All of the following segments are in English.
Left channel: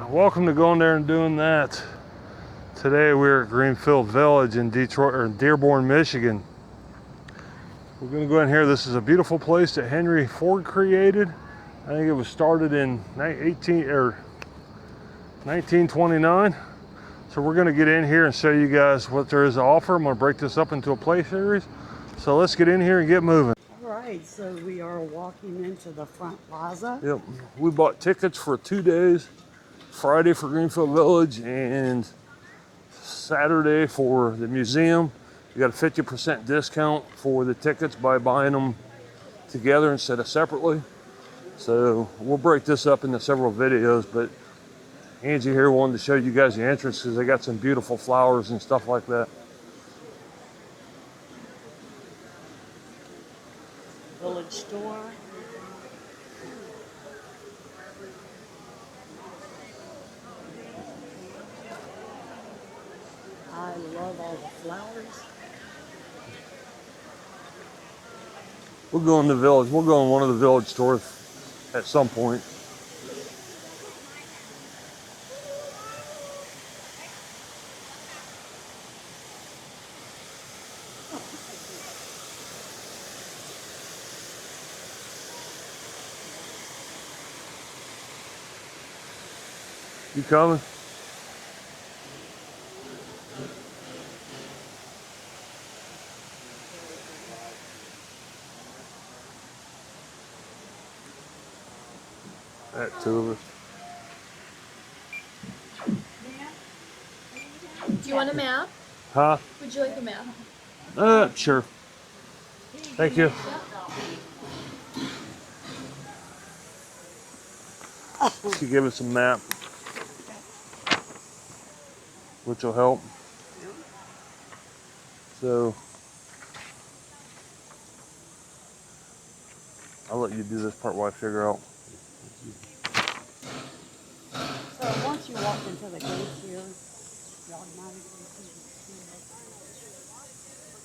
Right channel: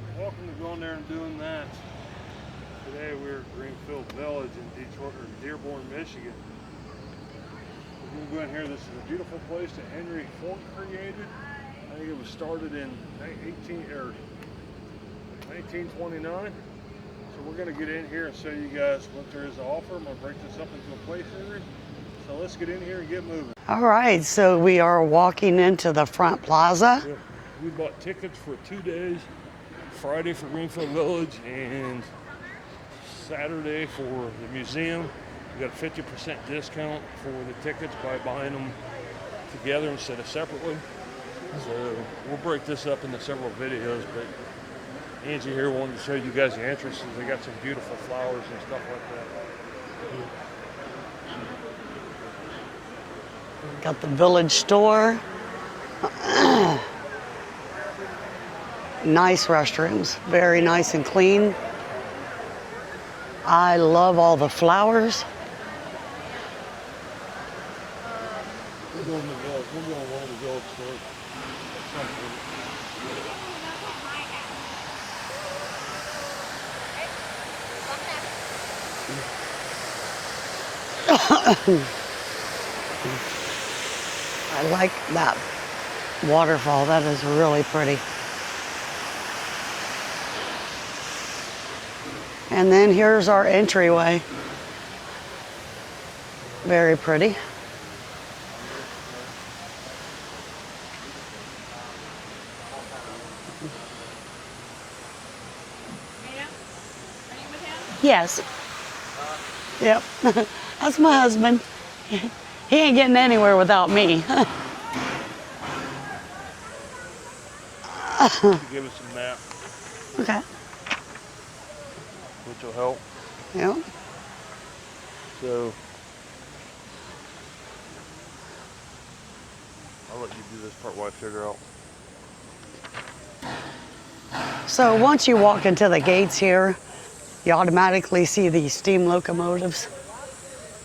Welcome to going there and doing that. Today we're at Greenfield Village in Detroit or Dearborn, Michigan. We're going to go in here. This is a beautiful place that Henry Ford created. I think it was started in 1929. So we're going to get in here and show you guys what there is to offer. I'm going to break this up into a play series. So let's get in here and get moving. All right, so we are walking into the front plaza. Yep. We bought tickets for 2 days. Friday for Greenfield Village and Saturday for the museum. You got a 50% discount for the tickets by buying them together instead of separately. So we'll break this up into several videos, but Angie here wanted to show you guys the entrances. They got some beautiful flowers and stuff like that. Got the village store. Nice restrooms, very nice and clean. I love all the flowers. We'll go in the village. We'll go in one of the village stores at some point. I like that waterfall. That is really pretty. You coming? And then here's our entryway. Very pretty. That too. Yes. Huh? Yep. That's my husband. Sure. He ain't getting anywhere without me. To give us a map, Okay. which will help. Yep. So I'll let you do this part while I figure out. So once you walk into the gates here, you automatically see these steam locomotives.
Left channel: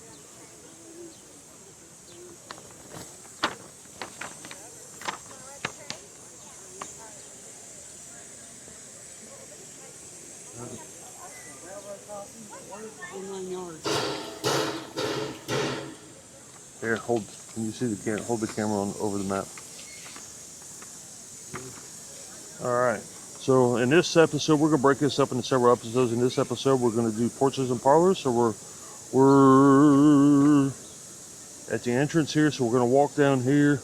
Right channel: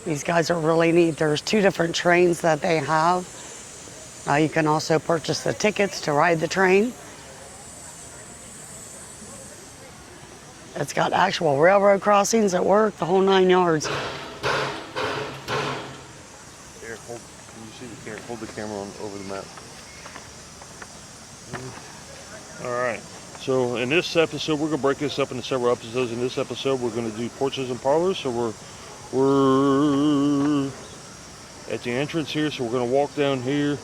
These guys are really neat. There's 2 different trains that they have. You can also purchase the tickets to ride the train. It's got actual railroad crossings at work, the whole 9 yards. Here, hold. Can you see the camera? Hold the camera on over the map. All right. So in this episode, we're gonna break this up into several episodes. In this episode, we're gonna do porches and parlors. So we're at the entrance here. So we're gonna walk down here.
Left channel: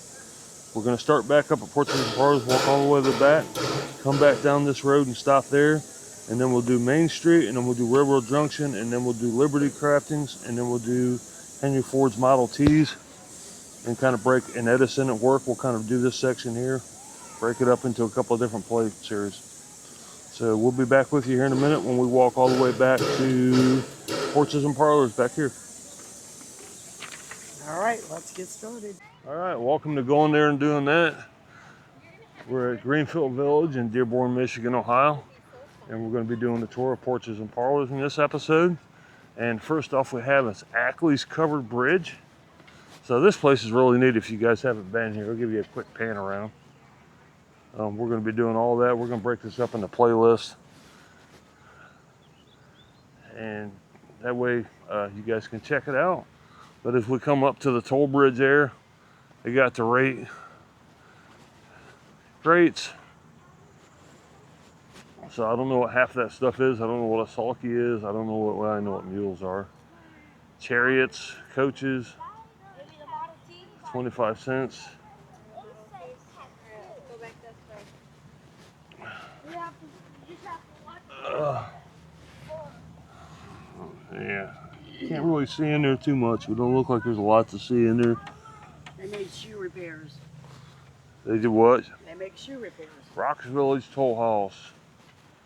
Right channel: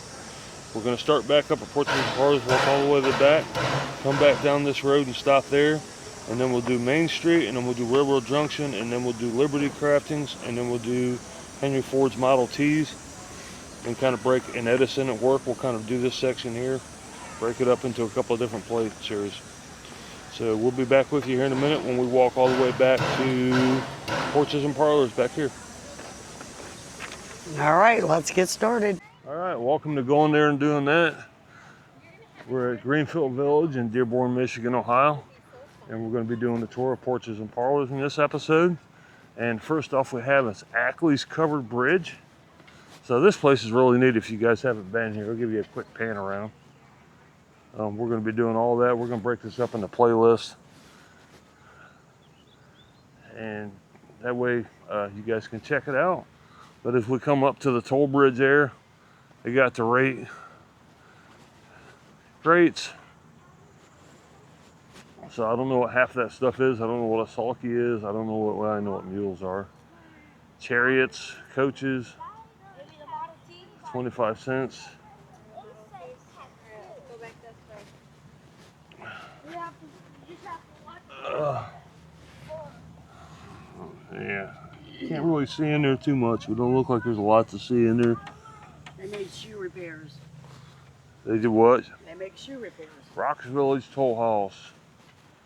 We're gonna start back up at porches and parlors, walk all the way to the back, come back down this road and stop there. And then we'll do Main Street, and then we'll do Railroad Junction, and then we'll do Liberty Craftings, and then we'll do Henry Ford's Model Ts, and kind of break, and Edison at work, we'll kind of do this section here, break it up into a couple of different play series. So we'll be back with you here in a minute when we walk all the way back to Porches and Parlors back here. All right, let's get started. All right, welcome to going there and doing that. We're at Greenfield Village in Dearborn, Michigan, Ohio. And we're going to be doing the tour of Porches and Parlors in this episode. And first off we have is Ackley's Covered Bridge. So this place is really neat if you guys haven't been here. I'll give you a quick pan around. We're going to be doing all that. We're going to break this up into playlists. And that way you guys can check it out. But as we come up to the toll bridge there, they got the rates. So I don't know what half that stuff is. I don't know what a sulky is. I don't know what, well, I know what mules are. Chariots, coaches, 25 cents. Yeah, can't really see in there too much. It don't look like there's a lot to see in there. They made shoe repairs. They did what? They make shoe repairs. Rocks Village Toll House.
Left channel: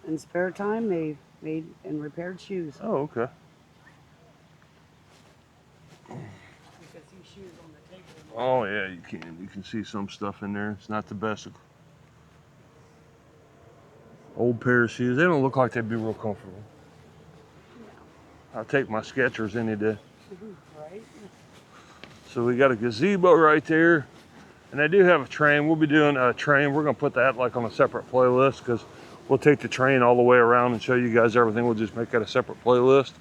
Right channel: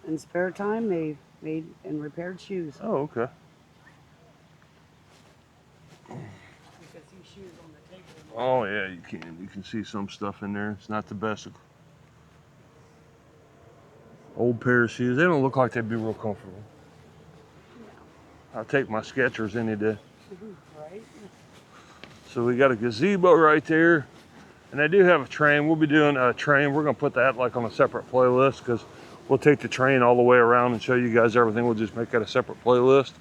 In spare time, they made and repaired shoes. Oh, okay. You can see shoes on the table. Oh yeah, you can. You can see some stuff in there. It's not the best. Old pair of shoes. They don't look like they'd be real comfortable. No. I'll take my Skechers any day. Right. So we got a gazebo right there. And I do have a train. We'll be doing a train. We're going to put that like on a separate playlist because we'll take the train all the way around and show you guys everything. We'll just make that a separate playlist.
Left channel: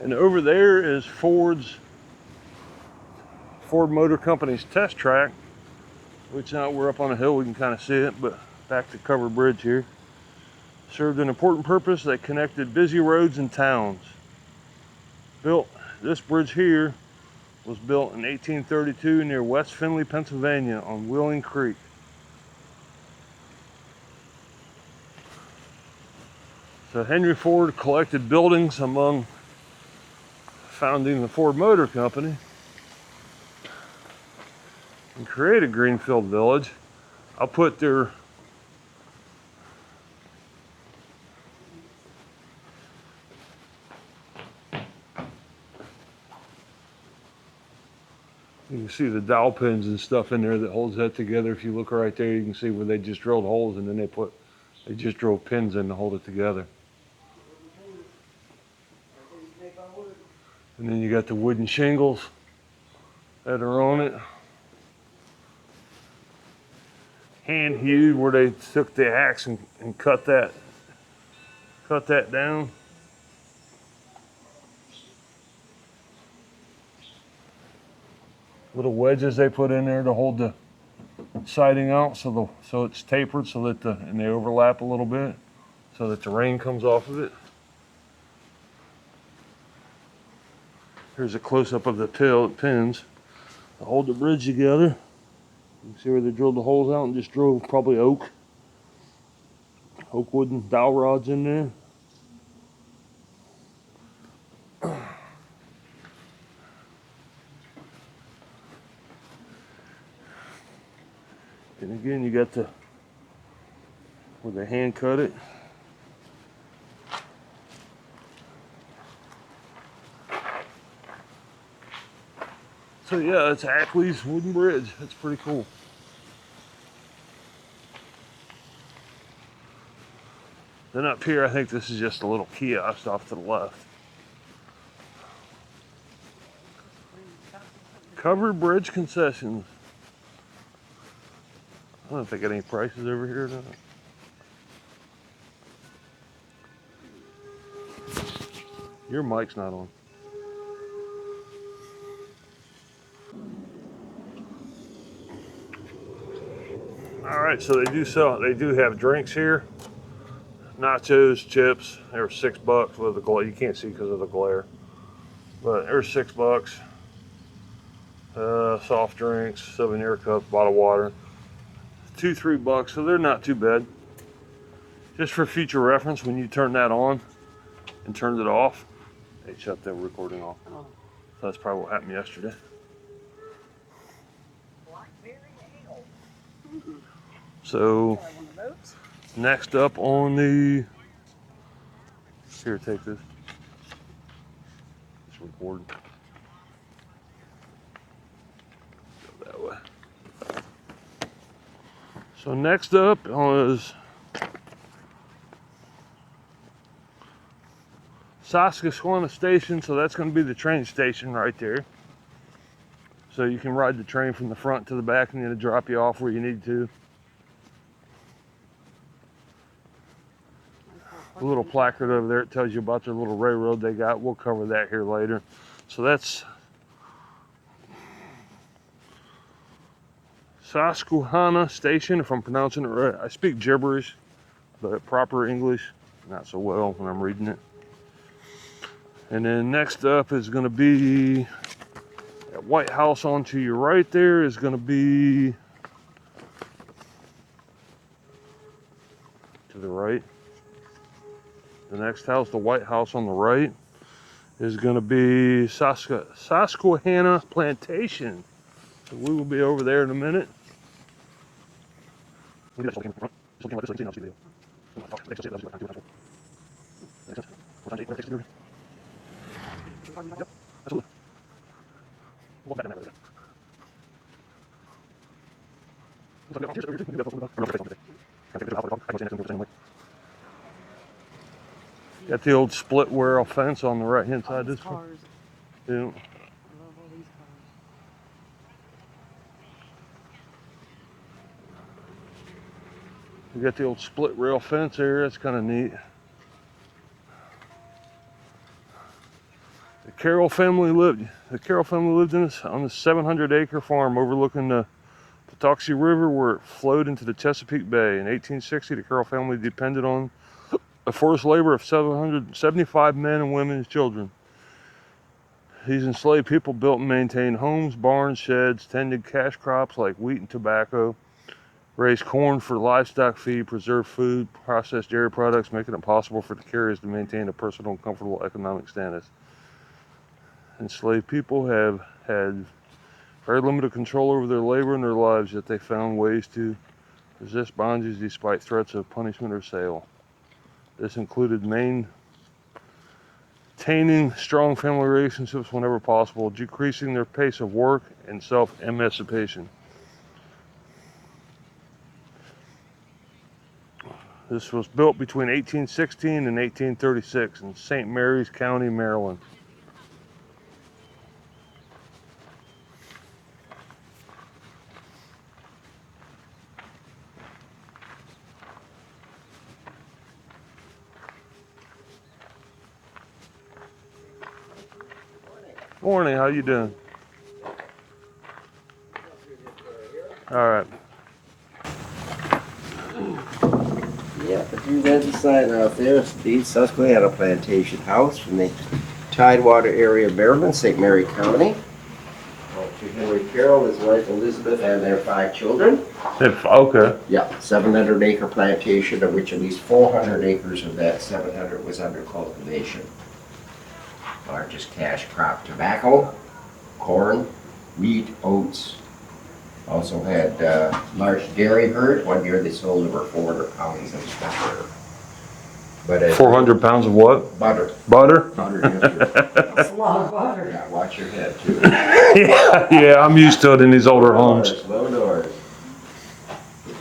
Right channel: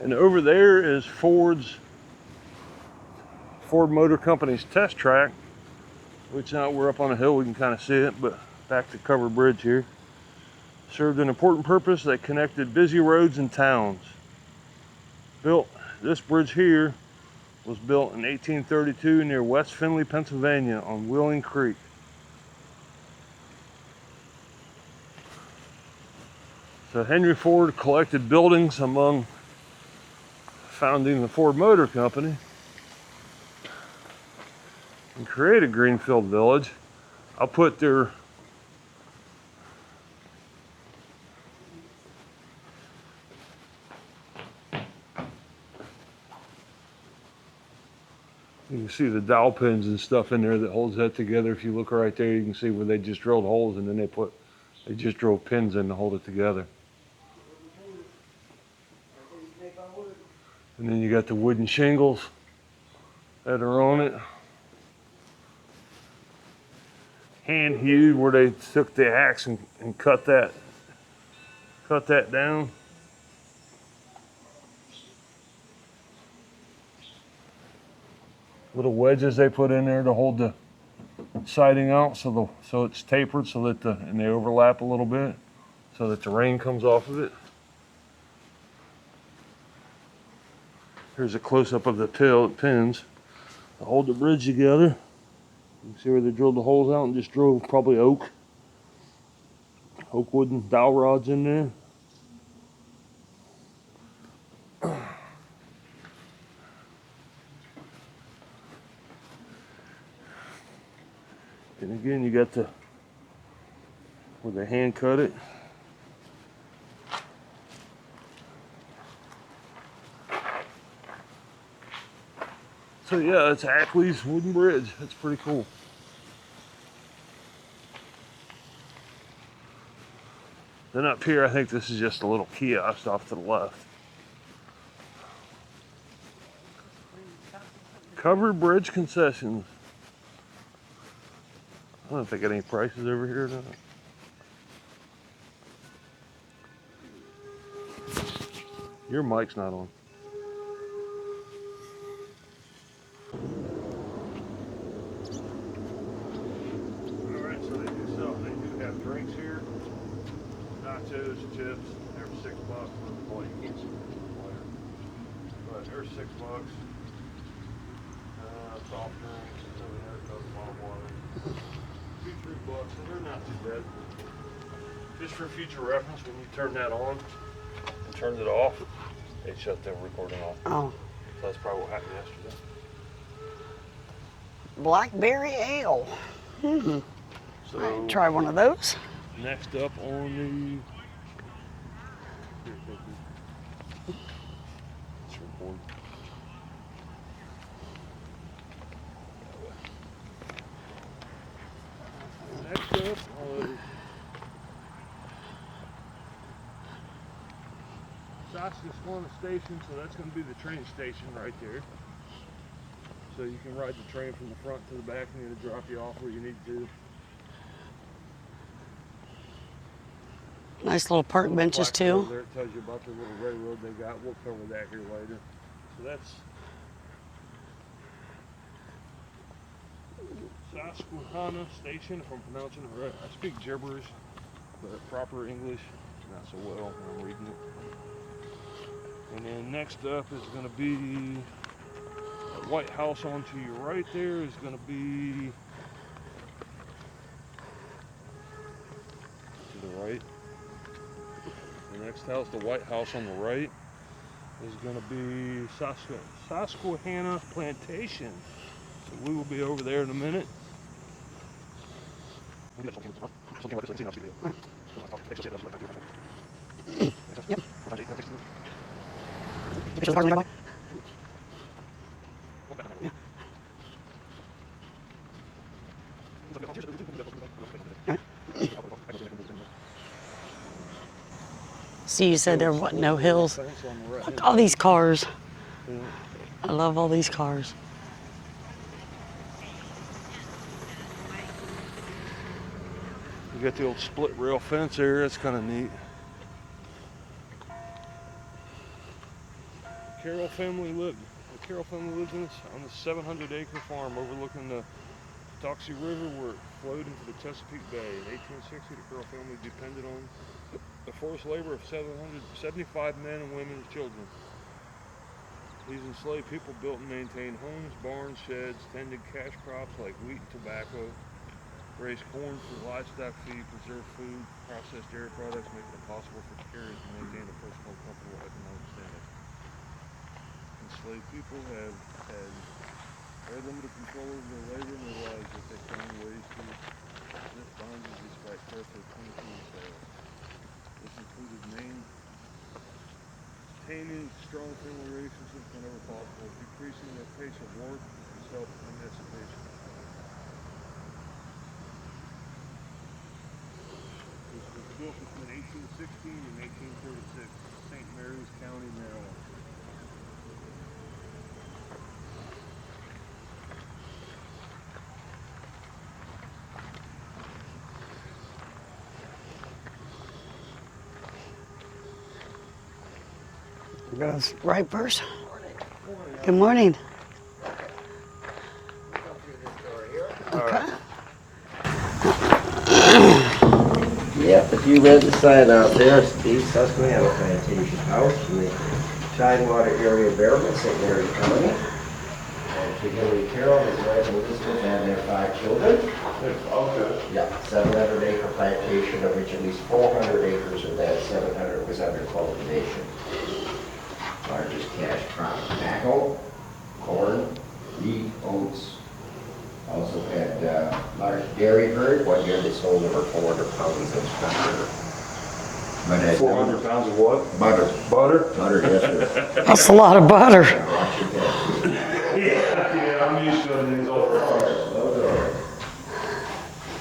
And over there is Ford Motor Company's test track, which now we're up on a hill, we can kind of see it, but back to Covered Bridge here. Served an important purpose that connected busy roads and towns. This bridge here was built in 1832 near West Findlay, Pennsylvania on Wheeling Creek. So Henry Ford collected buildings among founding the Ford Motor Company and created Greenfield Village. I'll put their you can see the dowel pins and stuff in there that holds that together. If you look right there, you can see where they just drilled holes and then they just drove pins in to hold it together. And then you got the wooden shingles that are on it. Hand hewed, where they took the axe and cut that down. Little wedges they put in there to hold the siding out, so it's tapered, so that and they overlap a little bit, so that the rain comes off of it. Here's a close-up of the pins to hold the bridge together. You can see where they drilled the holes out and just drove probably oak wooden dowel rods in there. And again, you got where they hand cut it. So yeah, it's Ackley's wooden bridge. That's pretty cool. Then up here, I think this is just a little kiosk off to the left. Covered Bridge Concessions. I don't know if they got any prices over here or not. Your mic's not on. All right, so they do have drinks here. Nachos, chips, they were $6 with the glare. You can't see because of the glare. But they're $6. Soft drinks, souvenir cups, bottled water. $2-3, so they're not too bad. Just for future reference, when you turn that on and turn it off, it shut the recording off. Oh. So that's probably what happened yesterday. Blackberry ale. So Try one of those. next up on the, here, take this. It's recorded. Go that way. So next up is Susquehanna Station. So that's going to be the train station right there. So you can ride the train from the front to the back and then it'll drop you off where you need to. Nice little park benches placard too. over there, it tells you about their little railroad they got. We'll cover that here later. So that's Susquehanna Station, if I'm pronouncing it right. I speak gibberish, but proper English, not so well when I'm reading it. And then next up is going to be that White House on to your right there is going to be to the right. The next house, the White House on the right, is going to be Susquehanna Plantation. So we will be over there in a minute. So you Got the said there old were split no rail hills. fence on the right hand side. All these cars. Yeah. I love all these cars. You got the old split rail fence area. It's kind of neat. The Carroll family lived in this, on this 700-acre farm overlooking the Patuxent River, where it flowed into the Chesapeake Bay. In 1860, the Carroll family depended on the forced labor of 775 men and women and children. These enslaved people built and maintained homes, barns, sheds, tended cash crops like wheat and tobacco, raised corn for livestock feed, preserved food, processed dairy products, making it possible for the carriers to maintain a personal and comfortable economic status. Enslaved people have had very limited control over their labor and their lives, yet they found ways to resist bondage despite threats of punishment or sale. This included maintaining strong family relationships whenever possible, decreasing their pace of work, and self-emancipation. This was built between 1816 and 1836 in St. Mary's County, Maryland. Goes right first. Morning, how Good you morning. doing? All right. Yep, if you read the sign out there, it's the Susquehanna Plantation House from the Tidewater area of Maryland, St. Mary County. And Henry Carroll, his wife Elizabeth, and their 5 children. Okay. Yeah, 700-acre plantation, of which at least 400 acres of that 700 was under cultivation. Largest cash crop: tobacco, corn, wheat, oats. Also had large dairy herd. One year they sold over 400 pounds of butter. But 400 pounds of what? Butter. Butter? Butter, yes, sir. That's a lot of butter. Yeah, watch your head. Yeah, I'm used to it in these older homes. Slow door.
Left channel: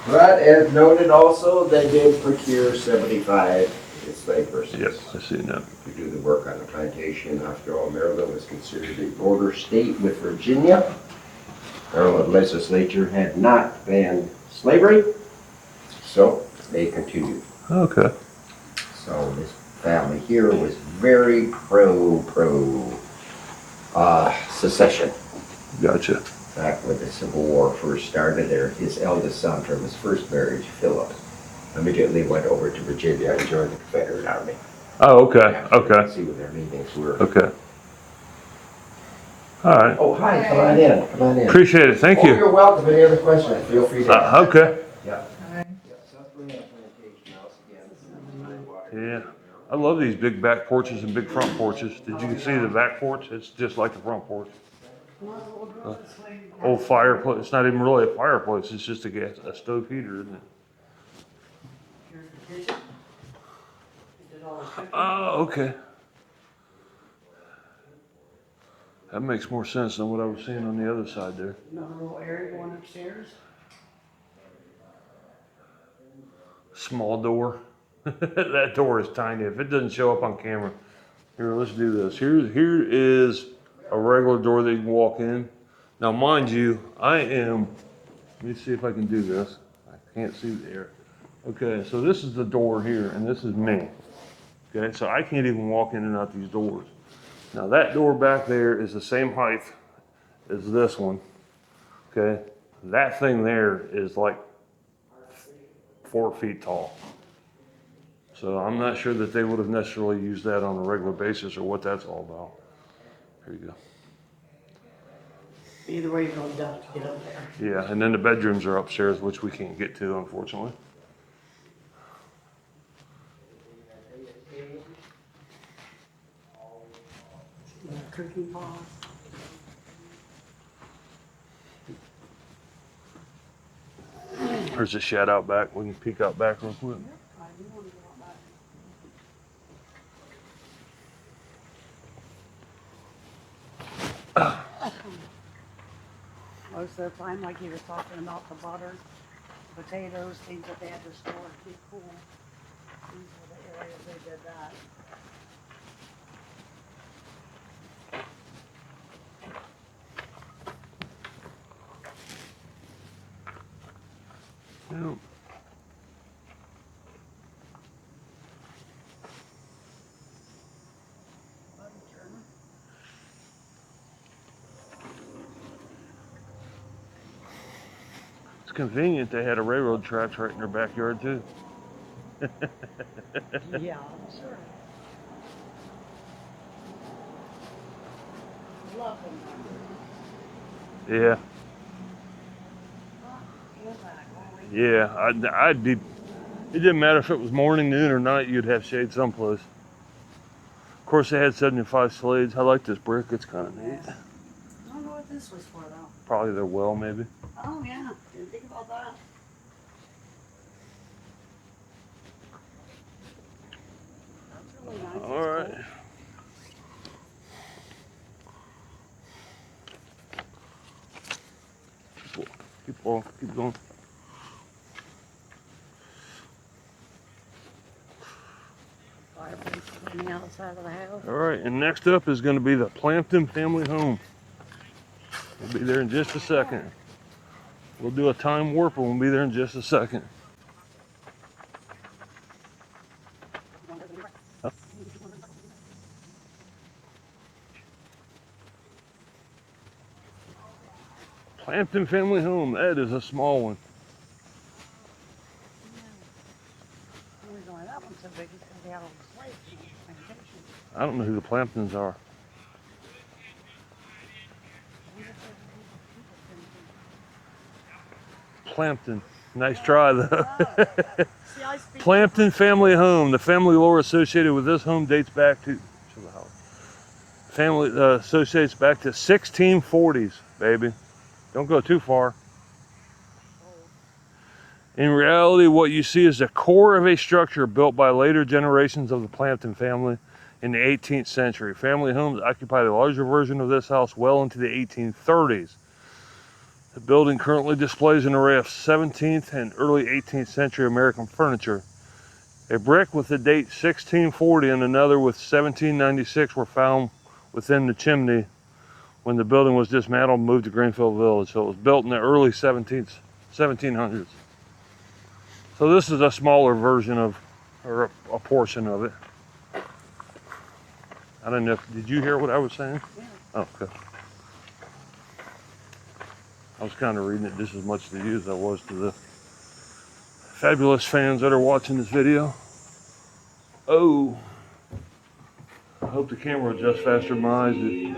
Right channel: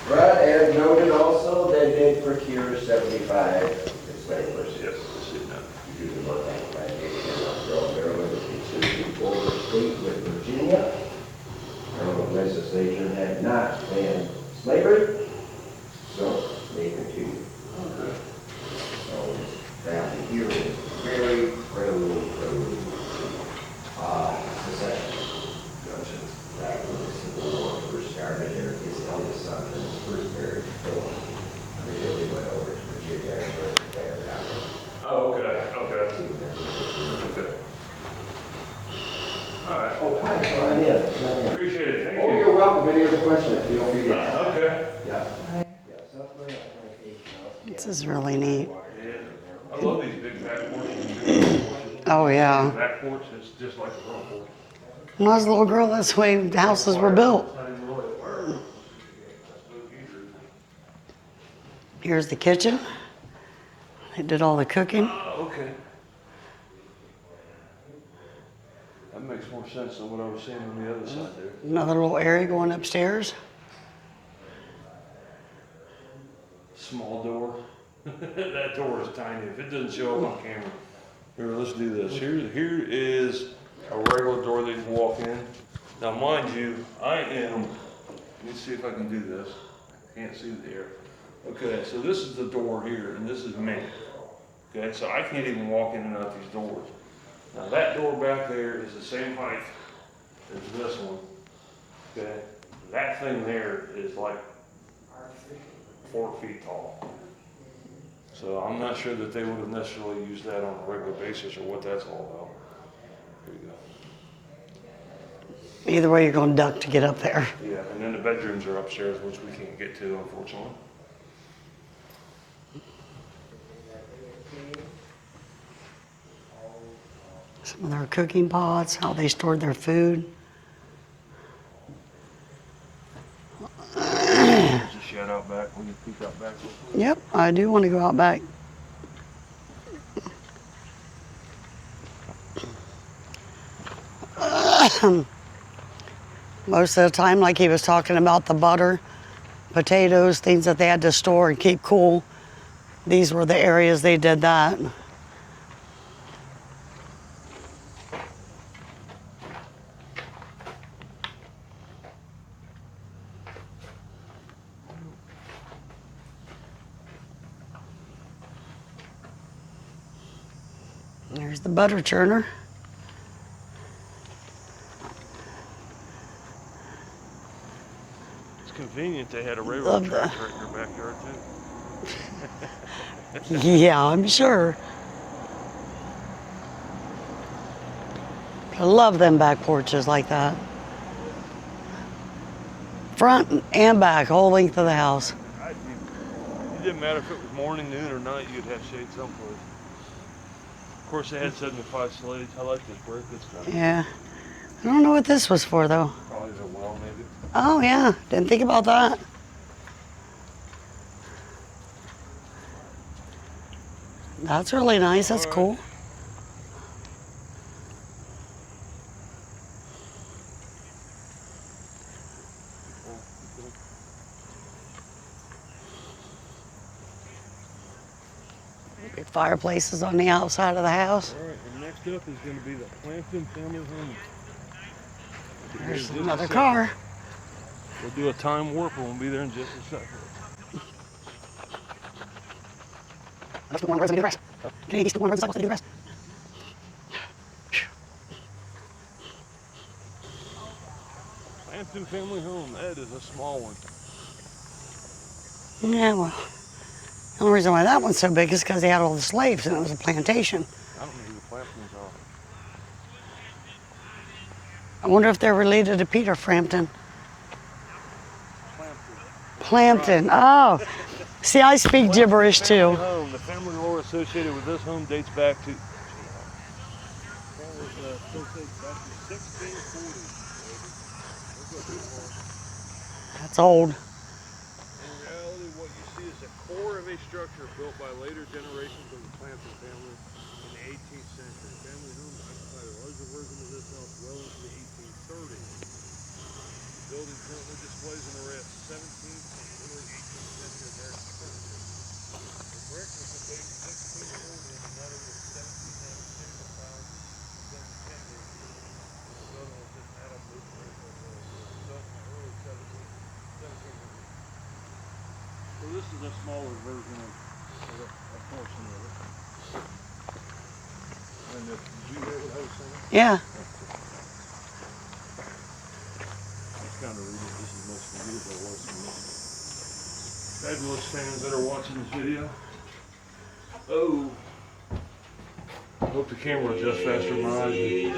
But as noted also, they did procure 75 enslaved persons. Yep, I see that. To do the work on the plantation. After all, Maryland was considered a border state with Virginia. Maryland legislature had not banned slavery, so they continued. Okay. So this family here was very pro secession. Gotcha. Back when the Civil War first started, his eldest son from his first marriage, Philip, immediately went over to Virginia and joined the Confederate Army. Oh, okay. Okay. See what that means. Okay. All right. Oh, hi, come on in, come on in. Appreciate it. Thank Oh, you. you're welcome. Any other questions? Feel free to. Okay. Yeah. This is really neat. Yeah. I love these big back porches and big front porches. Oh, You yeah. see the back porch? It's just like the front porch. When I was a little girl, that's the way the houses were Fireplace. built. It's not even really a fireplace. It's just a stove heater, isn't it? Here's the kitchen. They did all the cooking. Oh, okay. That makes more sense than what I was seeing on the other side there. Another little area going upstairs. Small door. That door is tiny. If it doesn't show up on camera. Here, let's do this. Here is a regular door that you can walk in. Now, mind you, let me see if I can do this. I can't see there. Okay, so this is the door here, and this is me. Okay, so I can't even walk in and out these doors. Now, that door back there is the same height as this one. Okay, that thing there is like 4 feet tall. So I'm not sure that they would have necessarily used that on a regular basis or what that's all about. There you go. Either way, you're going to duck to get up there. Yeah, and then the bedrooms are upstairs, which we can't get to, unfortunately. Some of their cooking pots, how they stored their food. There's a shed out back. We can peek out back real quick. Yep, I do want to go out back. Most of the time, like he was talking about the butter, potatoes, things that they had to store and keep cool. These were the areas they did that. Well, There's the butter churner. it's convenient they had a railroad Love tracks right in their backyard too. Yeah, I'm sure. I love them back porches like that. Yeah. Front and back, whole length of the house. I'd be. It didn't matter if it was morning, noon, or night. You'd have shade someplace. Of course, they had 75 slaves. I like this brick. It's kind of Yeah. I don't know what this was for though. probably their well, maybe. Oh yeah, didn't think about that. That's really nice. That's All right. cool. Keep going. Big fireplaces on the outside of the house. All right, and next up is going to be the Plton Family Home. We'll be there in just a Another second. car. We'll do a time warp and we'll be there in just a second. Let's go on the roads and do the rest. Okay, these two on the roads and sidewalks and do the rest. Plton Family Home, that is a small one. Yeah, well, the only reason why that one's so big is because they had all the slaves and it was a plantation. I don't know who the Plantons are. I wonder if they're related to Peter Frampton. Plton. Nice Plampton. try. Oh, see, I speak Plton gibberish Family too. Home. The family lore associated with this home dates back to associates back to 1640s, baby. Don't go too far. That's old. In reality, what you see is the core of a structure built by later generations of the Plton family in the 18th century. Family homes occupied a larger version of this house well into the 1830s. The building currently displays an array of 17th and early 18th century American furniture. A brick with the date 1640 and another with 1796 were found within the chimney when the building was dismantled and moved to Greenfield Village. So it was built in the early 1700s. So this is a smaller version of, or a portion of it. I don't know, did you hear what I was saying? Yeah. Oh, okay. I was kind of reading it just as much to you as I was to the fabulous fans that are watching this video. Oh, I hope the camera adjusts faster than mine. The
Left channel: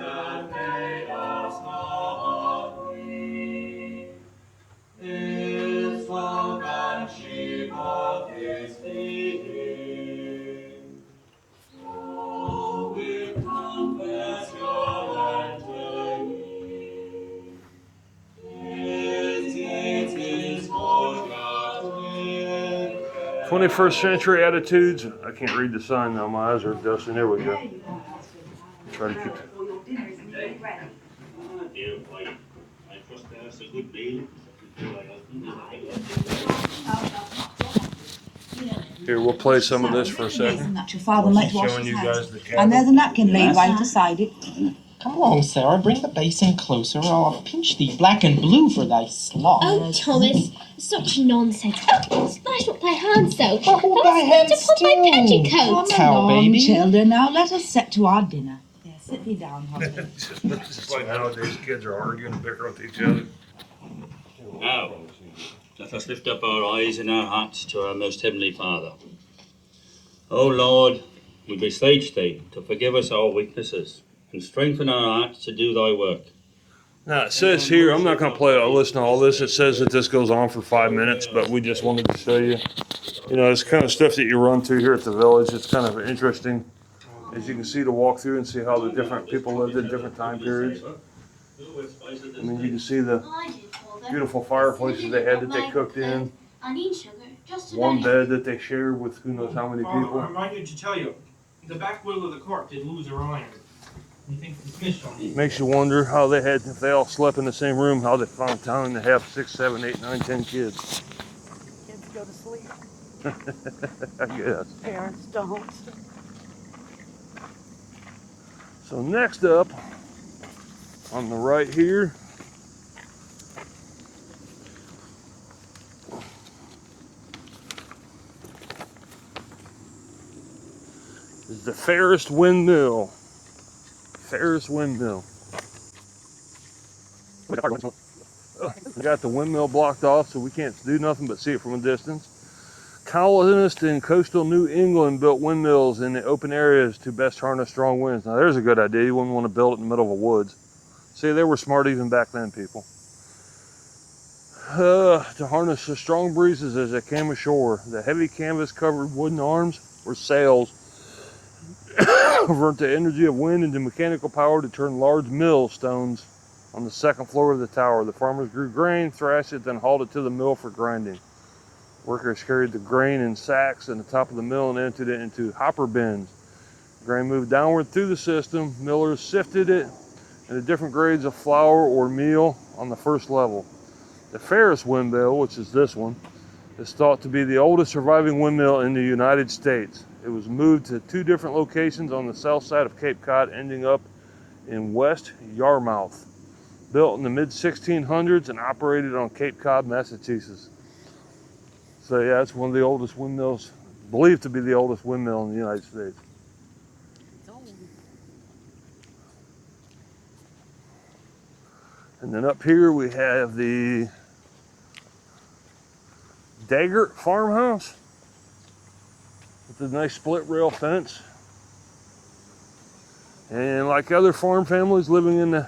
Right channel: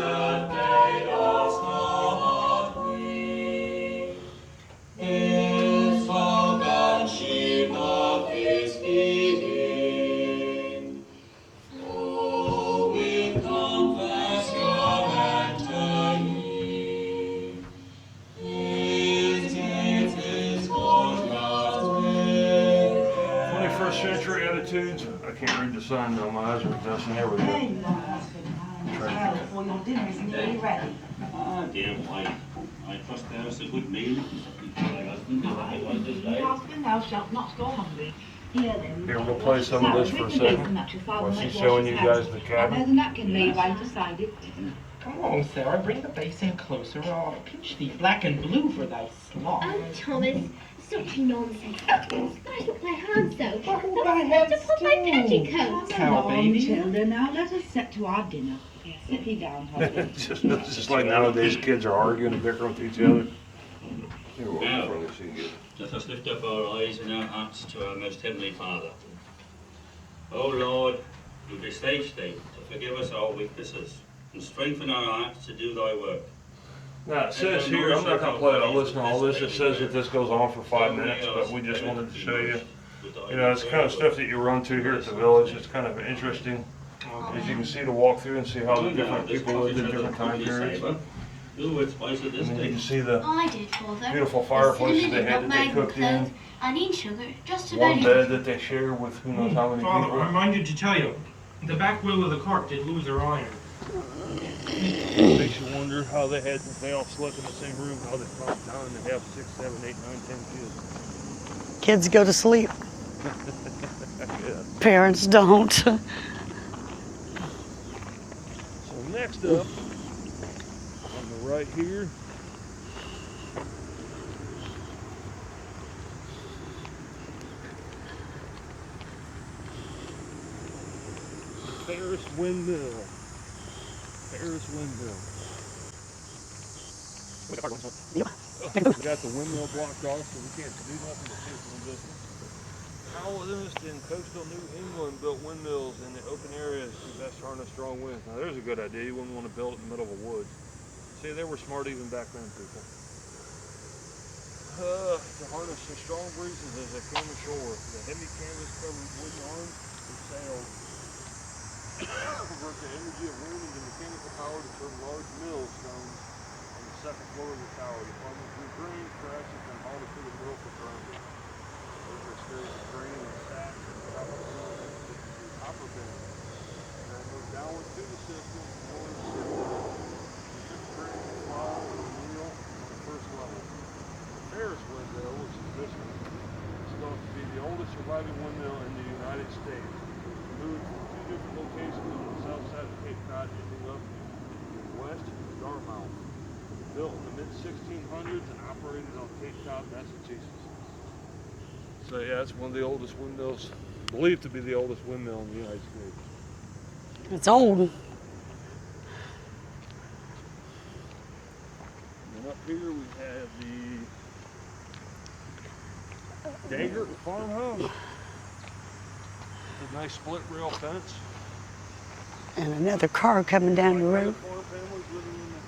21st century attitudes. I can't read the sign now, my eyes are adjusting. There we go. Trying to Dear wife, I trust thou is a good meal. Here, we'll play some of this for a second. She's showing you guys the cabin. And there's a napkin laid right beside it. Come on, Sarah, bring the basin closer or I'll pinch thee black and blue for thy sloth. Oh, Thomas, such nonsense. Splash up thy hands so. Hold thy hands To put my still. petticoat. How, Come baby? on, children, now let us set to our dinner. Sit thee down, husband. It's just like nowadays kids are arguing and bickering with each other. Now, let us lift up our eyes and our hearts to our most heavenly Father. O Lord, we beseech thee to forgive us our weaknesses and strengthen our hearts to do thy work. Now it says here, I'm not going to play it, I'll listen to all this. It says that this goes on for 5 minutes, but we just wanted to show you. You know, it's kind of stuff that you run to here at the village. It's kind of interesting. As you can see, to walk through and see how the different people lived in different time periods. And then you can see the I did, Father. beautiful fireplaces they had that they cooked in. I need sugar, just One about bed that they shared with who knows how many Father, people. I minded to tell you, the back wheel of the cart did lose her iron. It makes you wonder how they had, if they all slept in the same room, how they found time to have 6, 7, 8, 9, 10 kids. Kids go to sleep. I guess. Parents don't. So next up, on the right here, is the Fairest Windmill. Fairest Windmill. We got the windmill blocked off, so we can't do nothing but see it from a distance. Colonists in coastal New England built windmills in the open areas to best harness strong winds. Now there's a good idea. You wouldn't want to build it in the middle of a woods. See, they were smart even back then, people. To harness the strong breezes as they came ashore. The heavy canvas-covered wooden arms or sails convert the energy of wind into mechanical power to turn large millstones on the second floor of the tower. The farmers grew grain, thrashed it, then hauled it to the mill for grinding. Workers carried the grain in sacks at the top of the mill and emptied it into hopper bins. Grain moved downward through the system. Millers sifted it into different grades of flour or meal on the first level. The Fairest windmill, which is this one, is thought to be the oldest surviving windmill in the United States. It was moved to 2 different locations on the south side of Cape Cod, ending up in West Yarmouth. Built in the mid-1600s and operated on Cape Cod, Massachusetts. So yeah, it's one of the oldest windmills, believed to be the oldest windmill in the United States. It's old. And then up here we have the Daggett Farmhouse. With a nice split rail fence. And another car coming And down like the road. other farm families living in the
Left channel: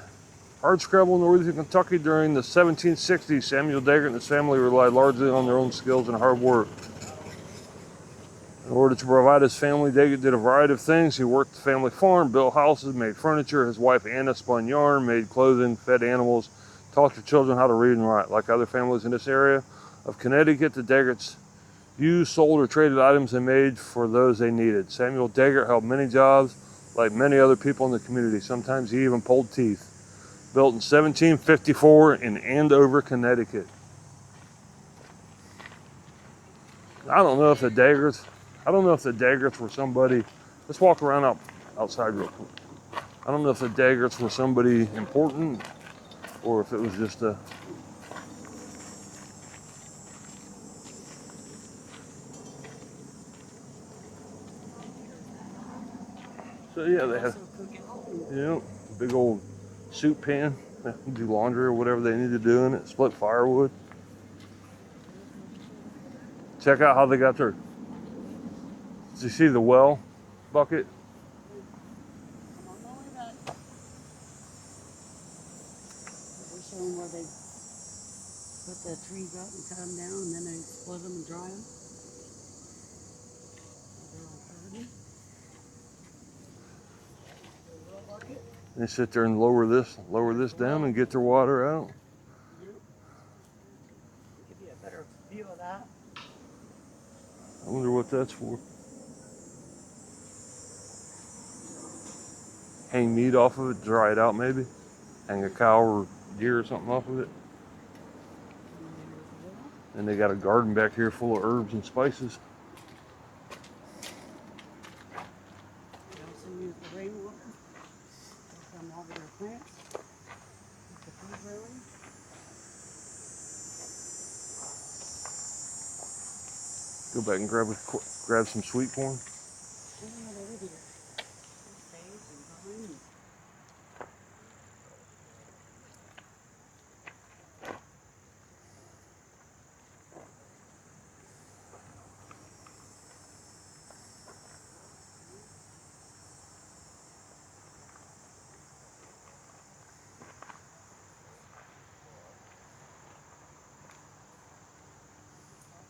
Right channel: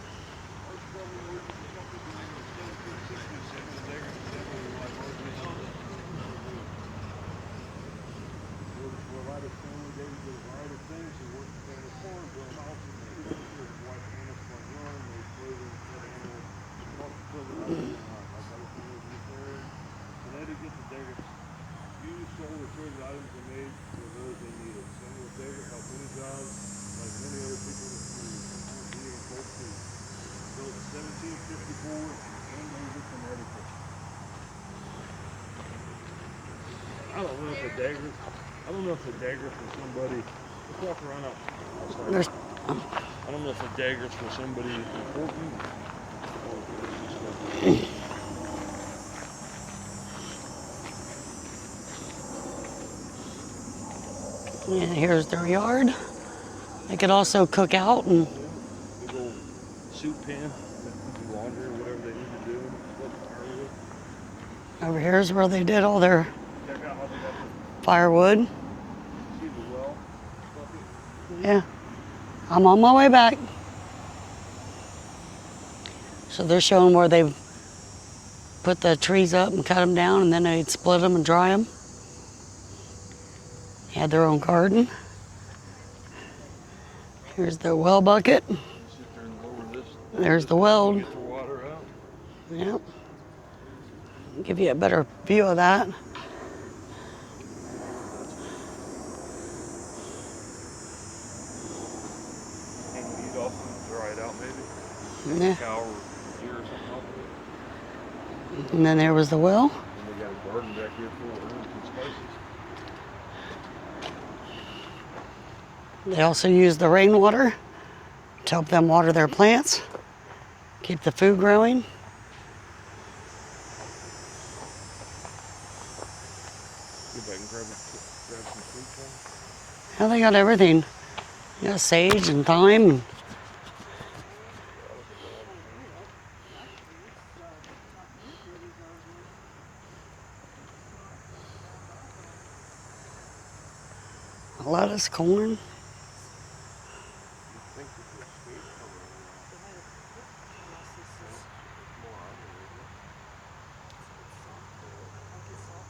hardscrabble northern Kentucky during the 1760s, Samuel Daggett and his family relied largely on their own skills and hard work. In order to provide his family, Daggett did a variety of things. He worked the family farm, built houses, made furniture. His wife Anna spun yarn, made clothing, fed animals, taught the children how to read and write. Like other families in this area of Connecticut, the Daggetts used, sold, or traded items they made for those they needed. Samuel Daggett held many jobs, like many other people in the community. Sometimes he even pulled teeth. Built in 1754 in Andover, Connecticut. I don't know if the Daggetts were somebody. Let's walk around outside. I don't know if the Daggetts were somebody important or if it was just a. And here's their yard. So, They could also cook out and big old soup pan. They can do laundry or whatever they need to do in it. Split firewood. over here's where they did all their Check out how they got their. firewood. Did you see the well bucket? Yeah. I'm on my way back. So they're showing where they put the trees up and cut them down, and then they'd split them and dry them. Had their own garden. Here's their well bucket. They sit there and lower this There's the down well. and get their water out. Yep. Give you a better view of that. I wonder what that's for. Hang meat off of it, dry it out maybe. Hang Yeah. a cow or deer or something off of it. And then there was the well. And they got a garden back here full of herbs and spices. They also use the rainwater to help them water their plants, keep the food growing. Go back and grab some sweet corn. Now they got everything. They got sage and thyme. Lettuce, corn.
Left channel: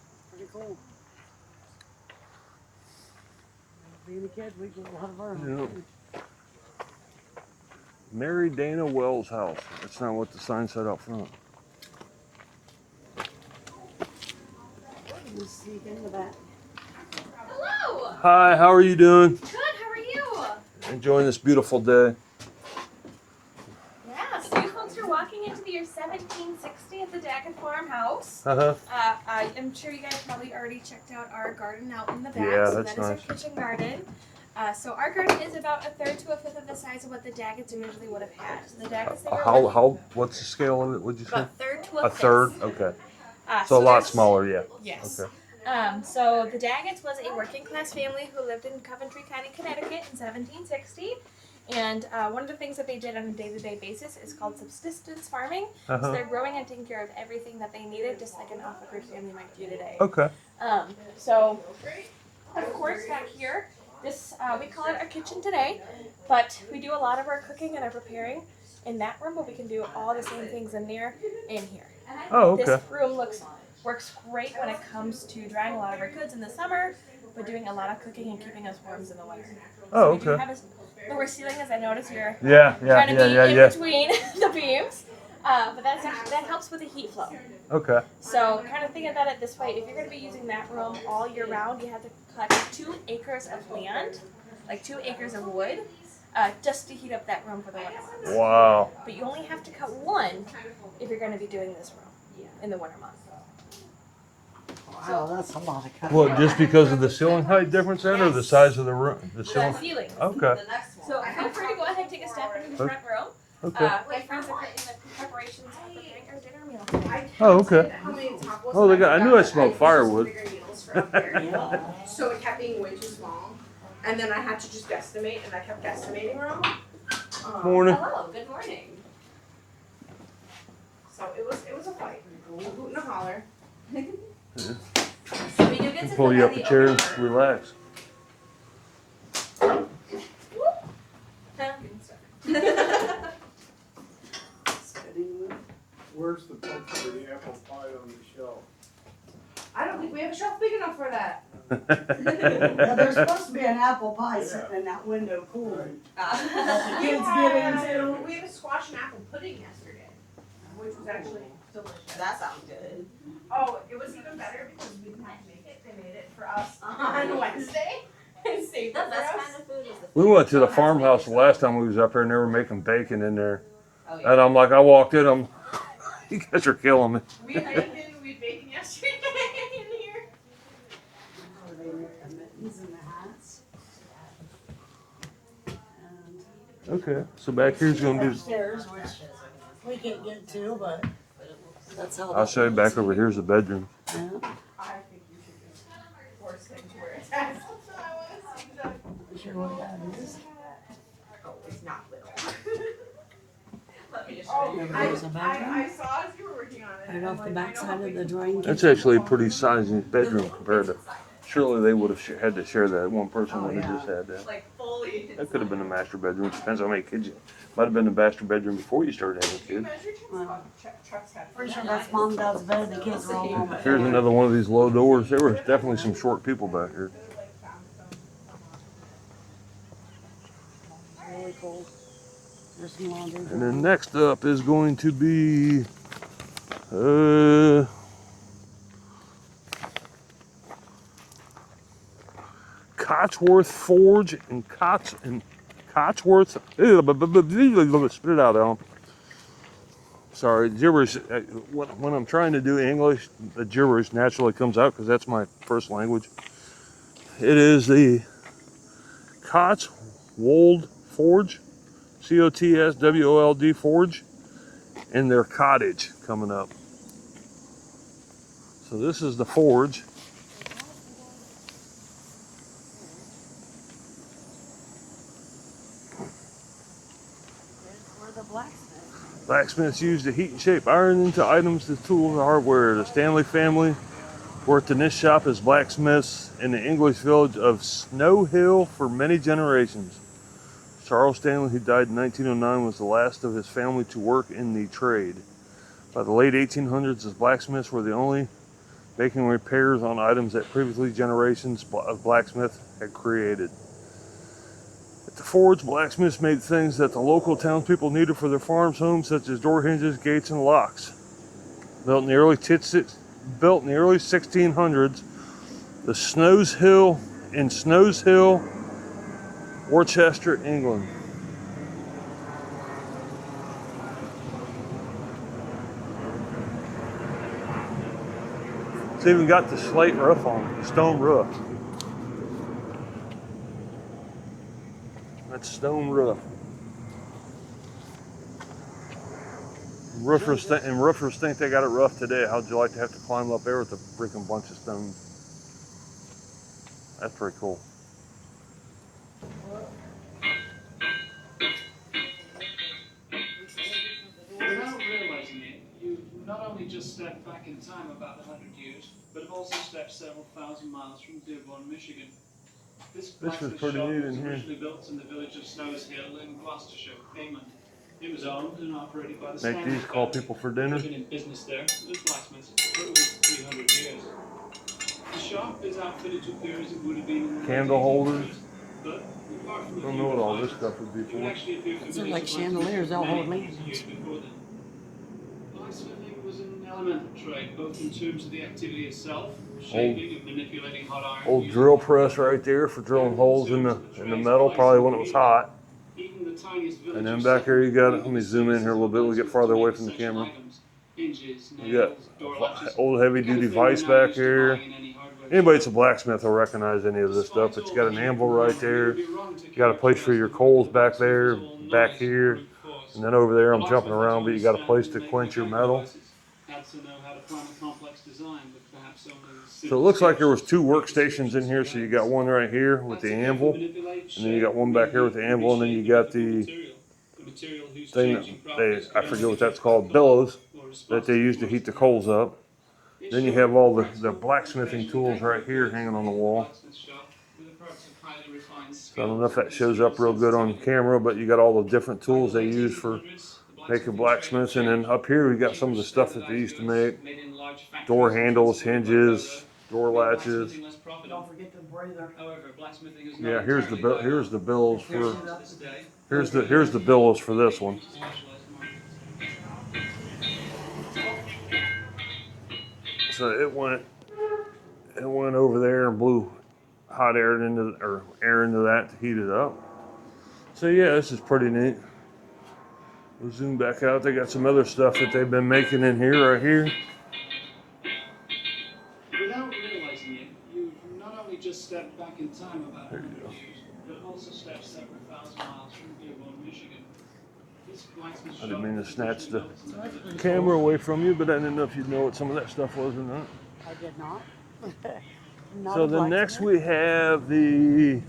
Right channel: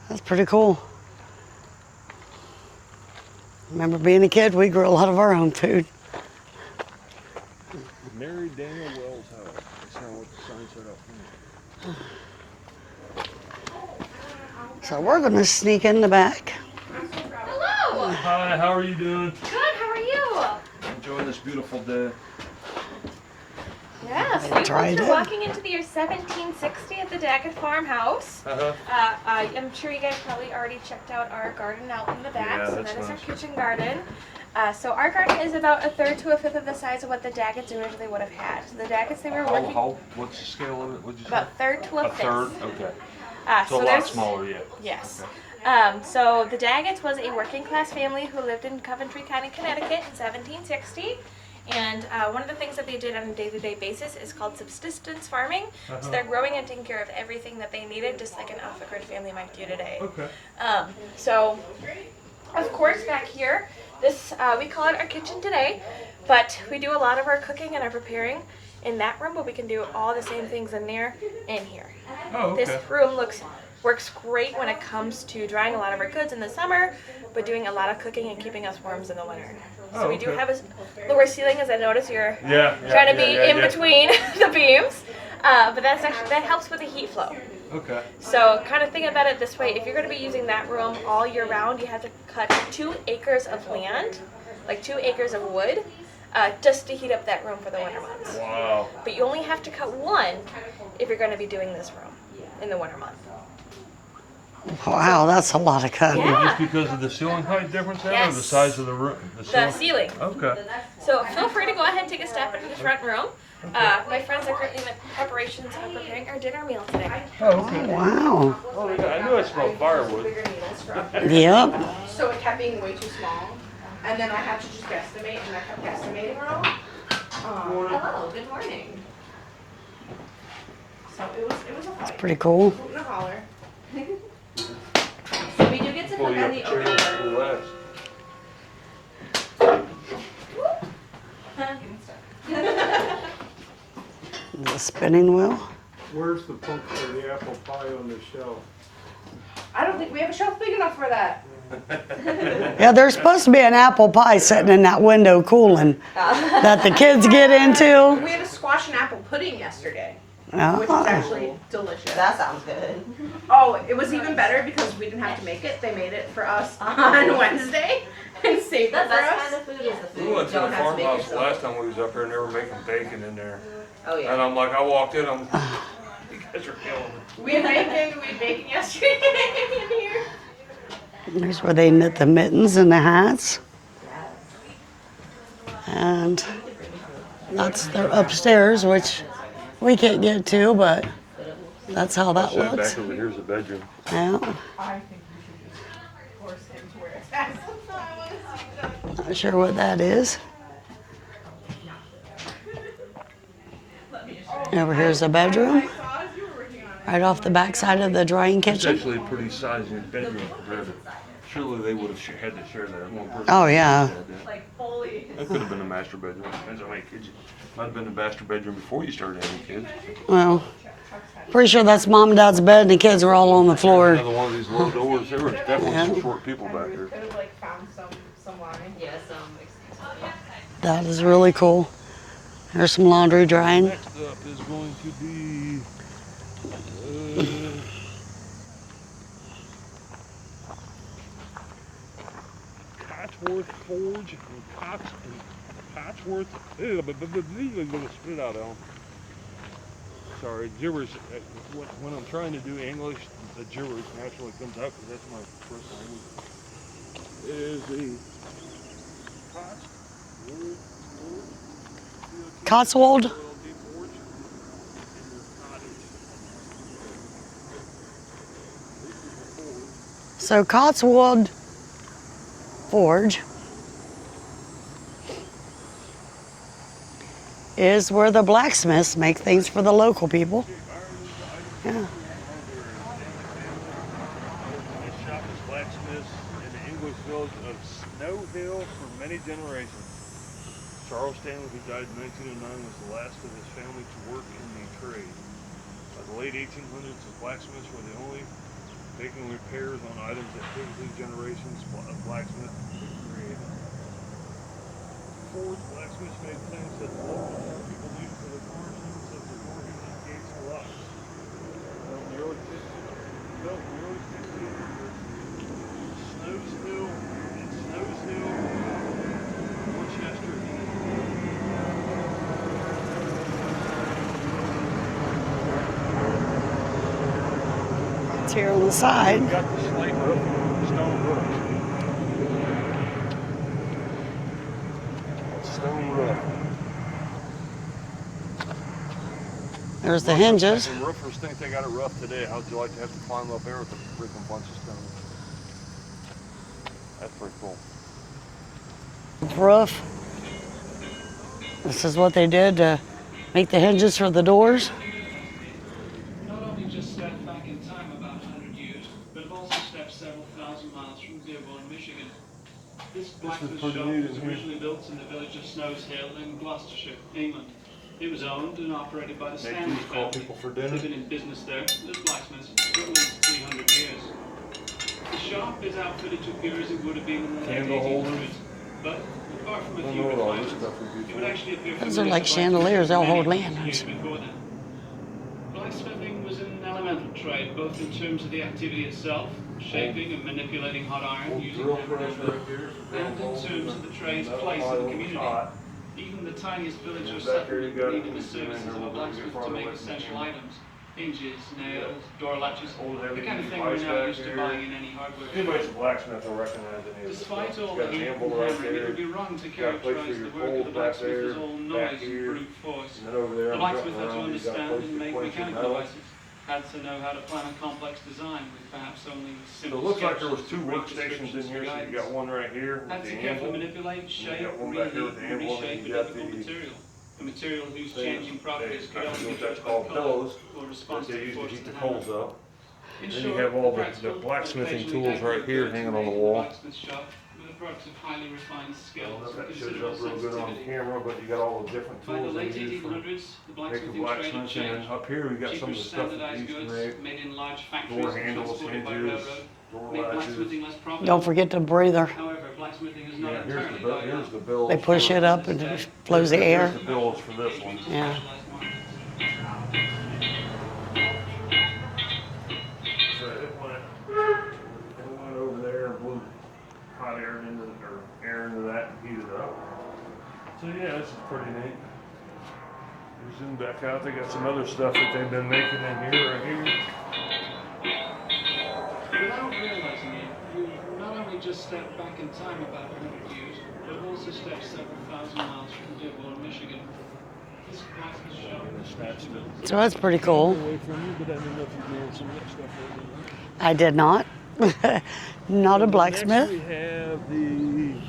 That's pretty cool. Remember being a kid, we grew a lot of our own food. Mary Dana Wells house. That's not what the sign said up front. So we're gonna sneak in the back. Hello. Hi, how are you doing? Good. How are you? Enjoying this beautiful day. Yes. So you tried folks it. are walking into the year 1760 at the Daggett Farmhouse. I'm sure you guys probably already checked out our garden out in the back. Yeah, so that's that is our nice. kitchen garden. So our garden is about a third to a fifth of the size of what the Daggetts originally would have had. So the Daggetts, they were working What's the scale of it? What'd you say? about a third to a A fifth. third? Okay. So a lot there's- smaller, yeah. Yes. Okay. So the Daggetts was a working class family who lived in Coventry County, Connecticut in 1760. And one of the things that they did on a day-to-day basis is called subsistence farming. So they're growing and taking care of everything that they needed, just like an off-the-grid family might do today. Okay. So, of course, back here, this we call it our kitchen today, but we do a lot of our cooking and our preparing in that room, but we can do all the same things in there and here. Oh, okay. This room works great when it comes to drying a lot of our goods in the summer, but doing a lot of cooking and keeping us warm in the winter. Oh, So we do okay. have a lower ceiling, as I notice you're Yeah, trying to be in between the beams, but that helps with the heat flow. Okay. So kind of think about it this way: if you're going to be using that room all year round, you have to cut 2 acres of land, like 2 acres of wood, just to heat up that room for the winter months. Wow. But you only have to cut 1 if you're going to be doing this room in the winter months. Wow, that's a lot of cutting. Well, just because of the ceiling height difference then, or the Yes. size of the room? The ceiling? ceiling. Okay. So feel free to go ahead and take a step into the front room. Okay. My friends are currently in the preparations of preparing our dinner meal today. Oh, okay. Wow. Oh, they got, I knew I smelled firewood. Yep. So it kept being way too small, and then I had to just guesstimate, and I kept guesstimating wrong. Morning. Hello, good morning. So it was a fight. Pretty cool. Hoot and a holler. So we do get to Pull cook you on up the a chair open and relax. The spinning wheel. Where's the poke for the apple pie on the shelf? I don't think we have a shelf big enough for that. Yeah, there's supposed to be an apple pie sitting in that window cooling that the kids get into. We had a squash and apple pudding yesterday, which Oh. was actually delicious. That sounds good. Oh, it was even better because we didn't have to make it. They made it for us on Wednesday and saved it for us. Kind of food is the We food. went to You the don't have to make farmhouse the yourself. last time we was up there and they were making bacon in there. Oh yeah. And I'm like, I walked in, you guys are killing me. We had bacon yesterday in here. There's where they knit the mittens and the hats. And Okay. So back that's here's the gonna be, upstairs, which we can't get to, but that's how I'll that show you looks. back over here's the bedroom. Yeah. I think we should force him to where it's at. Not sure what that is. Over here's the bedroom, right off the back side of the drying That's kitchen. actually a pretty sizey bedroom compared to, surely they would have had to share that. One person. Oh, would have yeah. just had that. That could have been the master bedroom. Depends how many kids you. Might have been the master bedroom before you started having kids. Well, pretty sure that's mom and dad's bed and the kids were all on the Here's floor. another one of these low doors. There was definitely some short people back there. Could have like found some line. Yeah, That is really cool. There's some laundry drying. Next up is going to be Cotswold Forge and Cotsworth. Spit it out, Alan. Sorry, gibberish. When I'm trying to do English, the gibberish naturally comes out because that's my first language. It is the Cotswold Forge, Cotswold Forge, and their cottage coming up. So this is the forge. So Cotswold Forge is where the blacksmiths make things for the Blacksmiths local use to heat people. shape iron into items and tools and hardware. The Stanley family worked in this shop as blacksmiths in the English village of Snow Hill for many generations. Charles Stanley, who died in 1909, was the last of his family to work in the trade. By the late 1800s, his blacksmiths were the only making repairs on items that previously generations of blacksmiths had created. At the forge, blacksmiths made things that the local townspeople needed for their farms, homes, such as door hinges, gates, and locks. Built in the early 1600s, the Snows Hill, Worcester, England. slats here on the We side. even got the slate roof on, stone roof. That's stone roof. There's the hinges. And roofers think they got it rough today. How'd you like to have to climb up there with a freaking bunch of stones? That's pretty cool. Roof. This is what they did to make the hinges for the doors. Not only just stepped back in time about 100 years, but have also stepped several thousand miles from Dearborn, Michigan. This blacksmith shop was originally built in the village of Snows Hill in Gloucestershire, England. It was owned and operated by the Steinmetz These call people for dinner. They've been in business there as blacksmiths for at least 300 years. The shop is outfitted to appear as it would have been in the late Candle 1800s, holders. but apart from a Don't few know what all this refinements, stuff would be it would for. actually appear Those are familiar like to chandeliers, they'll many hold years lanterns. before then. Blacksmithing was an elemental trade, both in terms of the activity itself, shaping and manipulating hot iron. Old using drill hammer press and right there for drilling in holes in terms the of trade's metal, place probably in when the it was community. hot. Even the tiniest And then villagers back here you got it. separate Let me zoom in here a little bit. We get farther away from the essential camera. items, hinges, You got nails, door latches, old heavy the kind duty of thing we're vise now back used to here. buying in any hardware Anybody that's a store. blacksmith will recognize any of this stuff. But you got an anvil right there. You You got a place for your coals back there, back here, and then over there I'm jumping around, but you got a place to quench your metal. Had to know how to plan a complex design with perhaps only So it looks like there was two workstations in here. So you got one right here with the anvil, and then you got one back here with the anvil, and then you got the thing that I forget what that's called, bellows, that they use to heat the coals up. Then you have all the blacksmithing tools right here hanging on the wall. I don't know if that shows up real good on camera, but you got all the different tools they use for making blacksmiths. And then up here we got some of the stuff that they used to make. Door handles, hinges, door latches. Don't forget the breather. Yeah, here's the billows. They push it up and it flows the air. Here's the billows for this one. Yeah. So it went over there and blew hot air into that to heat it up. So yeah, this is pretty neat. We'll zoom back out. They got some other stuff that they've been making in here, right here. Without realizing it, you've not only just stepped back in time about 100 years, but have also stepped several thousand miles from Dearborn, Michigan. This blacksmith I didn't mean to snatch the So that's pretty camera cool. away from you, but I didn't know if you'd know what some of that stuff was or not. I did not. Not So a Next blacksmith. we have the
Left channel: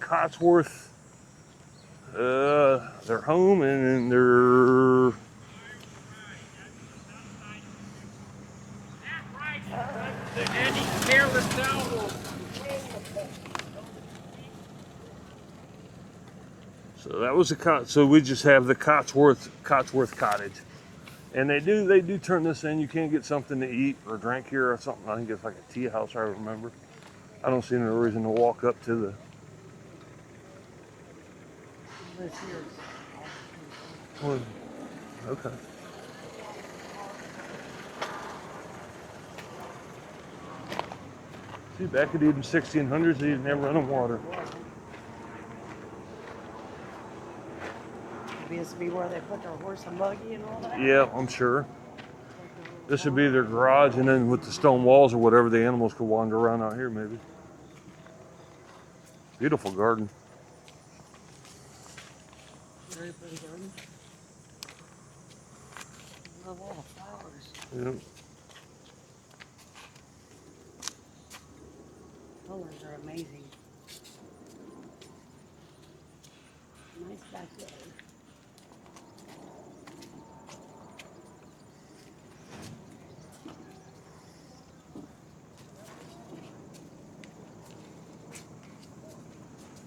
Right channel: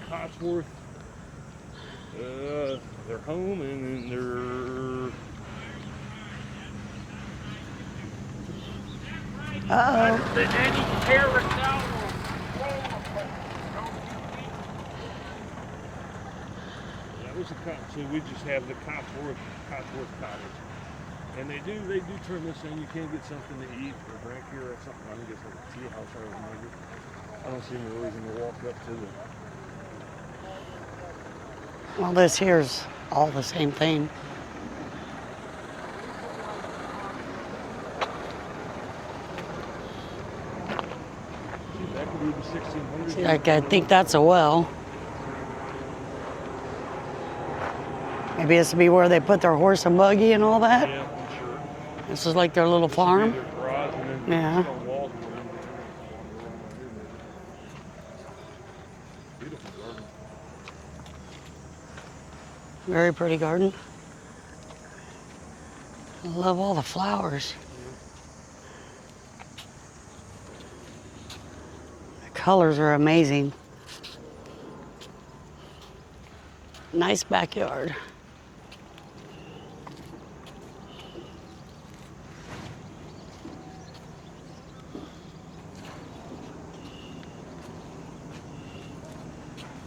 Cotswold, their home and their Uh-oh. So that was so we just have the Cotswold Cottage. And they do turn this in. You can get something to eat or drink here or something. I think it's like a tea house, I remember. I don't see any reason to walk up to the Well, this here's all the same thing. okay. See, back in the 1600s. Like, I think that's a well. Maybe this would be where they put their horse and buggy and all that. Yeah, I'm sure. This is like their little This farm. would be their garage, and then with Yeah. the stone walls or whatever, the animals could wander around out here, maybe. Beautiful garden. Very pretty garden. I love all the flowers. Yep. The colors are amazing. Nice backyard.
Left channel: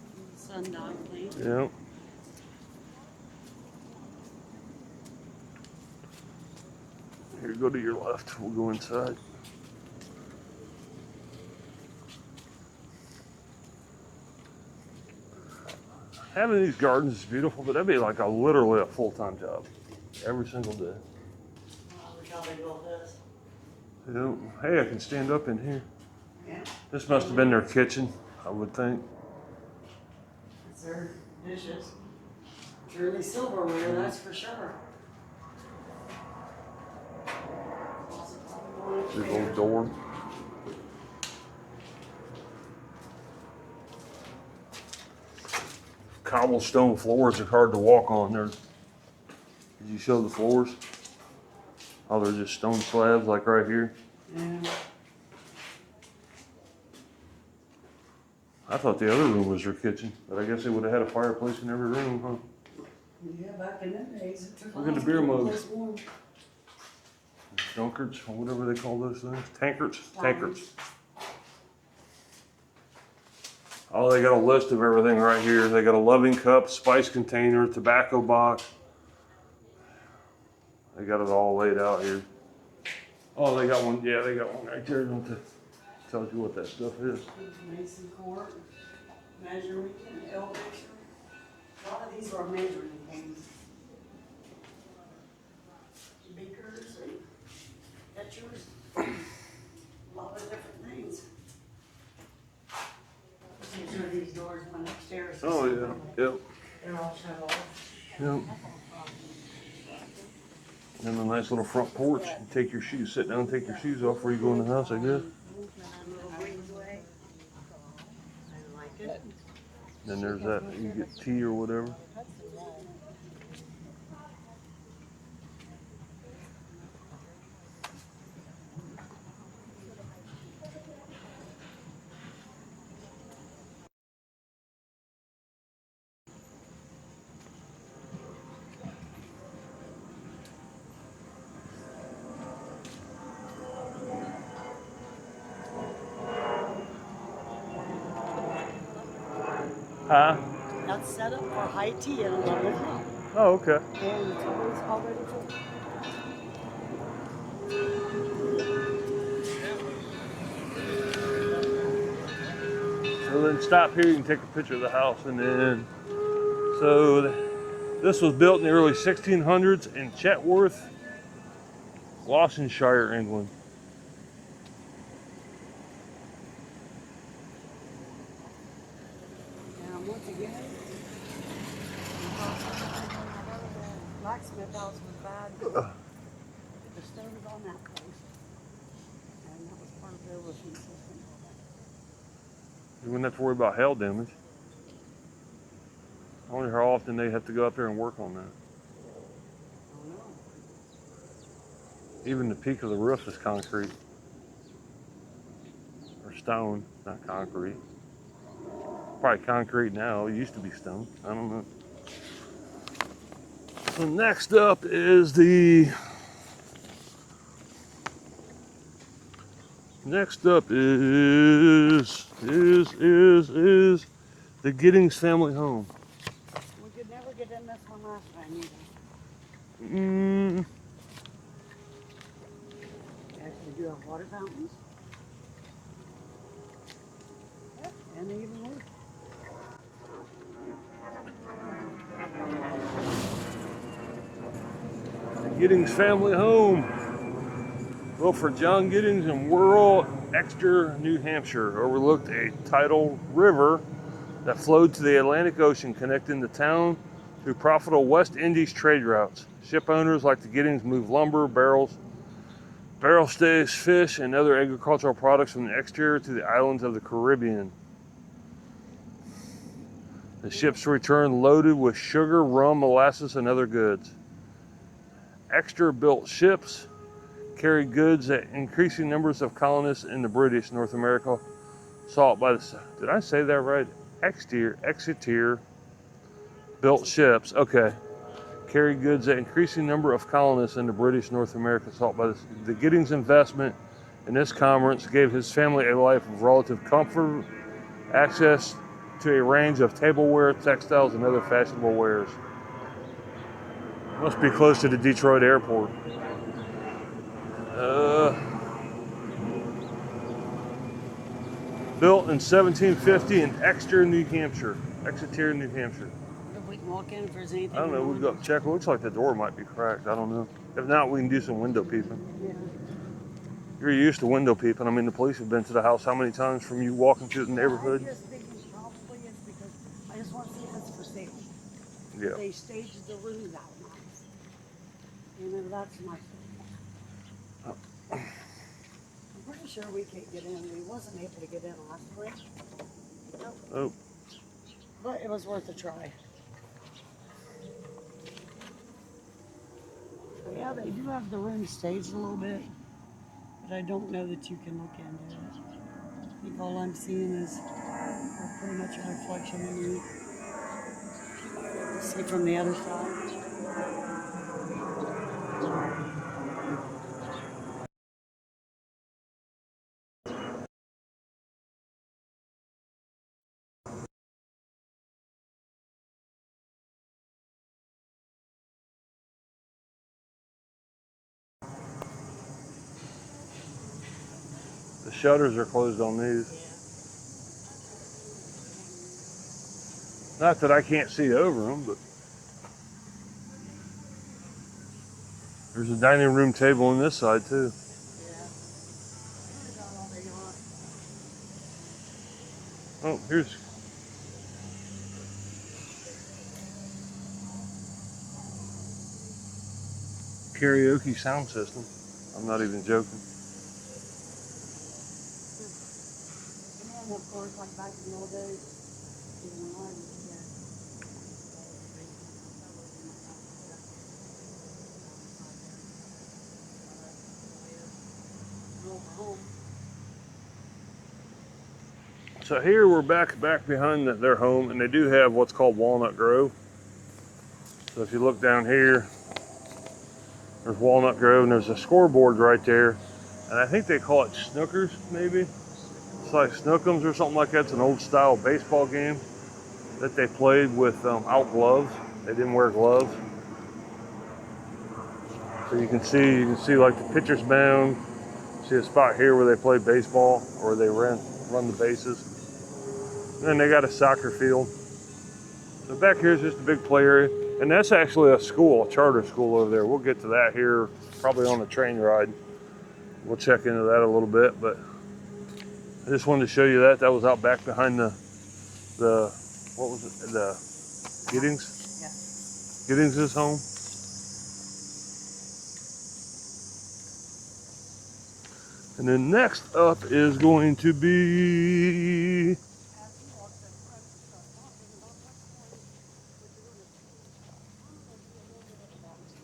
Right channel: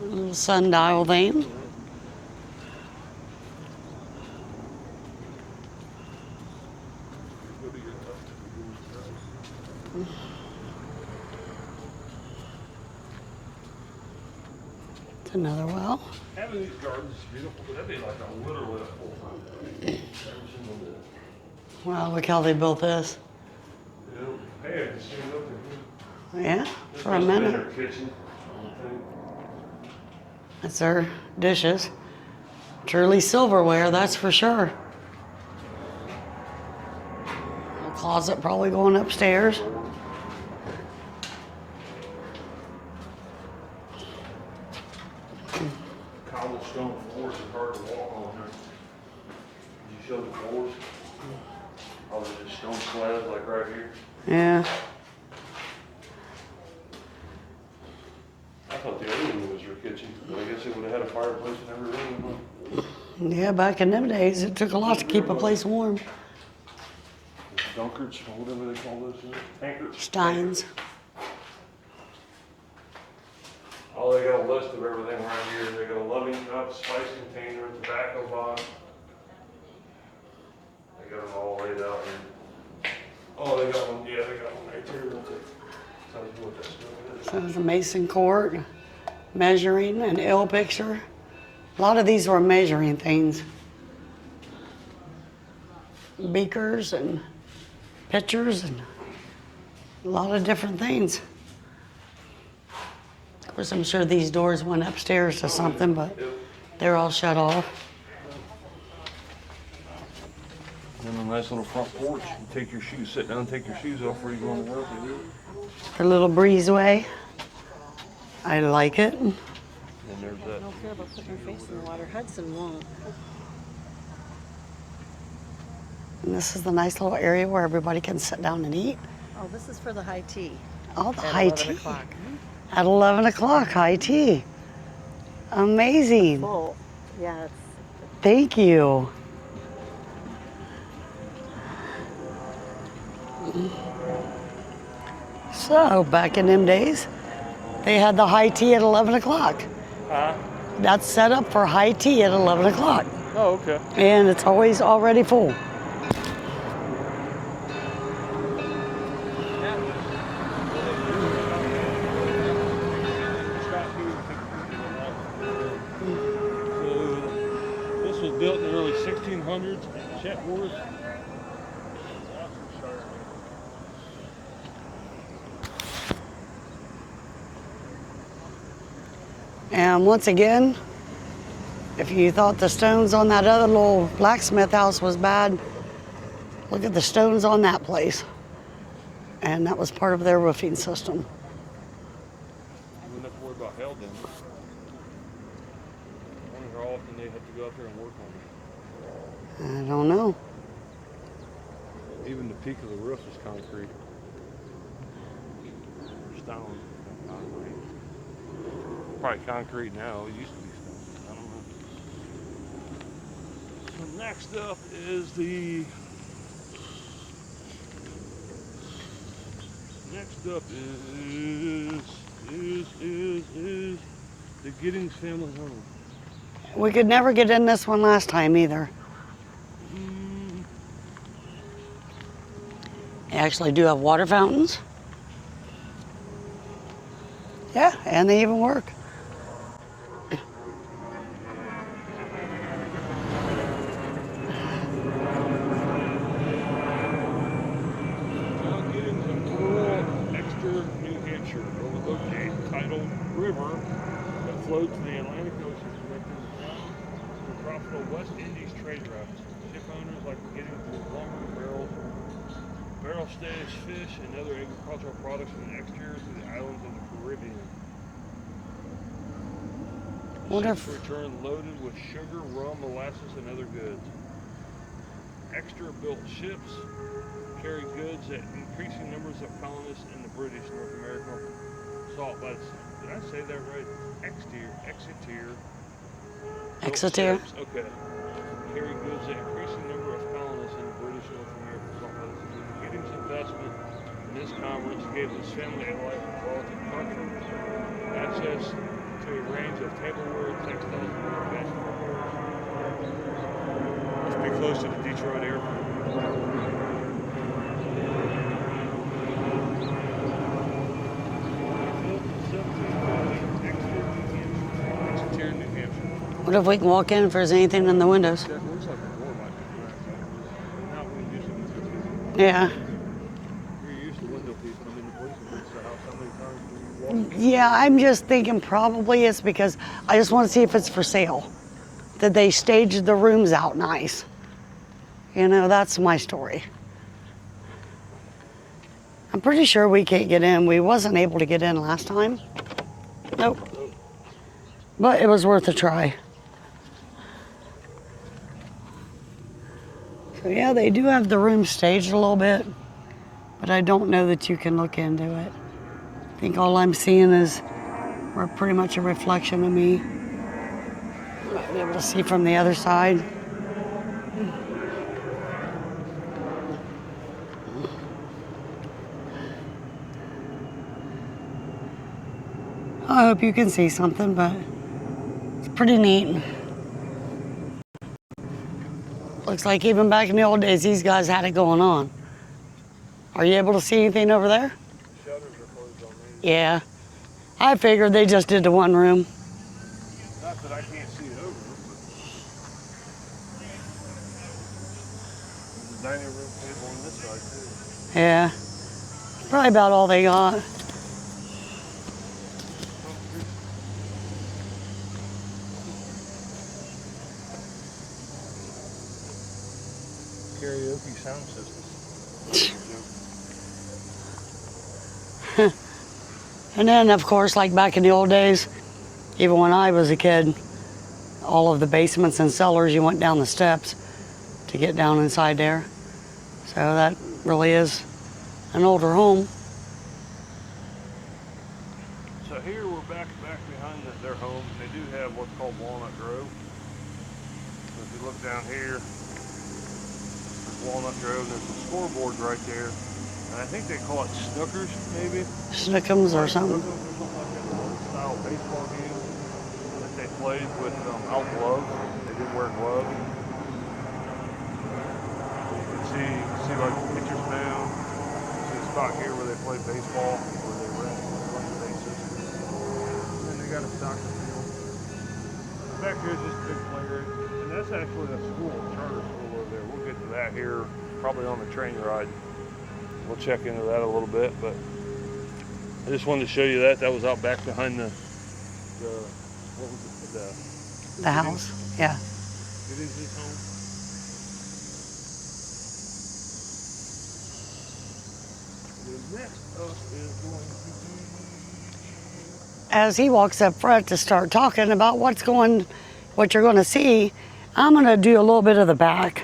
Little sundial thing. Yep. Here, go to your left. We'll go inside. It's another well. Having these gardens is beautiful, but that'd be like literally a full-time job every single day. Wow, look how they built this. You know, hey, I can stand up in here. Yeah. This for a must have been their minute. kitchen, I would think. That's their dishes. Truly silverware, that's for sure. I'll closet probably going upstairs. Door. Cobblestone floors are hard to walk on there. Did you show the floors? Oh, they're just stone slabs like right here. Yeah. I thought the other room was your kitchen, but I guess it would have had a fireplace in every room. Huh? Yeah, back in them days, it took a lot to keep a place warm. Dunkards, or whatever they call those things. Tankards? Steins. Oh, they got a list of everything right here. They got a loving cup, spice container, tobacco box. They got it all laid out here. Oh, they got one. Yeah, they got one right there. Tells you what that stuff is. So there's a mason quart, measuring, an L picture. A lot of these were measuring things. Beakers and pitchers and a lot of different things. Of course, I'm sure these doors went upstairs to something, but they're all shut off. Yep. And a nice little front porch. You take your shoes, sit down and take your shoes off before you go in the house, like this. A little breezeway. I like it. And then there's that, you get tea or whatever. Hudson won't. And this is the nice little area where everybody can sit down and eat. Oh, this is for the high tea. Oh, the at high 11 tea. o'clock. At 11 o'clock, high tea. Amazing. Full. Yeah, it's Thank you. So, back in them days, they had the high tea at 11 o'clock. Huh? That's set up for high tea at 11 o'clock. Oh, okay. And it's always already full. So then stop here, you can take a picture of the house, and then, so this was built in the early 1600s in Chetworth, Gloucestershire, England. And once again, if you thought the stones on that other little blacksmith house was bad, look at the stones on that place. And that was part of their roofing system. You wouldn't have to worry about hail damage. I wonder how often they have to go out there and work on that. I don't know. Even the peak of the roof is concrete. Or stone, not concrete. Probably concrete now, it used to be stone, I don't know. So next up is the the Giddings Family Home. We could never get in this one last time either. They actually do have water fountains. Yeah, and they even work. Giddings Family Home. Built for John Giddings in rural Exeter, New Hampshire, overlooked a tidal river that flowed to the Atlantic Ocean, connecting the town through profitable West Indies trade routes. Ship owners like the Giddings moved lumber, barrel staves, fish, and other agricultural products from the exterior to the islands of the Caribbean. The ships returned loaded with sugar, rum, molasses, and other goods. Exeter-built ships carried goods that increasing numbers of colonists in the British North America sought by the... Did I say that right? Exeter-built ships. Okay. Carried goods that increasing number of colonists in the British North America sought by the Giddings investment in this commerce gave his family a life of relative comfort, access to a range of tableware, textiles, and other fashionable wares. Must be close to the Detroit airport. Built in 1750 in Exeter, New Hampshire. What if we can walk in if there's anything in the windows? Check. It looks like the door might be cracked. I don't know. If not, we can do some window peeping. Yeah. You're used to window peeping. I mean, the police have been to the house how many times from you walking through? Yeah, I'm just thinking probably it's because I just want to see if it's for sale. That they staged the rooms out nice. You know, that's my story. I'm pretty sure we can't get in. We wasn't able to get in last time. Nope. Nope. But it was worth a try. So yeah, they do have the room staged a little bit, but I don't know that you can look into it. I think all I'm seeing is pretty much a reflection of me. You might be able to see from the other side. I hope you can see something, but it's pretty neat. Looks like even back in the old days, these guys had it going on. Are you able to see anything over there? The shutters are closed on these. Yeah. I figured they just did the one room. Not that I can't see over them, but there's a dining room table on this side too. Yeah. Probably about all they got. Oh, here's karaoke sound system. I'm not even joking. And then, of course, like back in the old days, even when I was a kid, all of the basements and cellars, you went down the steps to get down inside there. So that really is an older home. So here we're back behind their home, and they do have what's called Walnut Grove. So if you look down here, there's Walnut Grove, and there's a scoreboard right there. And I think they call it Snookers, maybe? Snookums or something. Snookums or something like that. It's an old style baseball game that they played without gloves. They didn't wear gloves. So you can see like the pitcher's mound. See a spot here where they play baseball, or they run the bases. Then they got a soccer field. So back here is just a big play area. And that's actually a school, a charter school over there. We'll get to that here, probably on the train ride. We'll check into that a little bit, but I just wanted to show you that. That was out back behind the what was it? The Giddings? house. Yeah. Giddings' home. And then next up is going to be, As he walks up front to start talking about what you're going to see, I'm going to do a little bit of the back.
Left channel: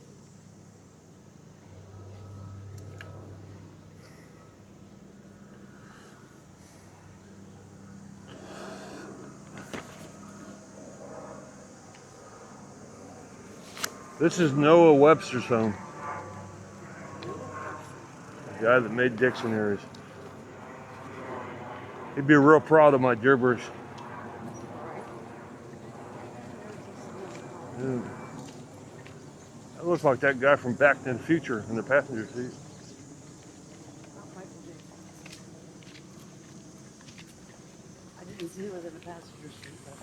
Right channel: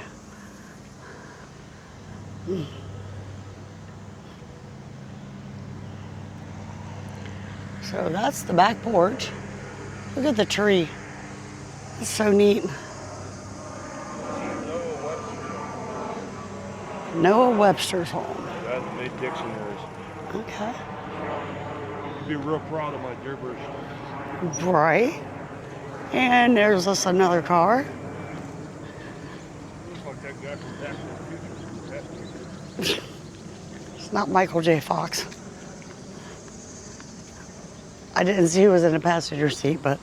So that's the back porch. Look at the tree. It's so neat. this is Noah Webster's home. Noah Webster's home. The guy that made dictionaries. Okay. He'd be real proud of my gibberish. Right. And there's us another car. It looks like that guy from Back to the Future in the passenger seat. It's not Michael J. Fox. I didn't see who was in the passenger seat, but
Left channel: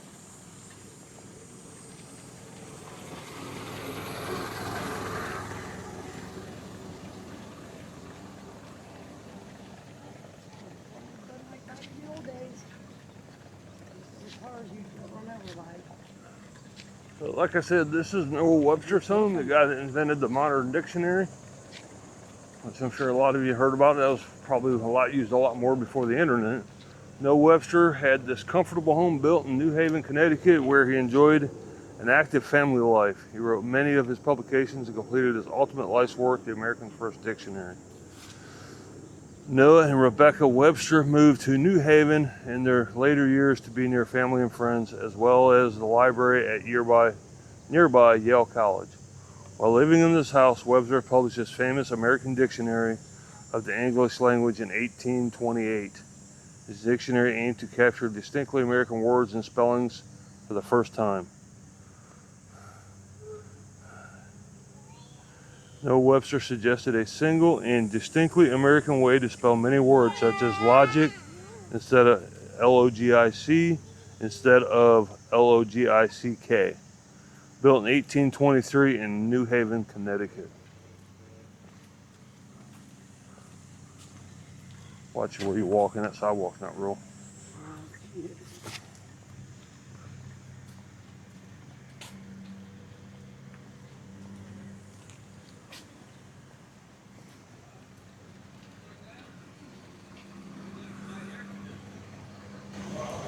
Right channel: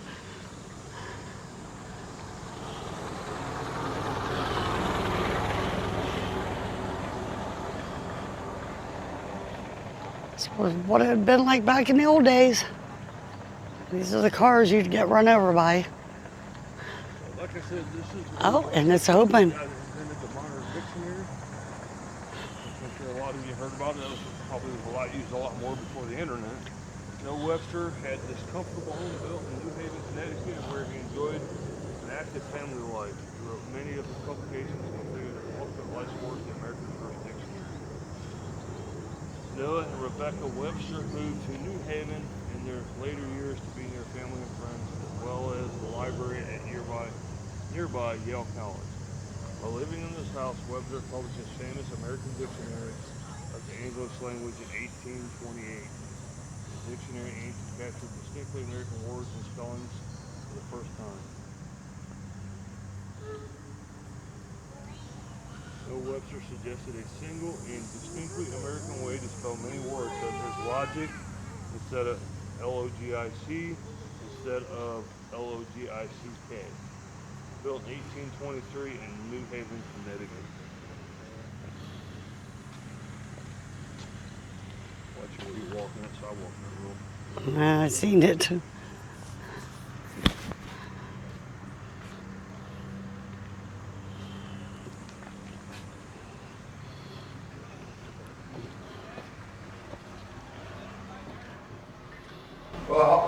this was what it had been like back in the old days. These are the cars you'd get run over by. But like I said, this is Noah And Webster's it's home, the open. guy that invented the modern dictionary, which I'm sure a lot of you heard about. That was probably used a lot more before the internet. Noah Webster had this comfortable home built in New Haven, Connecticut, where he enjoyed an active family life. He wrote many of his publications and completed his ultimate life's work, the American's First Dictionary. Noah and Rebecca Webster moved to New Haven in their later years to be near family and friends, as well as the library at nearby Yale College. While living in this house, Webster published his famous American Dictionary of the English language in 1828. His dictionary aimed to capture distinctly American words and spellings for the first time. Noah Webster suggested a single and distinctly American way to spell many words, such as logic instead of L-O-G-I-C instead of L-O-G-I-C-K. Built in 1823 in New Haven, Connecticut. Watch where you walk in, that sidewalk's not real. I seen it.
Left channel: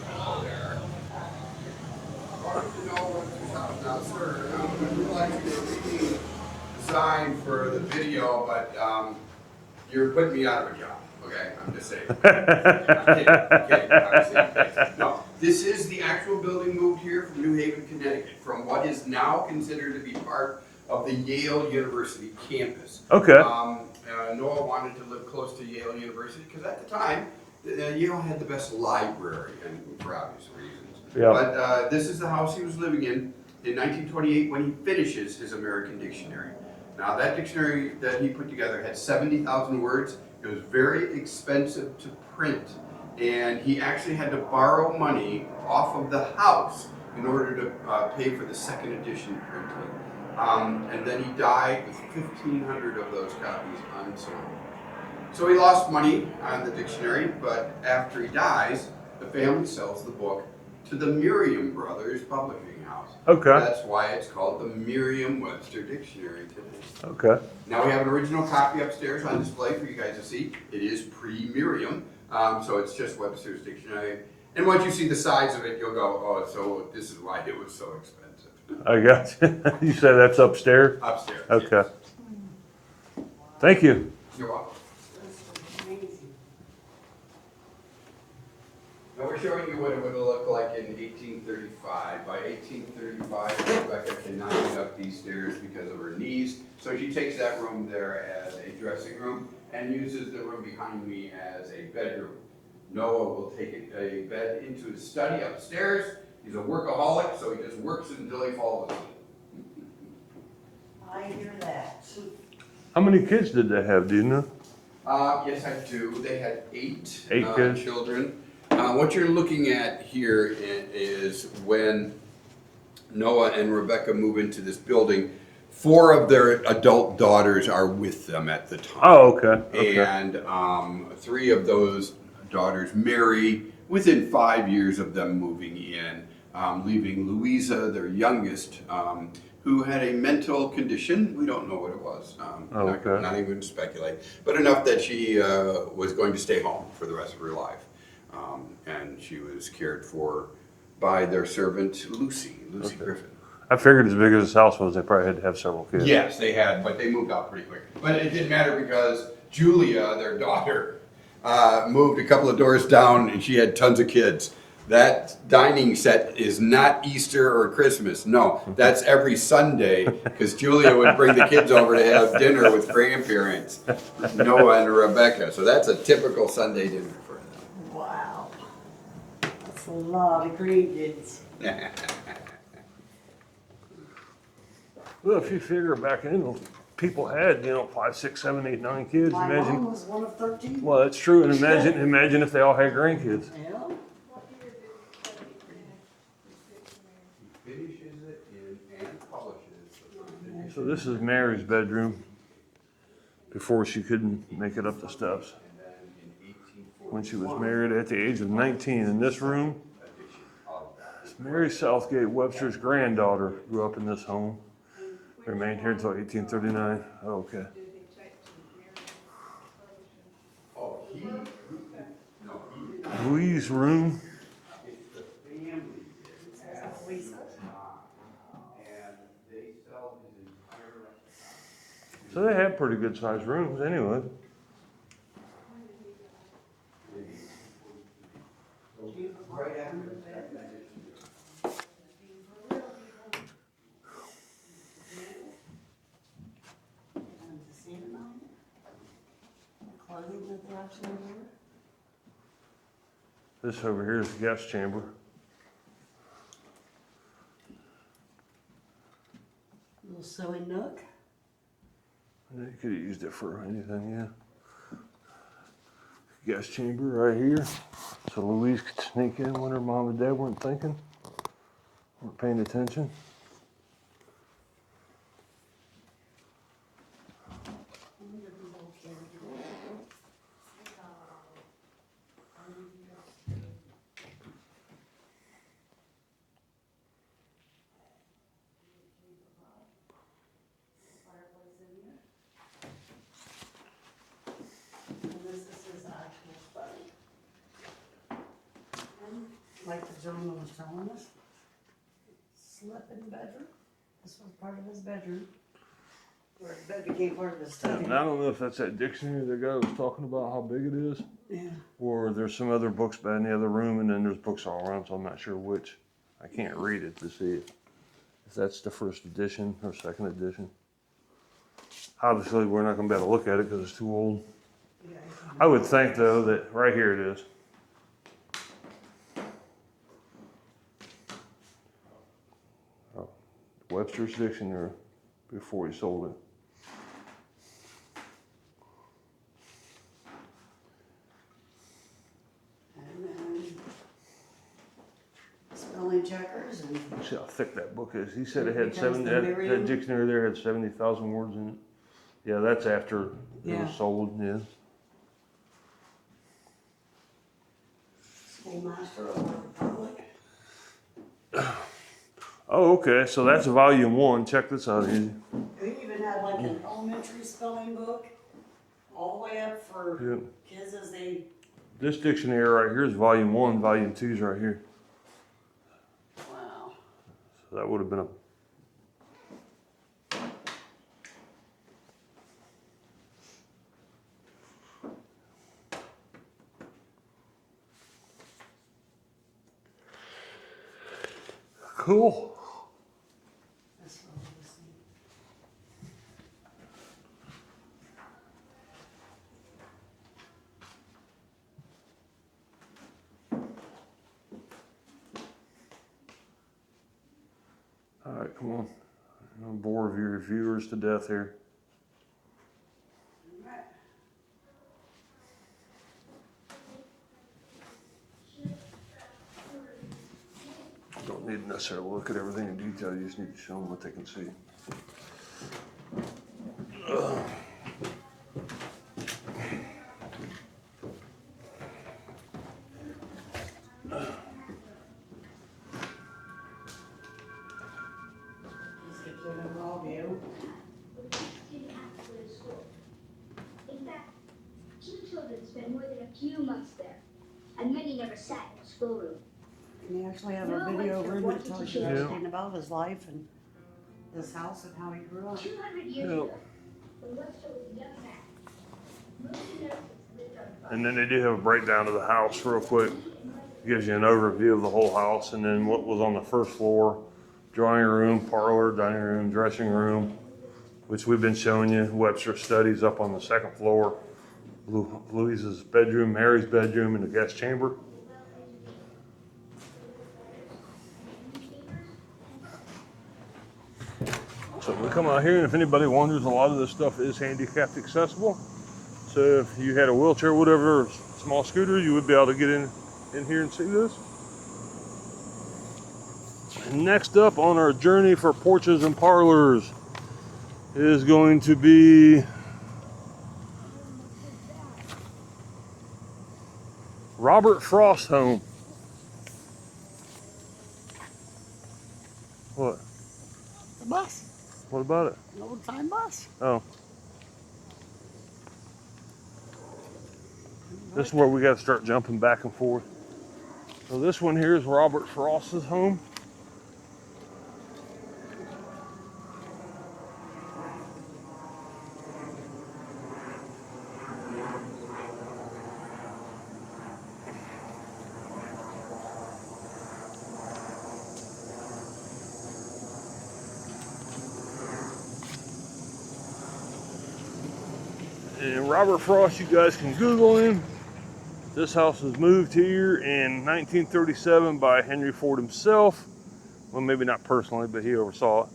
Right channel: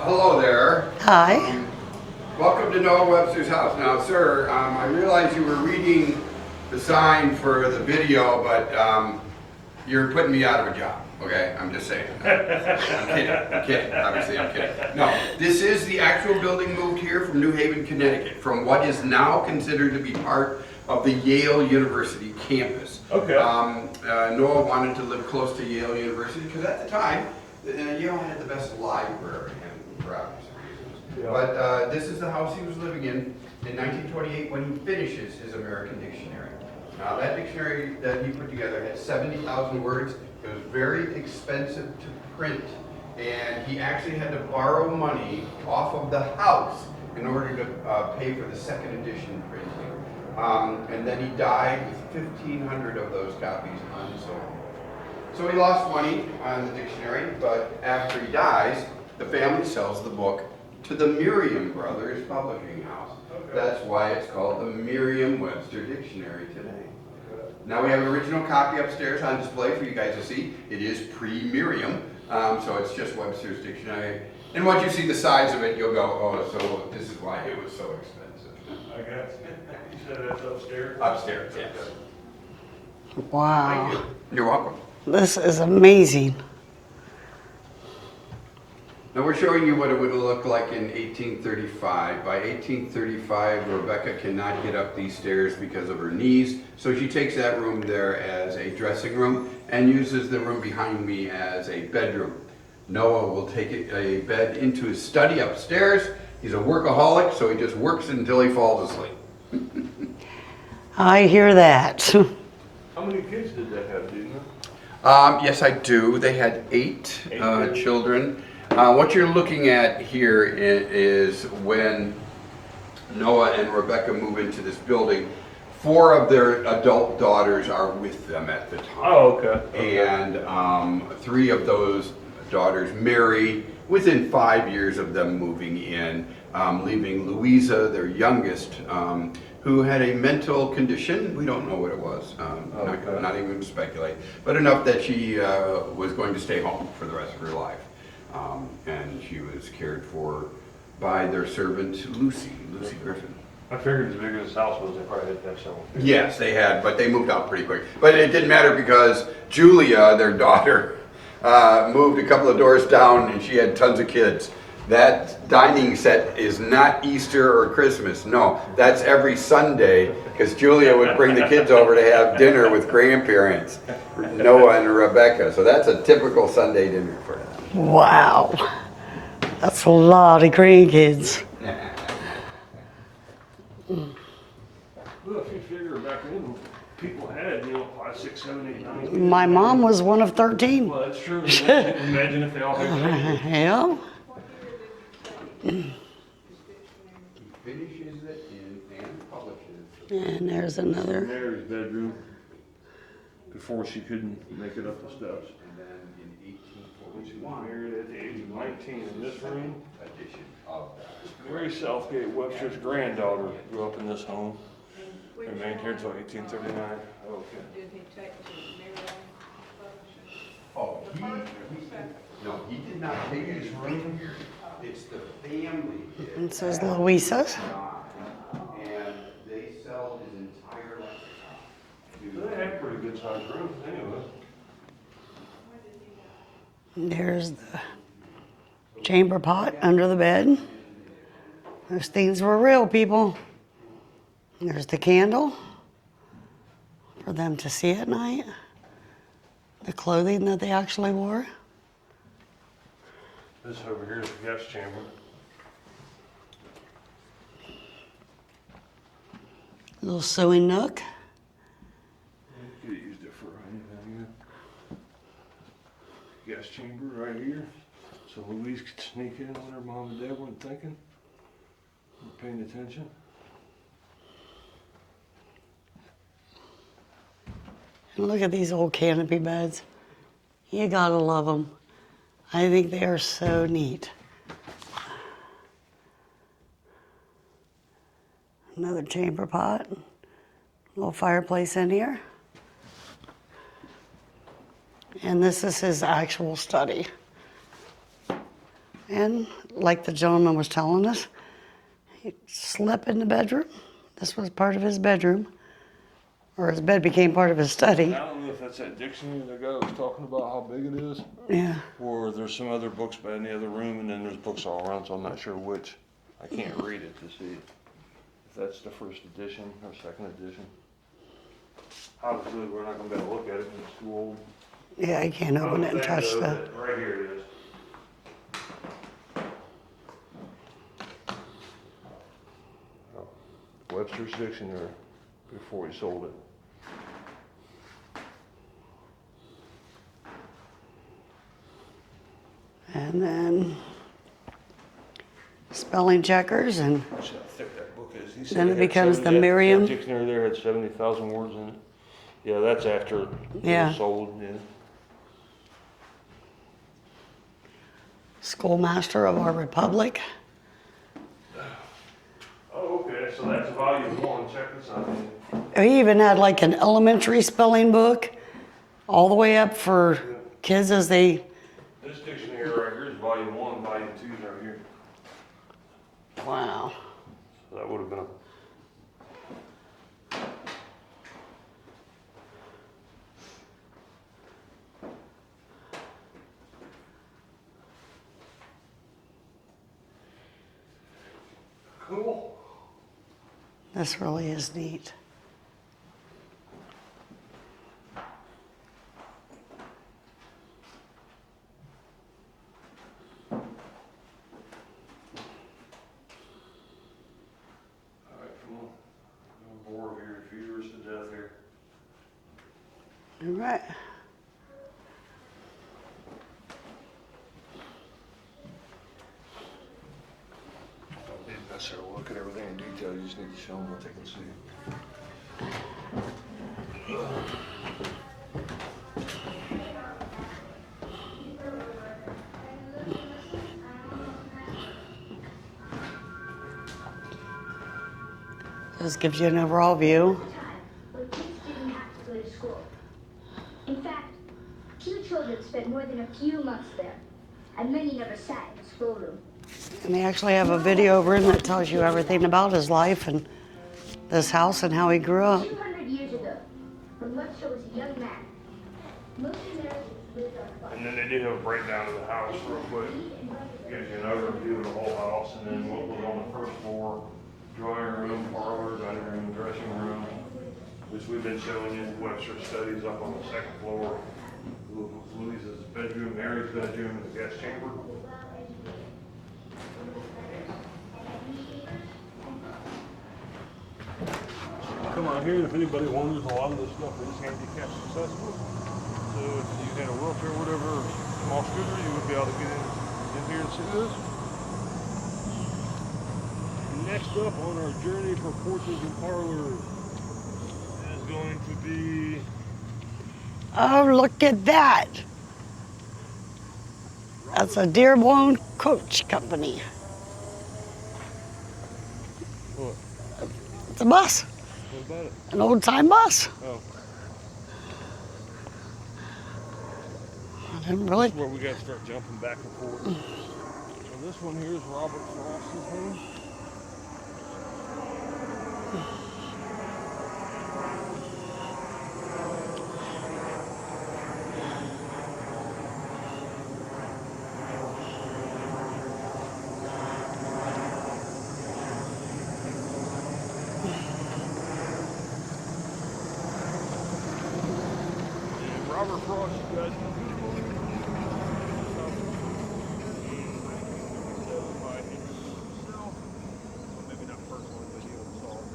Hello there. Hi. Welcome to Noah Webster's house. Now, sir, I realize you were reading the sign for the video, but you're putting me out of a job. Okay, I'm just saying. I'm kidding. Obviously, I'm kidding. No, this is the actual building moved here from New Haven, Connecticut, from what is now considered to be part of the Yale University campus. Okay. Noah wanted to live close to Yale University because at the time, Yale had the best library, and for obvious reasons. Yeah. But this is the house he was living in 1928 when he finishes his American Dictionary. Now that dictionary that he put together had 70,000 words. It was very expensive to print, and he actually had to borrow money off of the house in order to pay for the second edition printing. And then he died with 1,500 of those copies unsold. So he lost money on the dictionary, but after he dies, the family sells the book to the Merriam Brothers Publishing House. Okay. That's why it's called the Merriam-Webster Dictionary today. Okay. Now we have an original copy upstairs on display for you guys to see. It is pre-Merriam, so it's just Webster's Dictionary. And once you see the size of it, you'll go, oh, so this is why it was so expensive. I got you. You said that's upstairs? Upstairs. Okay. Yes. Wow. Thank you. You're welcome. This is amazing. Now we're showing you what it would have looked like in 1835. By 1835, Rebecca cannot get up these stairs because of her knees, so she takes that room there as a dressing room and uses the room behind me as a bedroom. Noah will take a bed into his study upstairs. He's a workaholic, so he just works until he falls asleep. I hear that. How many kids did they have, do you know? Yes, I do. They had eight kids? children. What you're looking at here is when Noah and Rebecca move into this building, 4 of their adult daughters are with them at the time. Oh, okay. And 3 of those daughters marry within 5 years of them moving in, leaving Louisa, their youngest, who had a mental condition. We don't know what it was. Not even to speculate, but enough that she was going to stay home for the rest of her life. And she was cared for by their servant, Lucy Griffin. I figured as big as this house was, they probably had to have several kids. Yes, they had, but they moved out pretty quick. But it didn't matter because Julia, their daughter, moved a couple of doors down and she had tons of kids. That dining set is not Easter or Christmas. No, that's every Sunday because Julia would bring the kids over to have dinner with grandparents, Noah and Rebecca. So that's a typical Sunday dinner for them. Wow. That's a lot of grandkids. Well, if you figure back then, people had, 5, 6, 7, 8, 9 kids. My mom was one of 13. Well, that's true. And imagine if they all had grandkids. Yeah. He finishes it and publishes. And there's So this another. is Mary's bedroom before she couldn't make it up the steps. When she was married at the age of 19 in this room. Mary Southgate Webster's granddaughter grew up in this home. Remained here until 1839. Oh, okay. Oh, he did not. Louise's room. It's the family. It says Louisa's. And they sell his entire life. So they had pretty good sized rooms anyway. There's the chamber pot under the bed. Those things were real, people. There's the candle for them to see at night. The clothing that they actually wore. This over here is the guest chamber. Little sewing nook. You could have used it for anything, yeah. Guest chamber right here. So Louise could sneak in when her mom and dad weren't thinking, weren't paying attention. And look at these old canopy beds. You gotta love them. I think they are so neat. Another chamber pot. Little fireplace in here. And this is his actual study. And like the gentleman was telling us, he slept in the bedroom. This was part of his bedroom, or his bed became part of his study. I don't know if that's that dictionary the guy was talking about how big it is. Yeah. Or there's some other books by in the other room, and then there's books all around, so I'm not sure which. I can't read it to see if that's the first edition or second edition. Obviously, we're not going to be able to look at it because it's too old. Yeah, I can't I would open it and think, touch though, that. that right here it is. Oh, Webster's Dictionary before he sold it. And then spelling checkers, and See how thick that book is. He said then it had becomes 70 the Merriam. That dictionary there had 70,000 words in it. Yeah, that's after it was sold, yeah. Schoolmaster of our Republic. Oh, okay, so that's volume 1. Check this out, Andy. He even had like an elementary spelling book, all the way up for kids as they. This dictionary right here is volume 1, volume 2 is right here. Wow. So that would have been a. Cool. This really is neat. All right, come on. I'm gonna bore your viewers to death here. All right. Don't need to necessarily look at everything in detail. You just need to show them what they can see. This gives you an overall view. In fact, 2 children spent more than a few months there, and many never sat in the schoolroom. And they actually have a video room that tells you everything about his life and this house and how he grew up. 200 years ago, when Webster was a young man, most Americans lived on And then they do have a breakdown of the house real quick. Gives you an overview of the whole house and then what was on the first floor. Drawing room, parlor, dining room, dressing room, which we've been showing you. Webster studies up on the second floor. Louise's bedroom, Mary's bedroom, and the guest chamber. So we come out here, and if anybody wonders, a lot of this stuff is handicapped accessible. So if you had a wheelchair, whatever, or small scooter, you would be able to get in here and see this. Next up on our journey for porches and parlors is going to be... Oh, look at that. Robert That's a Frost Dearborn Home. Coach Company. What? It's a bus. What about it? An old-time bus. Oh. Really... This is where we got to start jumping back and forth. So this one here is Robert Frost's home. And Robert Frost, you guys can Google him. This house was moved here in 1937 by Henry Ford himself. Well, maybe not personally, but he oversaw it.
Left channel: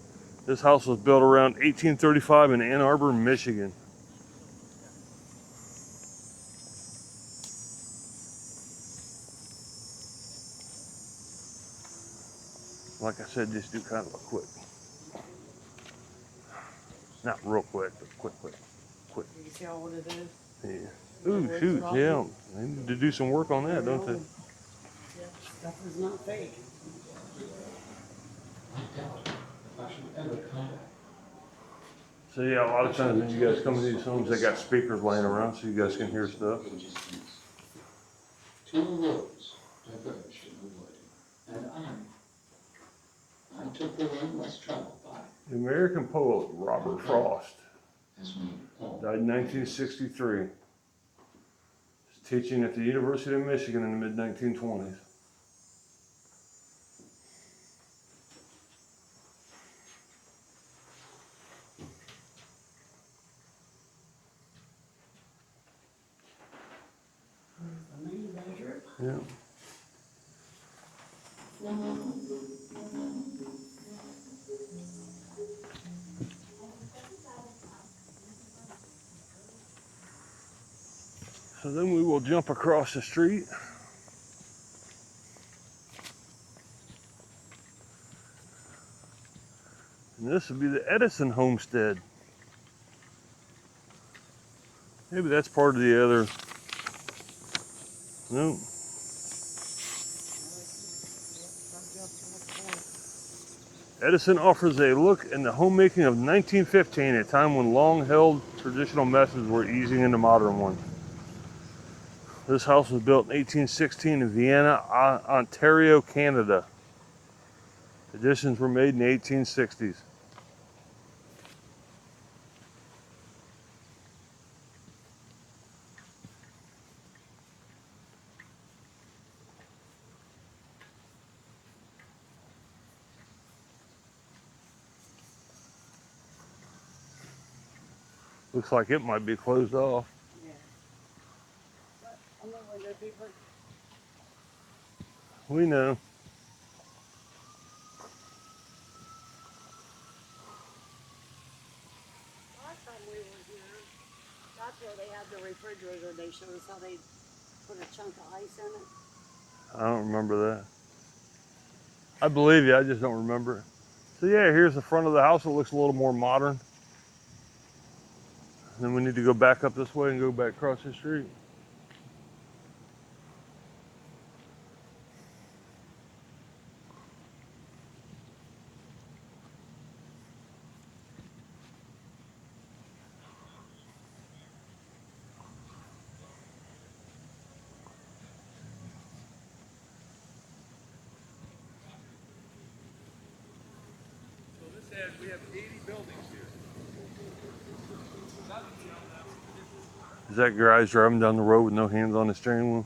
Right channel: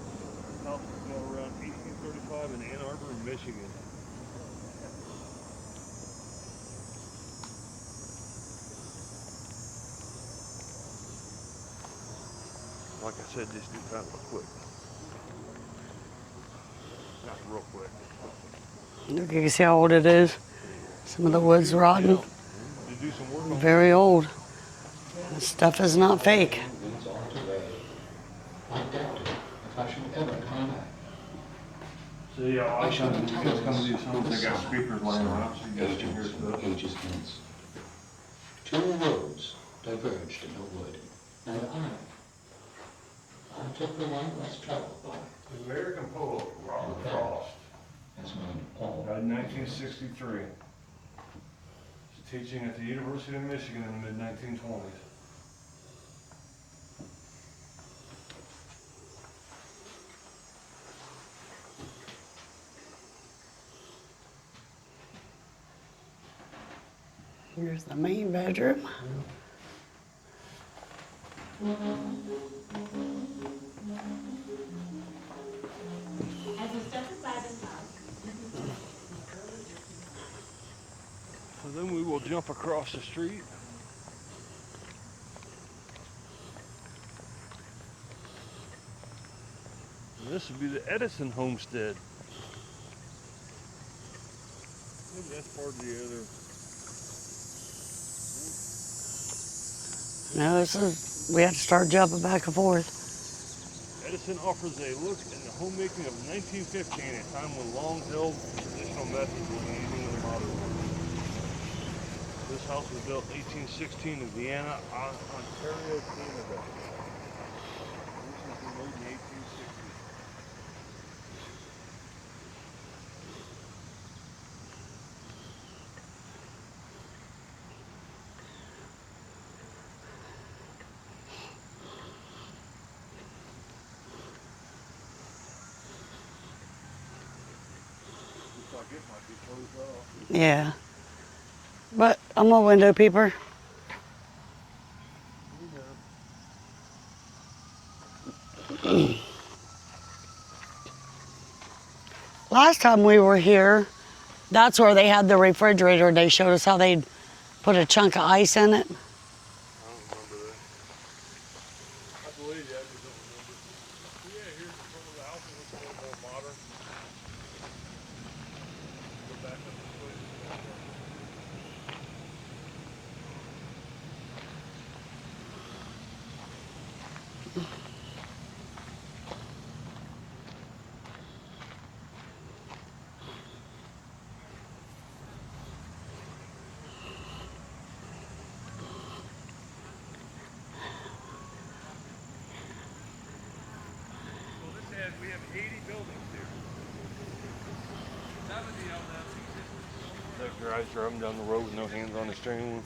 This house was built around 1835 in Ann Arbor, Michigan. Like I said, just do kind of quick. Not real quick, but quick. Look, you can see how old it is. Yeah. Some of the wood's rotten. Yeah. To do some work on Very that, old. This stuff is not fake. So yeah, a lot of times when you guys come to these homes, they got speakers laying around so you guys can hear stuff. 2 roads diverged in a wood, and I took the one less traveled by. The American poet Robert Frost As when all died in 1963. He's teaching at the University of Michigan in the mid-1920s. Here's the main bedroom. Yeah. So then we will jump across the street. And this would be the Edison homestead. Maybe that's part of the other. No. No, this is, we had to start jumping back and forth. Edison offers a look in the homemaking of 1915, a time when long-held traditional methods were easing into modern ones. This house was built in 1816 in Vienna, Ontario, Canada. Additions were made in the 1860s. Looks like it might be closed off. Yeah. But I'm a window peeper. We know. Last time we were here, that's where they had the refrigerator. They showed us how they'd put a chunk of ice in it. I don't remember that. I believe you, I just don't remember it. So yeah, here's the front of the house. It looks a little more modern. Then we need to go back up this way and go back across the street. Is that garage driving down the road with no hands on the steering wheel?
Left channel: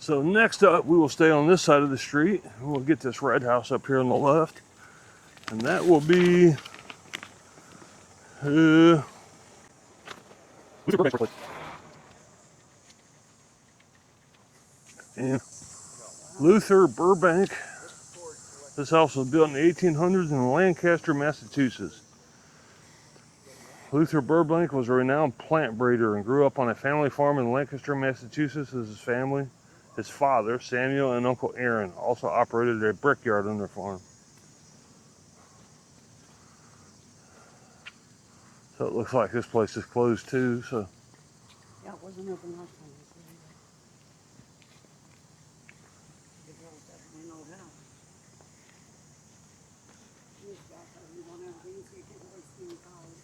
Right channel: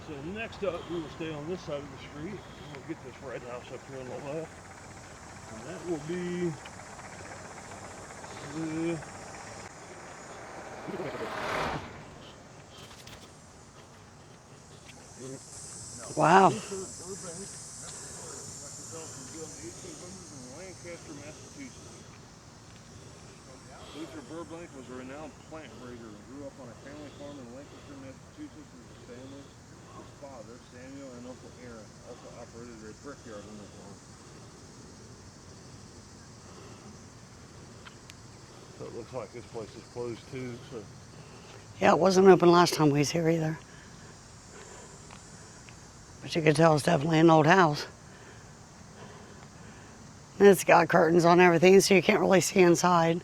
So next up, we will stay on this side of the street. And we'll get this red house up here on the left. And that will be... yeah. Wow. Luther Burbank. This house was built in the 1800s in Lancaster, Massachusetts. Luther Burbank was a renowned plant breeder and grew up on a family farm in Lancaster, Massachusetts as his family. His father, Samuel, and Uncle Aaron also operated a brickyard on their farm. So it looks like this place is closed too. So Yeah, it wasn't open last time we was here either. But you could tell it's definitely an old house. And it's got curtains on everything, so you can't really see inside.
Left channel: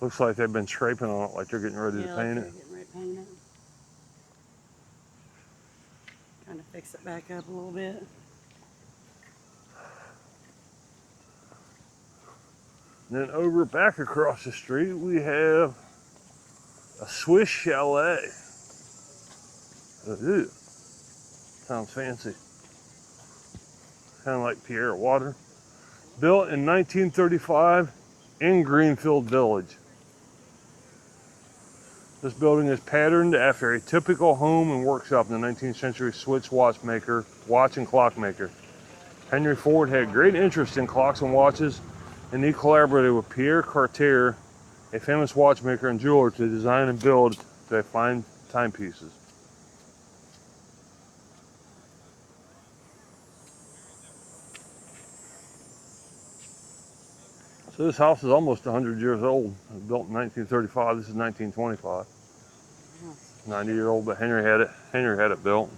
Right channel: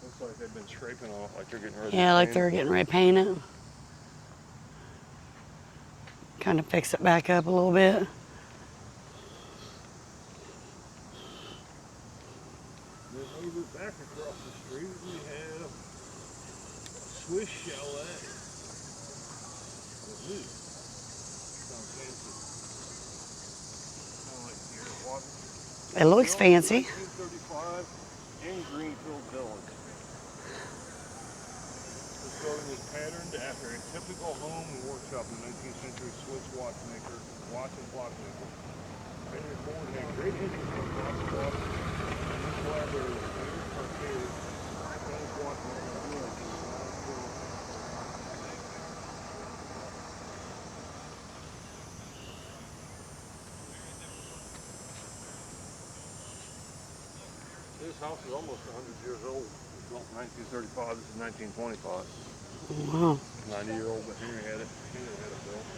looks like they've been scraping on it, like they're getting ready to paint Yeah, like it. they're getting ready to paint it. Kind of fix it back up a little bit. Then over back across the street, we have a Swiss chalet. Ooh, sounds fancy. Kind of like Pierre Water. It looks Built fancy. in 1935 in Greenfield Village. This building is patterned after a typical home and workshop in the 19th century Swiss watch and clockmaker. Henry Ford had great interest in clocks and watches, and he collaborated with Pierre Cartier, a famous watchmaker and jeweler, to design and build their fine timepieces. So this house is almost 100 years old. It was built in 1935. This is 1925. Wow. 90-year-old, but Henry had it built.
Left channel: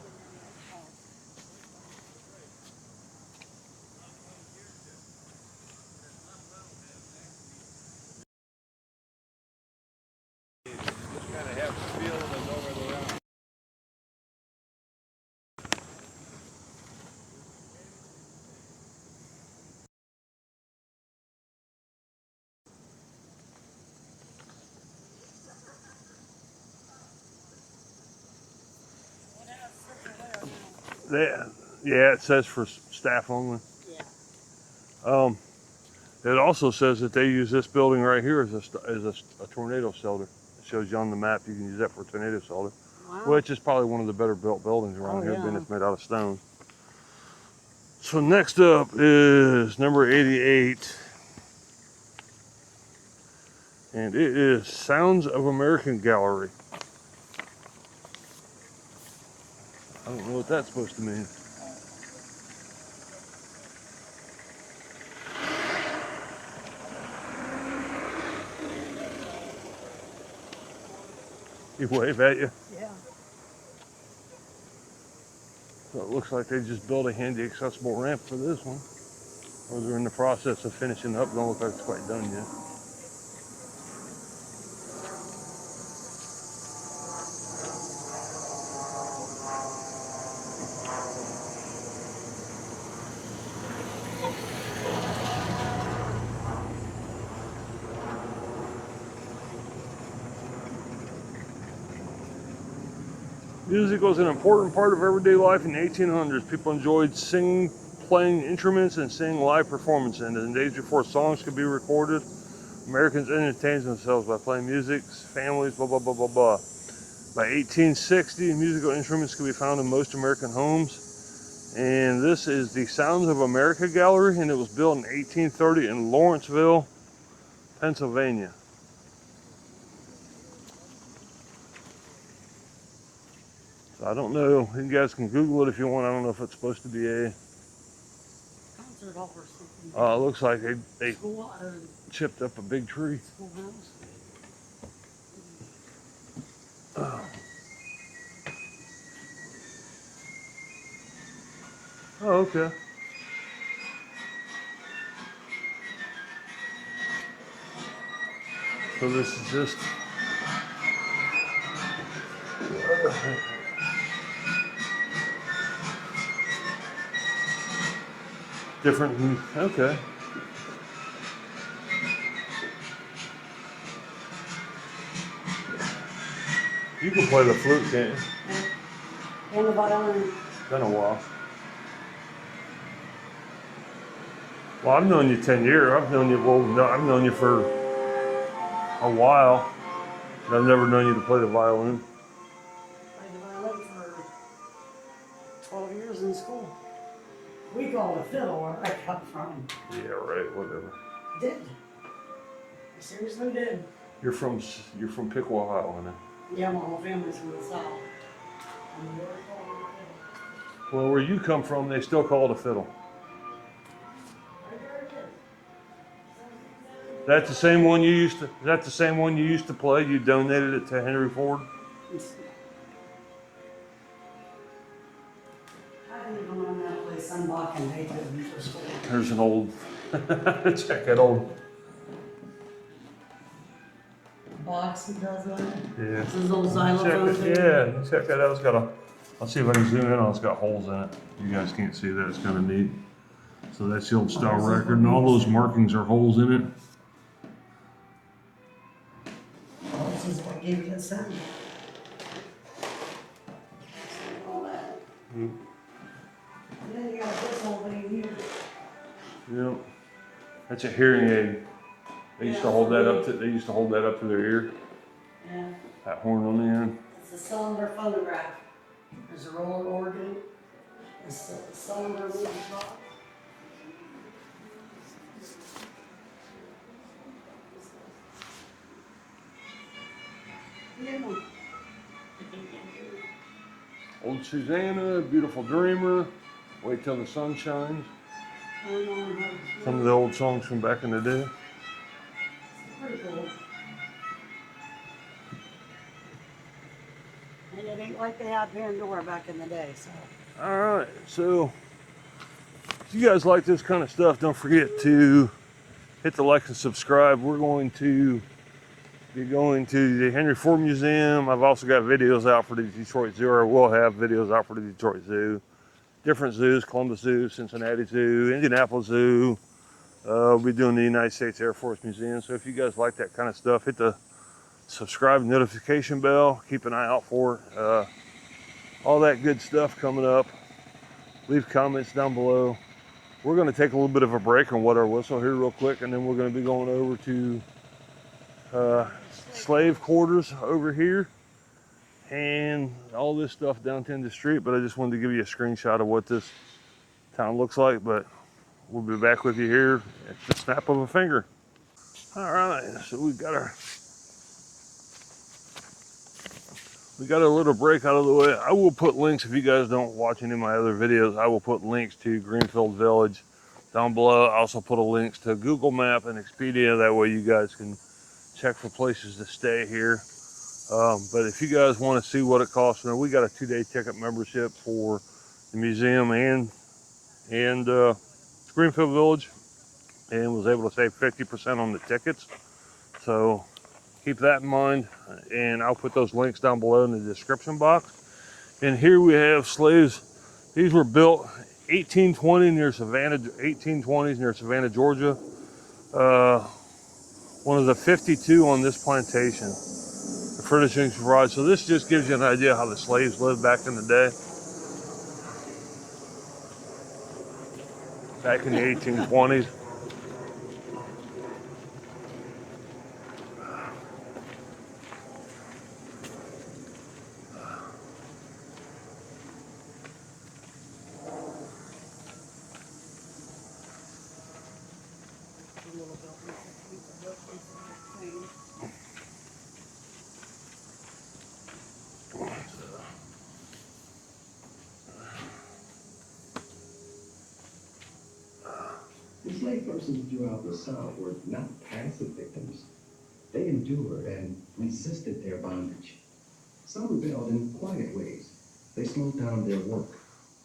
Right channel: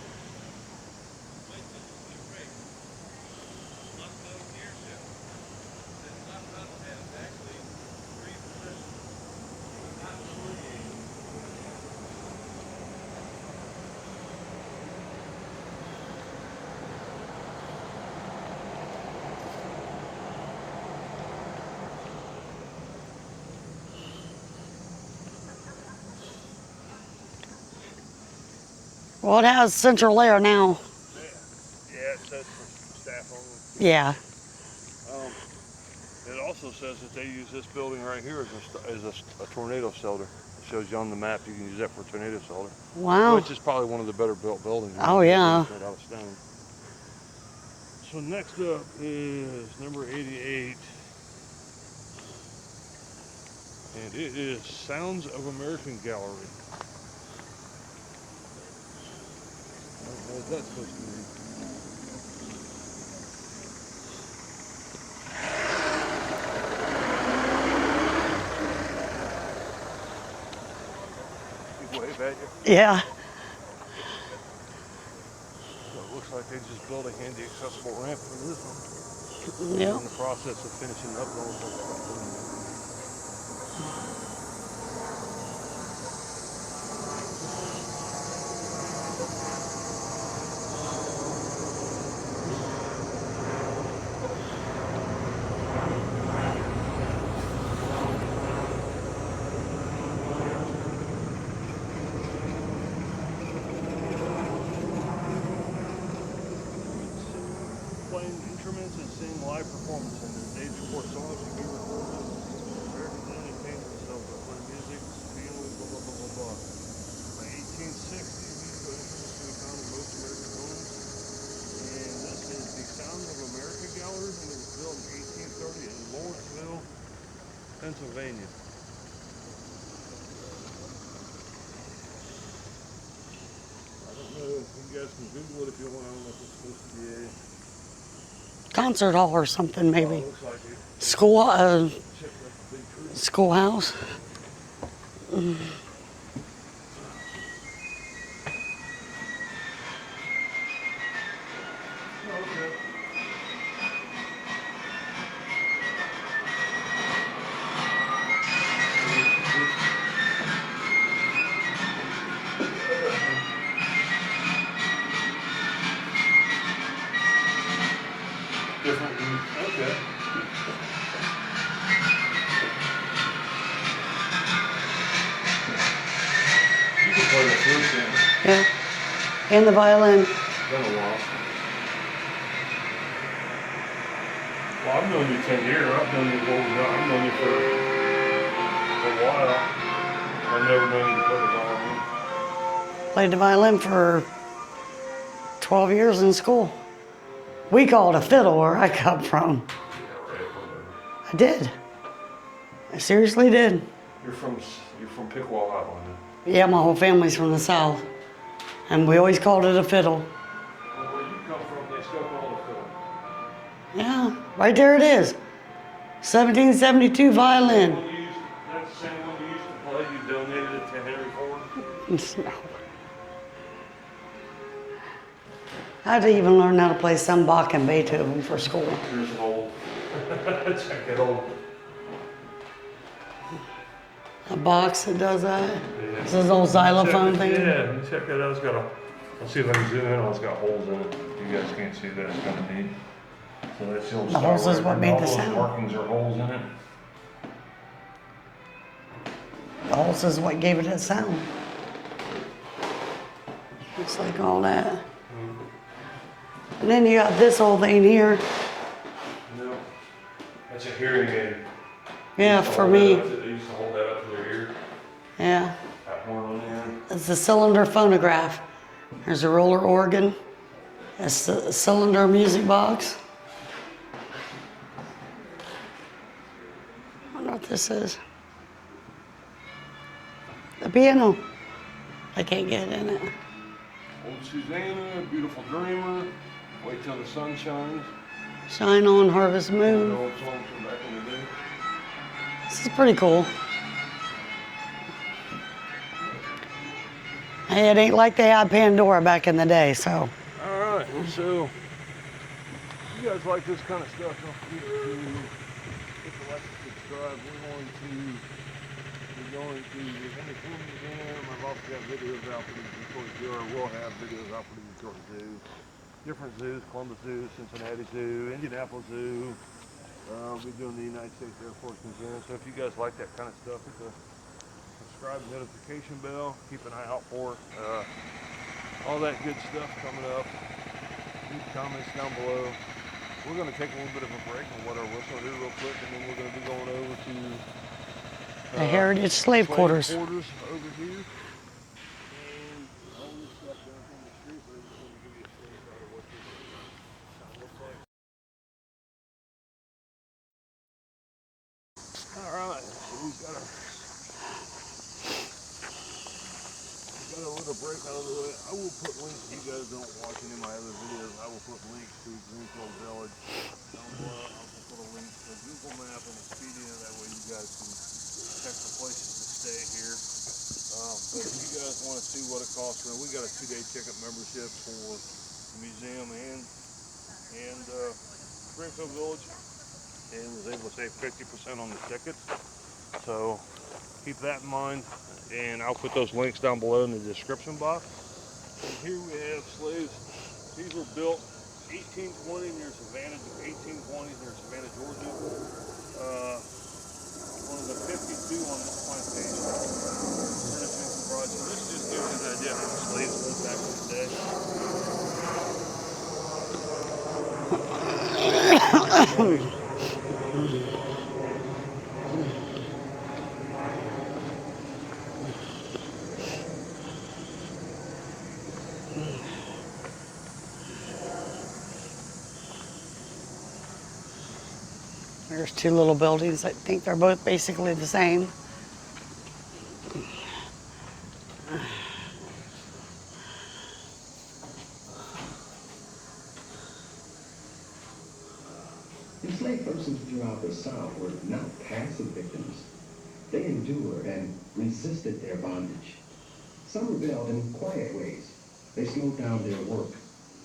Well, it has central air now. Yeah, it says for staff only. Yeah. It also says that they use this building right here as a tornado shelter. It shows you on the map you can use that for tornado shelter. Wow. Which is probably one of the better built buildings. Oh, yeah. It's made out of stone. So next up is number 88. And it is Sounds of American Gallery. I don't know what that's supposed to mean. He wave at you? Yeah. So it looks like they just built a handy accessible ramp for this one. Yep. They're in the process of finishing up. Don't look like it's quite done yet. Music was an important part of everyday life in the 1800s. People enjoyed singing, playing instruments, and seeing live performances. And in the days before songs could be recorded, Americans entertained themselves by playing music, families, blah, blah, blah, blah, blah. By 1860, musical instruments could be found in most American homes. And this is the Sounds of America Gallery, and it was built in 1830 in Lawrenceville, Pennsylvania. I don't know. You guys can Google it if you want. I don't know if it's supposed to be a concert hall or something, maybe. It looks like they chipped up a big tree. Schoolhouse. Oh, okay. So this is just different. Okay. You can play the flute, can't you? Yeah. And the violin. I don't know. Well, I've known you 10 years. I've known you for a while. I've never known you to play the violin. Played the violin for 12 years in school. We call it a fiddle where I come from. Yeah, right, whatever. I did. I seriously did. You're from Piqua, Ohio, isn't it? Yeah, my whole family's from the South. And we always called it a fiddle. Well, where you come from, they still call it a fiddle. Yeah, right there it is. 1772 violin. The same one you used to, is that the same one you used to play? You donated it to Henry Ford? No. I had to even learn how to play some Bach and Beethoven for school. There's an old, check that old. A box that does that? Yeah. This is old xylophone thing? Yeah, check that out. It's got I'll see if I can zoom in on it. It's got holes in it. You guys can't see that. It's kind of neat. So that's the old Star record. And all those markings are holes in it. The holes is what gave it that sound. Looks like all that. And then you got this old thing here. Yep. That's a hearing aid. Yeah, for me. They used to hold that up to their ear. Yeah. That horn on the end. It's a cylinder phonograph. There's a roller organ. It's a cylinder music box. I wonder what this is. The piano. I can't get in it. Old Susquehanna, Beautiful Dreamer, Wait Till the Sun Shines. Shine On, Harvest Moon. One of the old songs from back in the day. This is pretty cool. Hey, it ain't like they had Pandora back in the day, so. All right, so if you guys like this kind of stuff, don't forget to hit the like and subscribe. We're going to be going to the Henry Ford Museum. I've also got videos out for the Detroit Zoo, or will have videos out for the Detroit Zoo. Different zoos, Columbus Zoo, Cincinnati Zoo, Indianapolis Zoo. We'll be doing the United States Air Force Museum. So if you guys like that kind of stuff, hit the subscribe notification bell. Keep an eye out for it. all that good stuff coming up. Leave comments down below. We're going to take a little bit of a break and wet our whistle here real quick, and then we're going to be going over to The Heritage Slave Quarters over here, and all this stuff down to the street. But I just wanted to give you a screenshot of what this town looks like. But we'll be back with you here at the snap of a finger. All right, so we got a little break out of the way. I will put links, if you guys don't watch any of my other videos, I will put links to Greenfield Village down below. I also put a link to Google Map and Expedia. That way you guys can check for places to stay here. But if you guys want to see what it costs, we got a 2-day ticket membership for the museum and Greenfield Village, and was able to save 50% on the tickets. So keep that in mind, and I'll put those links down below in the description box. And here we have slaves. These were built 1820 near Savannah, 1820s near Savannah, Georgia. One of the 52 on this plantation. Furnishings provided. So this just gives you an idea how the slaves lived back in the day. Back in the 1820s. There's two little buildings. I think they're both basically the same. Enslaved persons throughout the South were not passive victims. They endured and resisted their bondage. Some rebelled in quiet ways. They slowed down their work.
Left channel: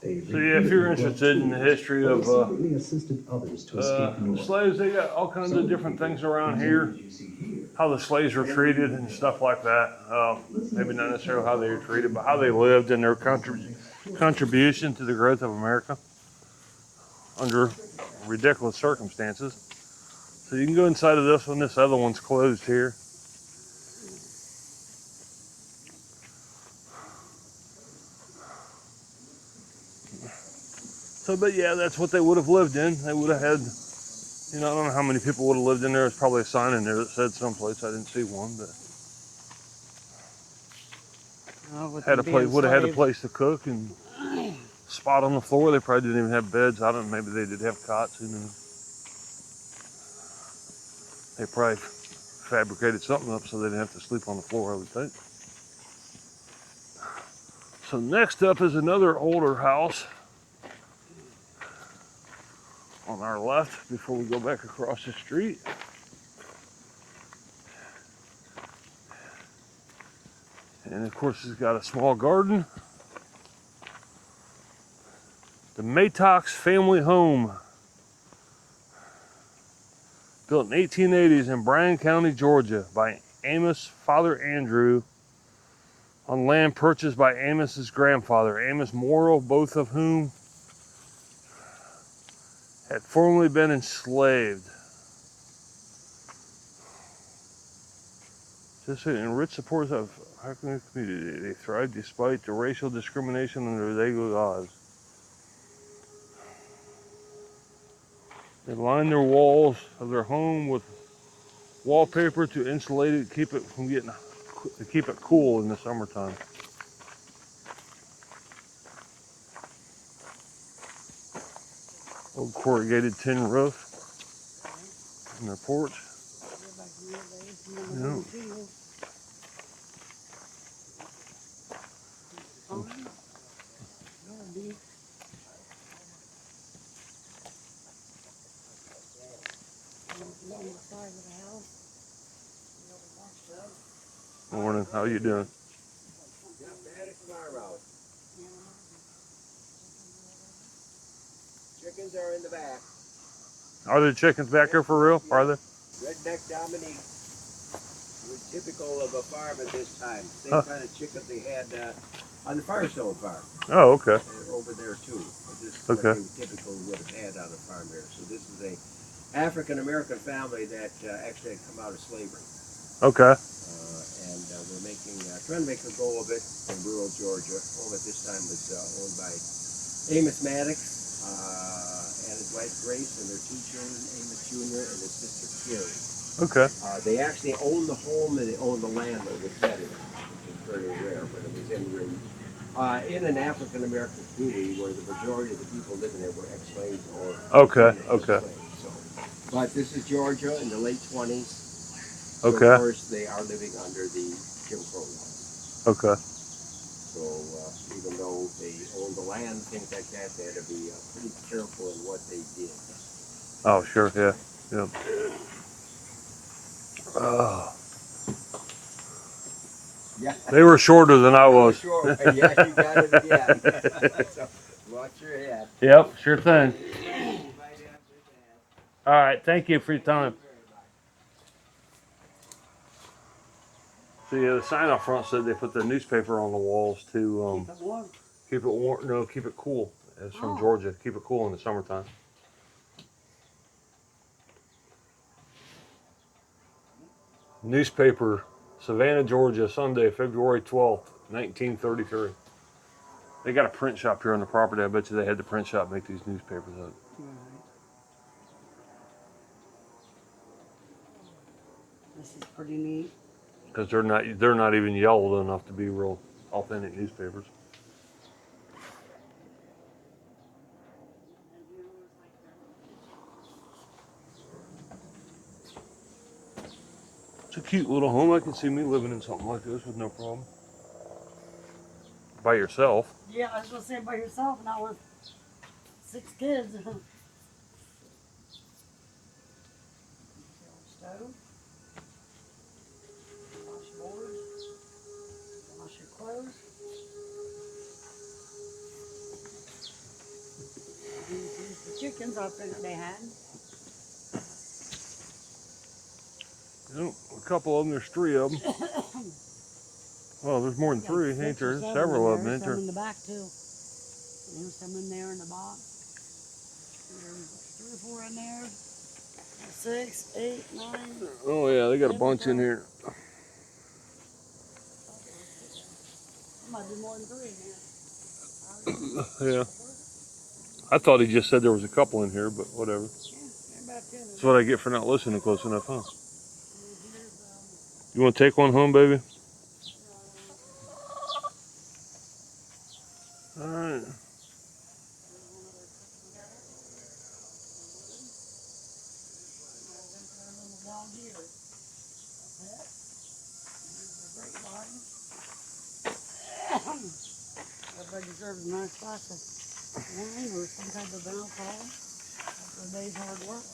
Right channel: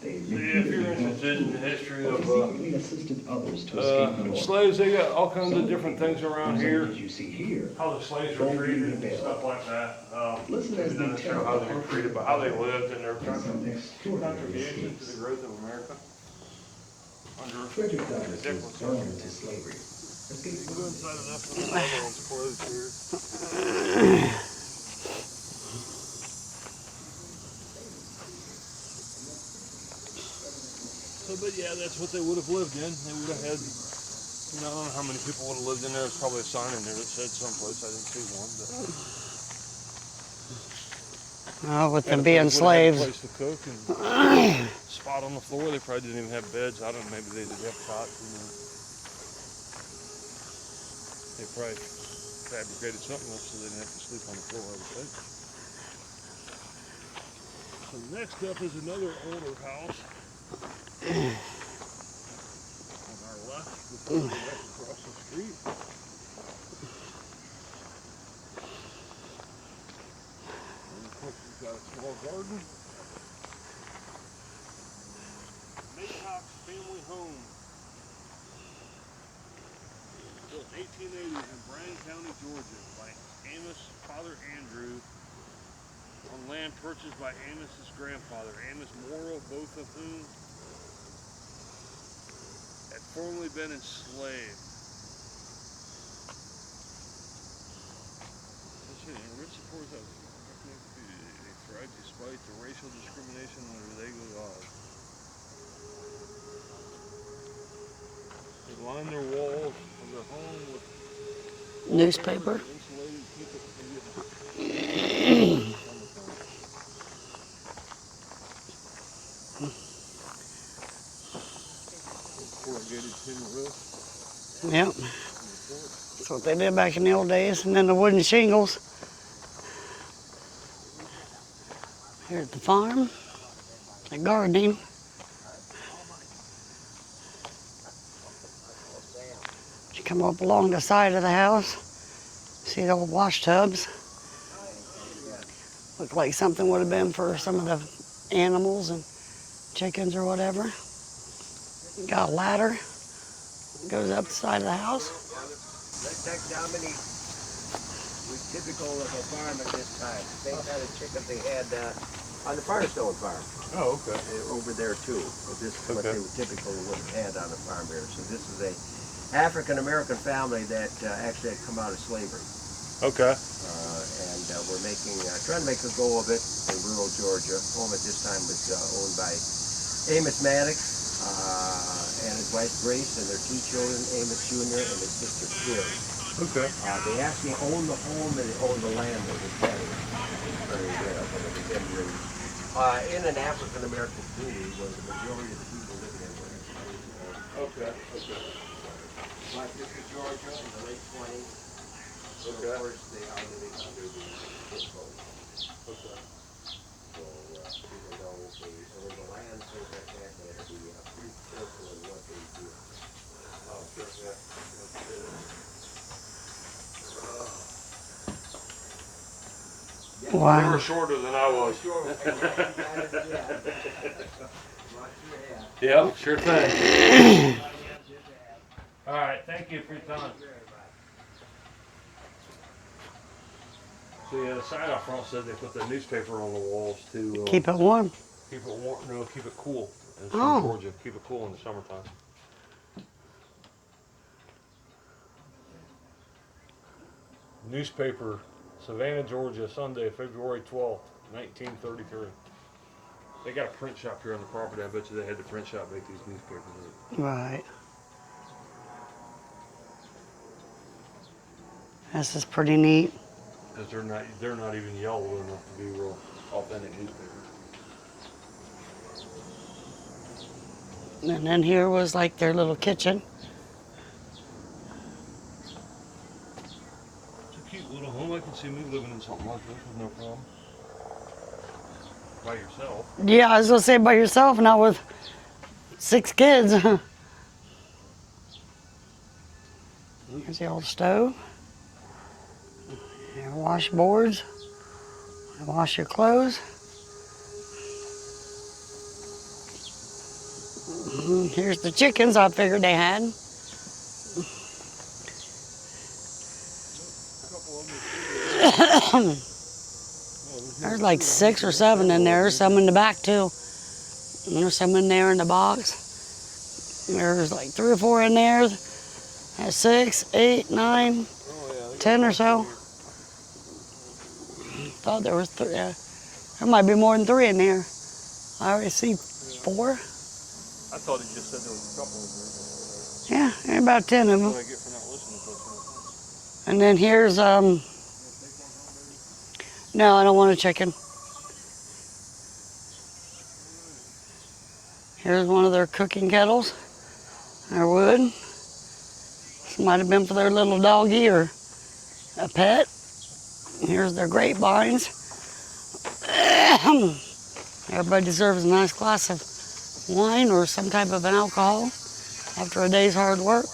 So yeah, if you're interested in the history of assisted others to escape slaves, they got all kinds of different things around here. How the slaves were treated and stuff like that. Maybe not necessarily how they were treated, but how they lived and their contribution to the growth of America under ridiculous circumstances. So you can go inside of this one. This other one's closed here. So, but yeah, that's what they would have lived in. They would have had, I don't know how many people would have lived in there. There's probably a sign in there that said someplace. I didn't see one, but with them being would have had a slaves. place to cook and spot on the floor. They probably didn't even have beds. I don't know. Maybe they did have cots. They probably fabricated something up so they didn't have to sleep on the floor, I would think. So next up is another older house on our left before we go back across the street. And of course it's got a small garden. The Maddox Family Home, built in 1880s in Bryan County, Georgia by Amos' father Andrew on land purchased by Amos's grandfather, Amos Morrill, both of whom had formerly been enslaved. This enriched supporters of African community. They thrived despite the racial discrimination under legal laws. They lined their walls of their home with wallpaper to insulate it, keep it from getting hot, to keep it cool in the summertime. Old corrugated tin roof. Yep. And their porch. That's what they did back in the old days. And then the wooden shingles. Here at the farm. The gardening. You come up along the side of the house. See the old wash tubs. Morning, how you doing? Look like something would have been for some of the animals and chickens or whatever. Got a ladder. Are the chickens back here for real? Are they? Redneck Dominique was typical of a farm at this time. Same kind of chicken they had on the Firestone farm. Oh, okay. Over there too. But this is what they typically would have had on the farm here. So this is a African American family that actually had come out of slavery. Okay. And we're trying to make a go of it in rural Georgia. Home at this time was owned by Amos Maddox and his wife Grace and their 2 children, Amos Jr. and his sister Carrie. Okay. They actually own the home and they own the land that was very, very rare, but it was in an African American community where the majority of the people living there were enslaved or. Okay. Okay. But this is Georgia in the late 20s. So Okay. of course they are living under the Jim Crow. Okay. So even though they own the land, things like that, they had to be pretty careful in what they did. Oh, sure. Yeah. Yeah. Yeah. Wow. They were shorter than I was. Sure. Yeah, you got it again. So, watch your head. Yep, sure thing. All right, thank you for your time. So yeah, the sign up front said they put their newspaper on the walls to Keep it warm. Keep it warm. No, keep it cool. That's Oh. from Georgia. Keep it cool in the summertime. Newspaper, Savannah, Georgia, Sunday, February 12th, 1933. They got a print shop here on the property. I bet you they had the print shop make these newspapers up. Right. This is pretty neat. Because they're not even yellowed enough to be real authentic newspapers. And then here was like their little kitchen. It's a cute little home. I can see me living in something like this with no problem. By yourself. Yeah, I was gonna say by yourself, not with 6 kids. Here's the old stove. Your washboards. Wash your clothes. Here's the chickens I figured they had. A couple of them, there's 3 of them. Well, there's more There's than like 3. 6 or 7 in there. Some in the back too. And there's some in there in the box. There's like 3 or 4 in there. That's 6, 8, 9, Oh yeah, they got 10 a or bunch so. in here. Thought there was 3. There might be more than 3 in there. I already see 4. I thought he just said there was a couple in here, but whatever. Yeah, there are about 10 of That's them. what I get for not listening close enough, huh? And then here's You want to take one home, baby? no, I don't want a chicken. All right. Here's one of their cooking kettles. Their wood. This might have been for their little doggy or a pet. Here's their grapevines. Everybody deserves a nice glass of wine or some type of an alcohol after a day's hard work.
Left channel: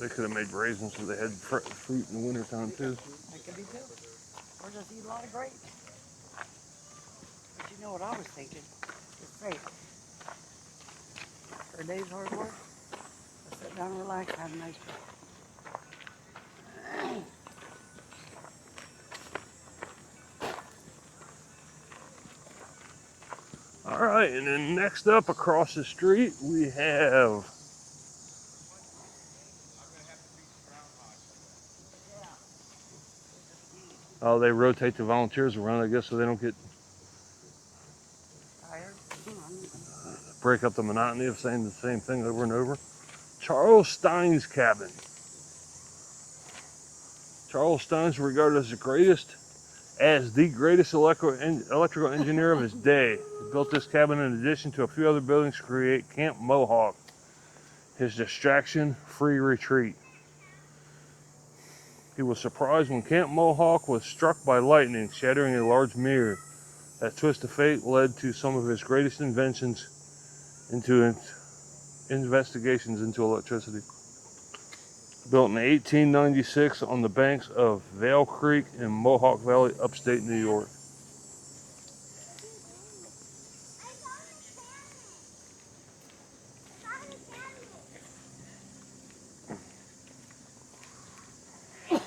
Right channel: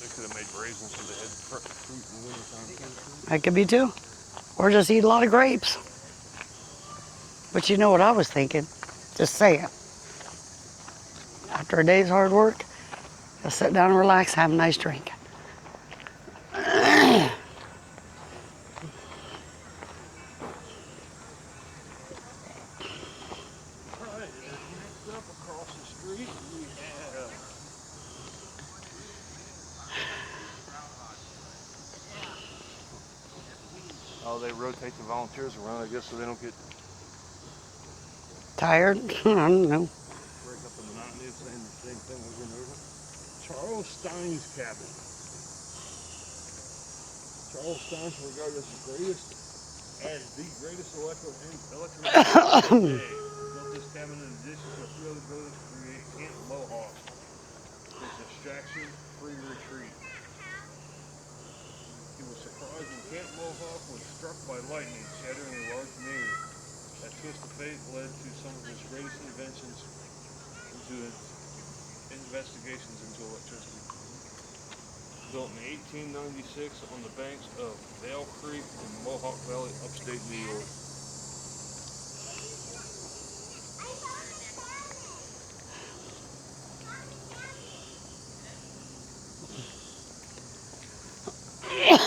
They could have made raisins so they had fruit in the wintertime too. That could be too. Or just eat a lot of grapes. But you know what I was thinking? Just say it. After a day's hard work, just sit down and relax, have a nice drink. All right, and then next up across the street, we have they rotate the volunteers around, I guess, so they don't get tired. I don't know. Break up the monotony of saying the same thing over and over. Charles Stein's cabin. Charles Stein's regarded as the greatest electrical engineer of his day. He built this cabin in addition to a few other buildings to create Camp Mohawk, his distraction-free retreat. He was surprised when Camp Mohawk was struck by lightning, shattering a large mirror. That twist of fate led to some of his greatest inventions into investigations into electricity. Built in 1896 on the banks of Vale Creek in Mohawk Valley, upstate New York.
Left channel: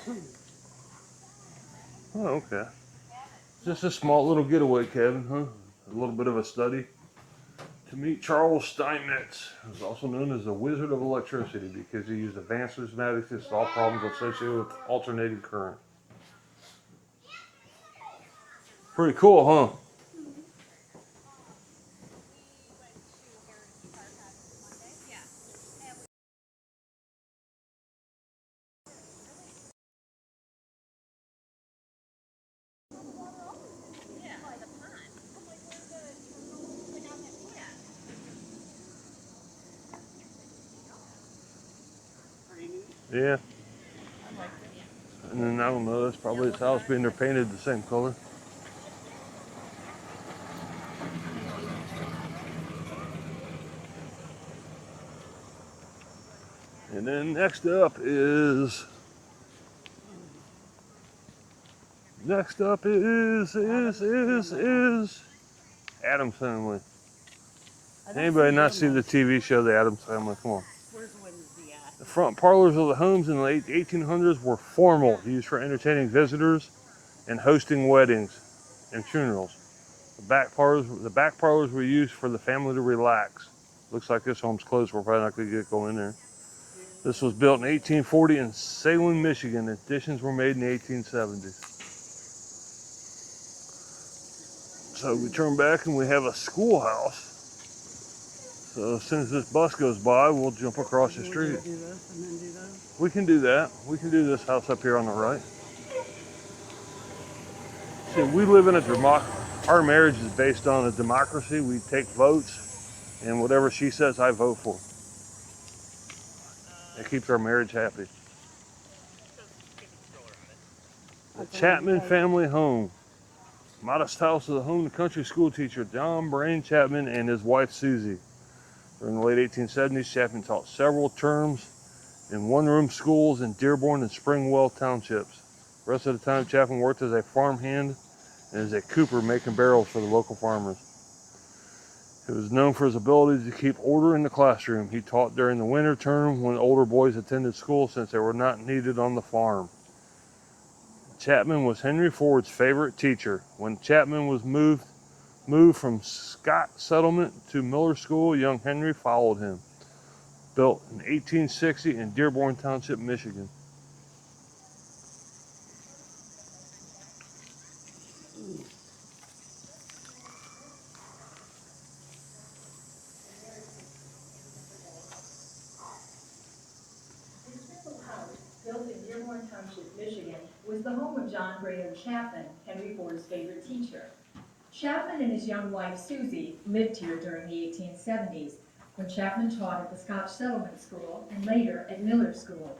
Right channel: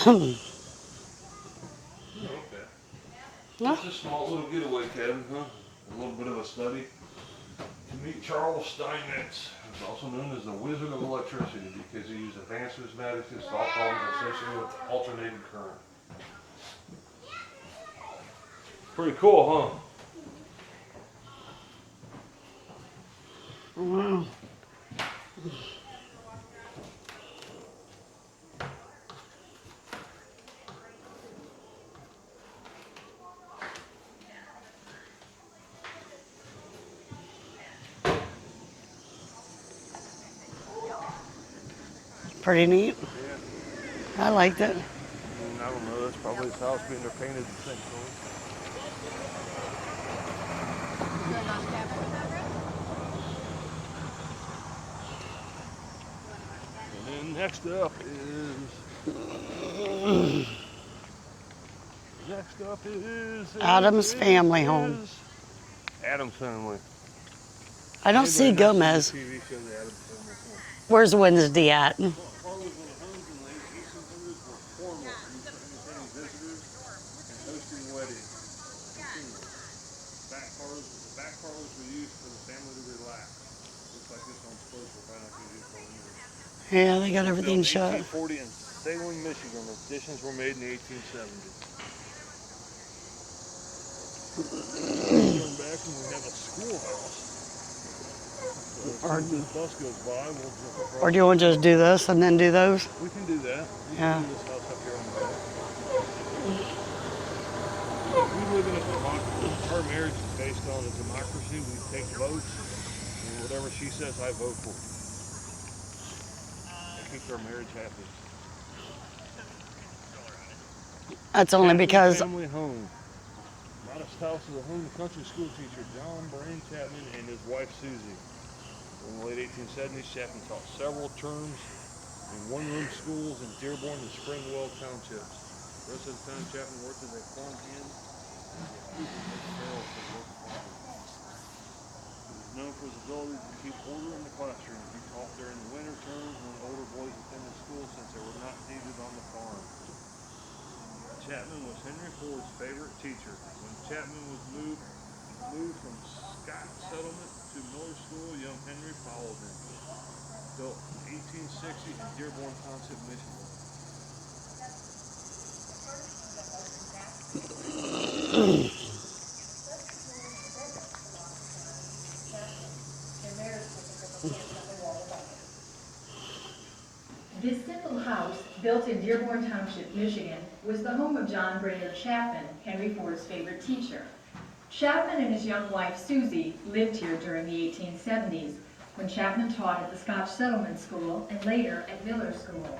Oh, okay. Just a small little getaway cabin, huh? A little bit of a study. Meet Charles Steinmetz, who's also known as the Wizard of Electricity because he used advanced mathematics to solve problems associated with alternating current. Pretty cool, huh? Wow. Pretty neat. Yeah. I liked it. And then I don't know, that's probably his house being they're painted the same color. And then next up is Adams Family Home. Adams Family. I don't Anybody see not Gomez. seen the TV show The Adams Family? Come on. Where's Wednesday at? Front parlors of the homes in the late 1800s were formal, used for entertaining visitors and hosting weddings and funerals. The back parlors were used for the family to relax. Looks like this home's closed. We're probably not going to go in there. Yeah, they This got was built everything in shut. 1840 in Salem, Michigan. Additions were made in 1870. So we turn back and we have a schoolhouse. So as soon as this bus goes by, we'll jump across. Or do you want to just do this and then do those? We can do that. We can Yeah. do this house up here on the right. So we live in a democracy. Our marriage is based on a democracy. We take votes, and whatever she says, I vote for. It keeps our marriage happy. That's only Chapman because Family Home. Modest house of the home and country school teacher John Brain Chapman and his wife Susie. During the late 1870s, Chapman taught several terms in one-room schools in Dearborn and Springwell townships. The rest of the time, Chapman worked as a farmhand and as a cooper making barrels for the local farmers. He was known for his ability to keep order in the classroom. He taught during the winter term when older boys attended school since they were not needed on the farm. Chapman was Henry Ford's favorite teacher. When Chapman was moved from Scott Settlement to Miller School, young Henry followed him. Built in 1860 in Dearborn Township, Michigan. This simple house, built in Dearborn Township, Michigan, was the home of John Brainerd Chapman, Henry Ford's favorite teacher. Chapman and his young wife, Susie, lived here during the 1870s, when Chapman taught at the Scotch Settlement School and later at Miller School.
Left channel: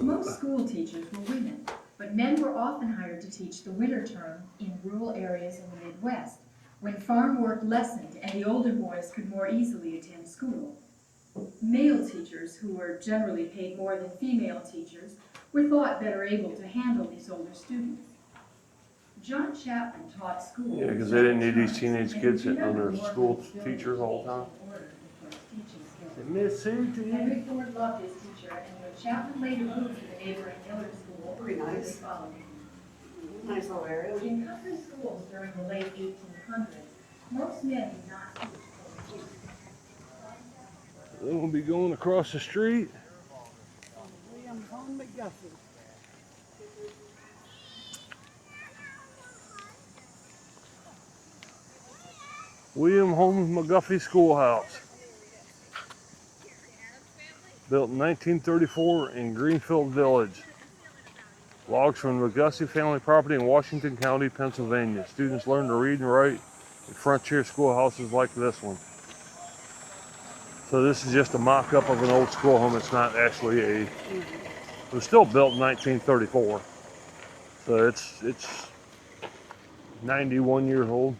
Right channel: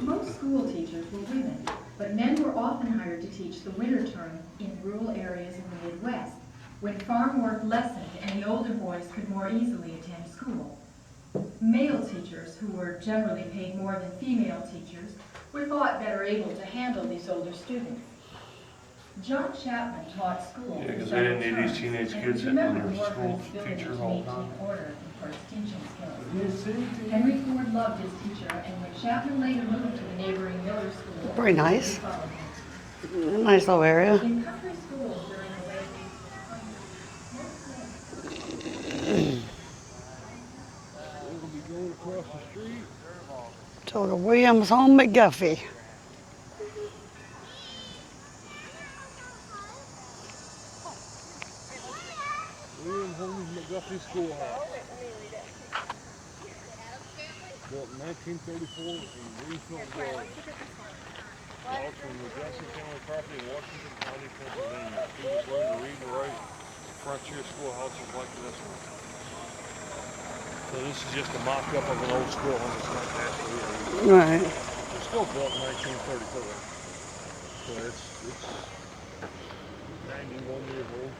Most school teachers were women, but men were often hired to teach the winter term in rural areas in the Midwest, when farm work lessened and the older boys could more easily attend school. Male teachers, who were generally paid more than female teachers, were thought better able to handle these older students. John Chapman taught school. Yeah, because they didn't need these teenage kids sitting under school teachers all the time. Henry Ford loved his teacher, and when Chapman later moved to the neighboring Miller School, very nice. Nice little area. in country schools during the late 1800s, most men. We'll be going across the street to the Williams Home McGuffey. William Holmes McGuffey Schoolhouse. Built in 1934 in Greenfield Village. Logs from the McGuffey family property in Washington County, Pennsylvania. Students learn to read and write in frontier schoolhouses like this one. So this is just a mock-up of an old schoolhome. It's not actually a... Right. It was still built in 1934. So it's 91 years old.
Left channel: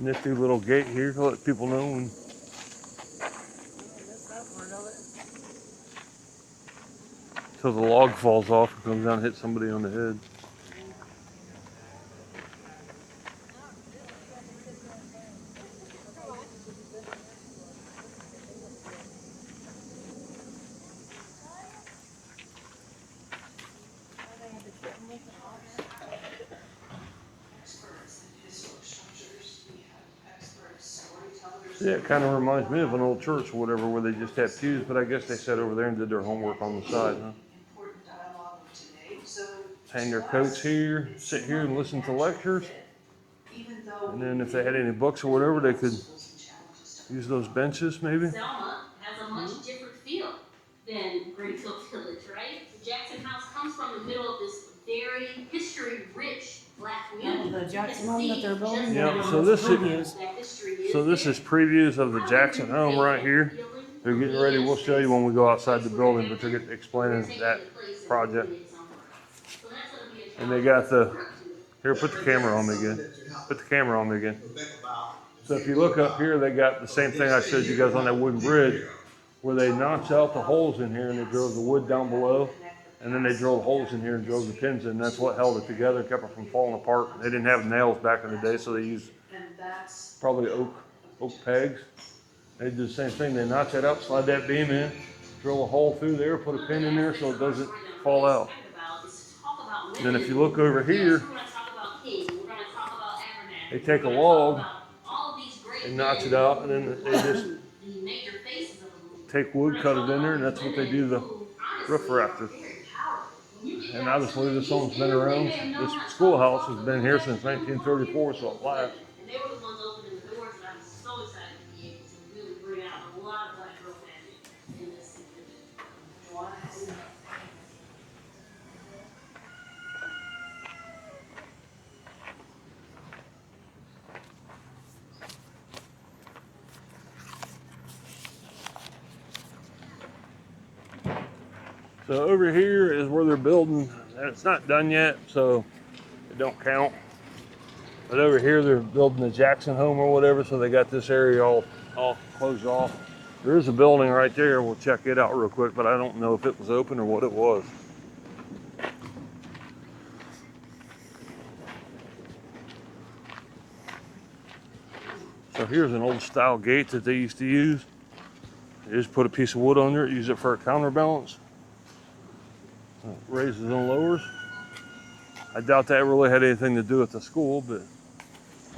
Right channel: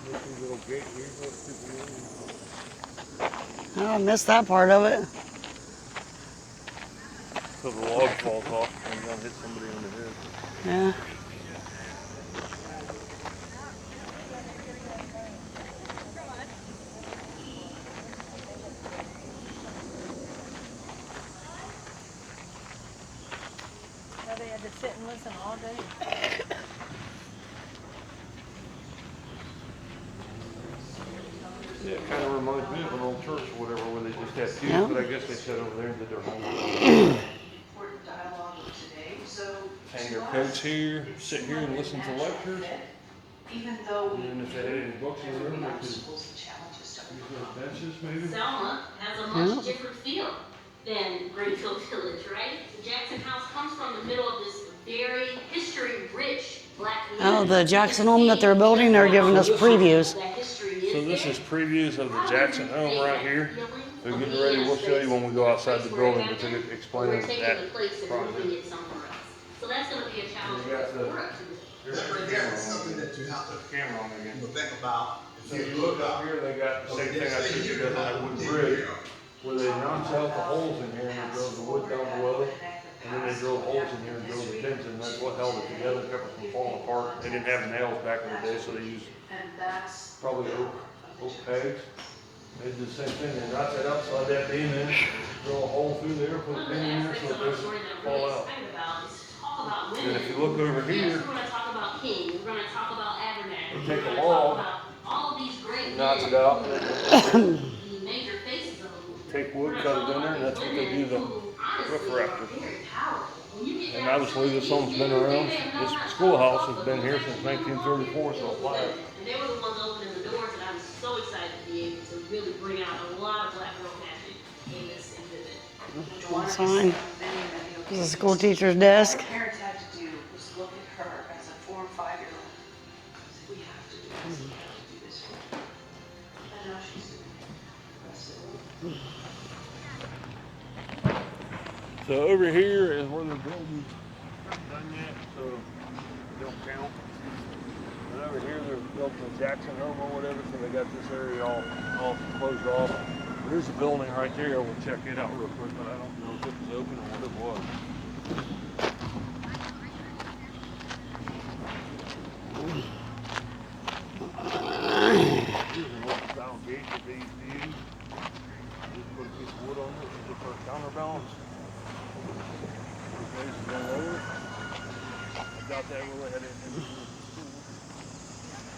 Nifty little gate here to let people know when... Oh, I missed that part of it. So the log falls off and comes down and hits somebody on the head. Yeah. They had to sit and listen all day. Yeah, it kind of reminds me of an old church or whatever where they just had pews, Yeah. but I guess they sat over there and did their homework on the side. Hang their coats here, sit here and listen to lectures. And then if they had any books or whatever, they could use those benches maybe. Selma has a much different feel than Greenfield Village, right? The Jackson House comes from the middle of this very history-rich black community. Oh, the Jackson home that they're building, they're giving us previews. So this is previews of the Jackson home right here. They're getting ready. We'll show you when we go outside the building, but they're explaining that project. And they got the, here, put the camera on me again. Put the camera on me again. So if you look up here, they got the same thing I showed you guys on that wooden bridge, where they notched out the holes in here and they drilled the wood down below. And then they drilled holes in here and drove the pins in. That's what held it together, kept it from falling apart. They didn't have nails back in the day, so they used probably oak pegs. They did the same thing. They notch it up, slide that beam in, drill a hole through there, put a pin in there so it doesn't fall out. And then if you look over here, they take a log and notch it out, and then they just take wood, cut it in there, and that's what they do the roof rafters. And obviously this home's been around, this schoolhouse has been here since 1934, so it lasts. And they were the ones opening the doors, and I was so excited to be able to really bring out a lot of black girl magic in this exhibit. Sign. This is a school teacher's desk. Parents had to do was look at her as a 4 and 5-year-old. We have to do this. I know she's So over here is where they're building, and it's not done yet, so it don't count. But over here they're building the Jackson home or whatever, so they got this area all closed off. There's a building right there, we'll check it out real quick, but I don't know if it was open or what it was. So here's an old style gate that they used to use. You just put a piece of wood under it, use it for a counterbalance. It raises and lowers. I doubt that really had anything to do with the school, but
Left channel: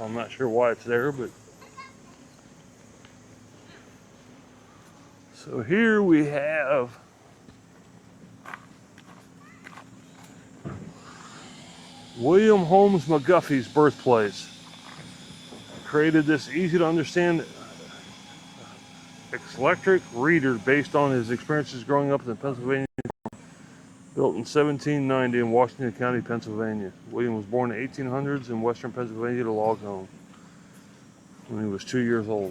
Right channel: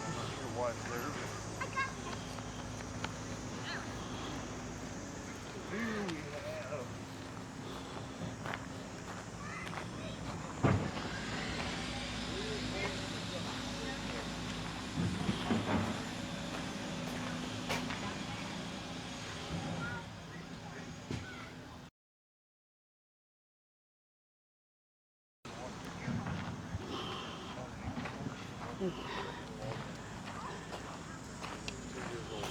I'm not sure why it's there. But so here we have William Holmes McGuffey's birthplace. Created this easy to understand electric reader based on his experiences growing up in Pennsylvania. Built in 1790 in Washington County, Pennsylvania. William was born in the 1800s in western Pennsylvania to log home when he was 2 years old.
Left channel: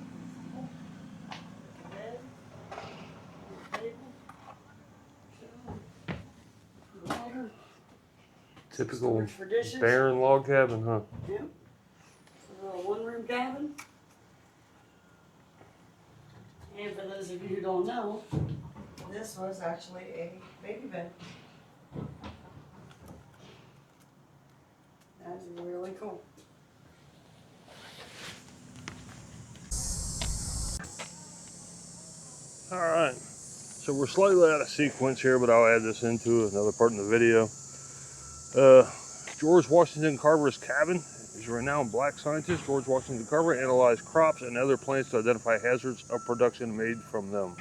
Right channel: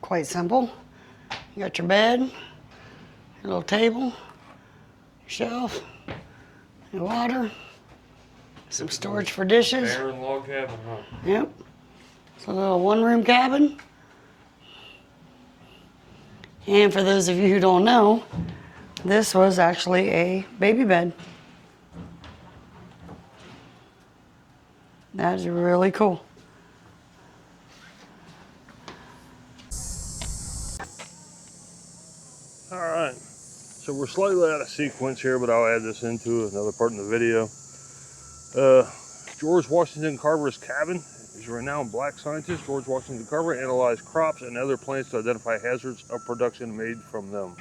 Quite simple. You got your bed, your little table, shelf, your water, some storage for dishes. Barren log cabin, huh? Yep. It's a little one-room cabin. And for those of you who don't know, this was actually a baby bed. That is really cool. All right, so we're slightly out of sequence here, but I'll add this into another part in the video. George Washington Carver's cabin is a renowned black scientist. George Washington Carver analyzed crops and other plants to identify hazards of production made from them.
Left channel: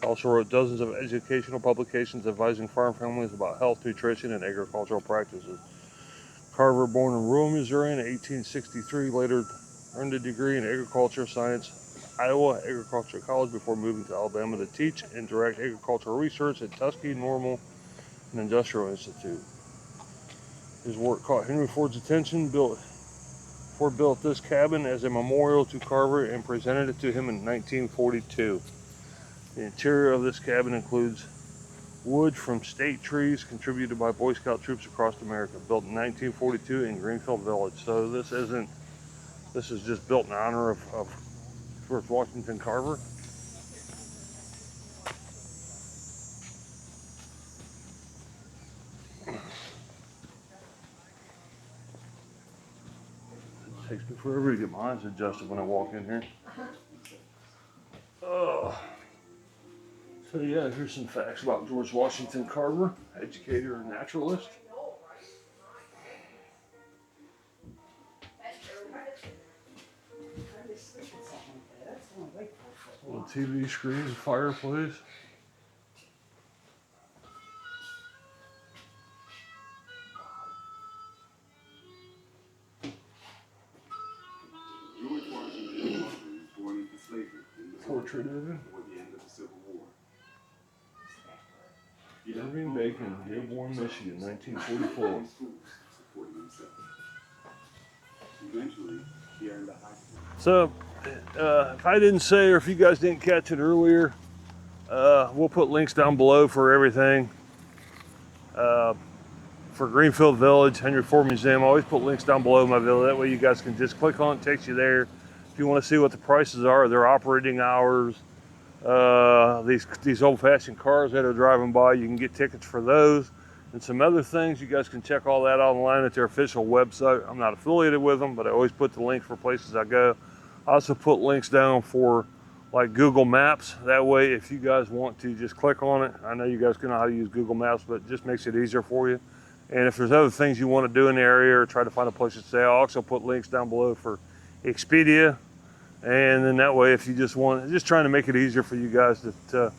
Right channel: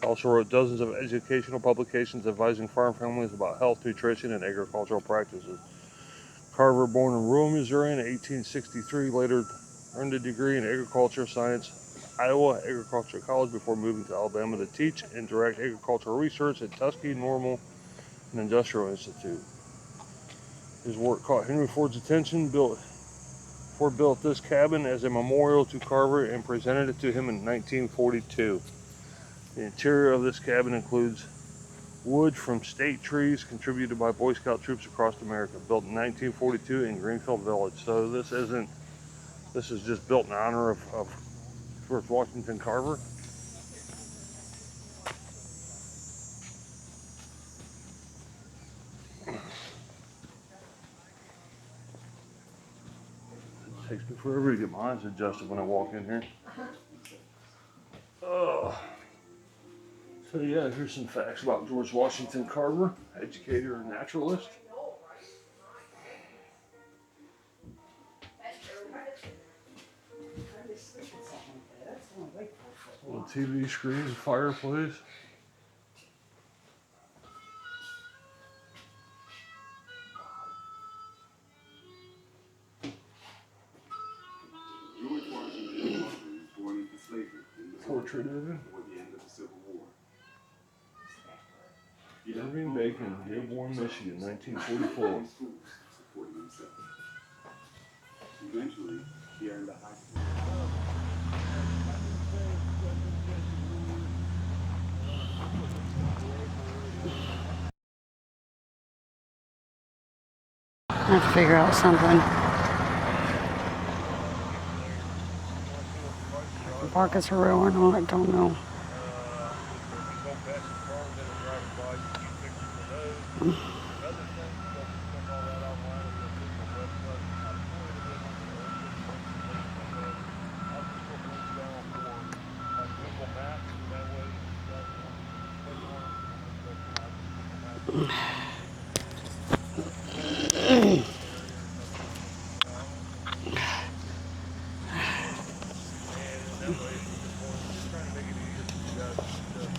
He also wrote dozens of educational publications advising farm families about health, nutrition, and agricultural practices. Carver, born in rural Missouri in 1863, later earned a degree in agriculture science Iowa Agricultural College before moving to Alabama to teach and direct agricultural research at Tuskegee Normal and Industrial Institute. His work caught Henry Ford's attention. Ford built this cabin as a memorial to Carver and presented it to him in 1942. The interior of this cabin includes wood from state trees contributed by Boy Scout troops across America, built in 1942 in Greenfield Village. So this is just built in honor of George Washington Carver. Before everybody get my eyes adjusted when I walk in here. Oh. So yeah, here's some facts about George Washington Carver, educator and naturalist. Little TV screen, fireplace. George Washington was born into slavery in the Portrait of him. before the end of the Civil War. Irving Bacon, Dearborn, Michigan, 1944. Supporting himself. Eventually, he earned a high school. So, if I didn't say, or if you guys didn't catch it earlier, we'll put links down below for everything. For Greenfield Village, Henry Ford Museum, always put links down below my video. That way you guys can just click on it, takes you there. If you want to see what the prices are, their operating hours, these old-fashioned cars that are driving by, you can get tickets for those. And some other things, you guys can check all that online at their official website. I'm not affiliated with them, but I always put the link for places I go. I also put links down for like Google Maps. That way, if you guys want to just click on it, I know you guys know how to use Google Maps, but it just makes it easier for you. And if there's other things you want to do in the area or try to find a place to stay, I'll also put links down below for Expedia. And then that way, if you just want, just trying to make it easier for you guys just to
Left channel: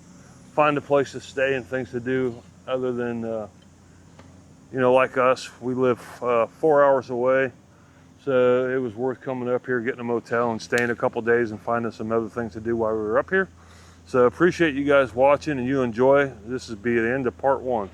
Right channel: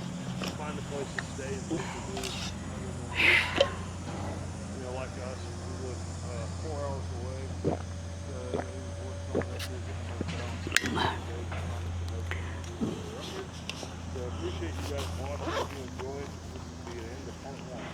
find a place to stay and things to do other than, you know, like us, we live 4 hours away. So it was worth coming up here, getting a motel and staying a couple days and finding some other things to do while we were up here. So appreciate you guys watching and you enjoy. This will be the end of part 1.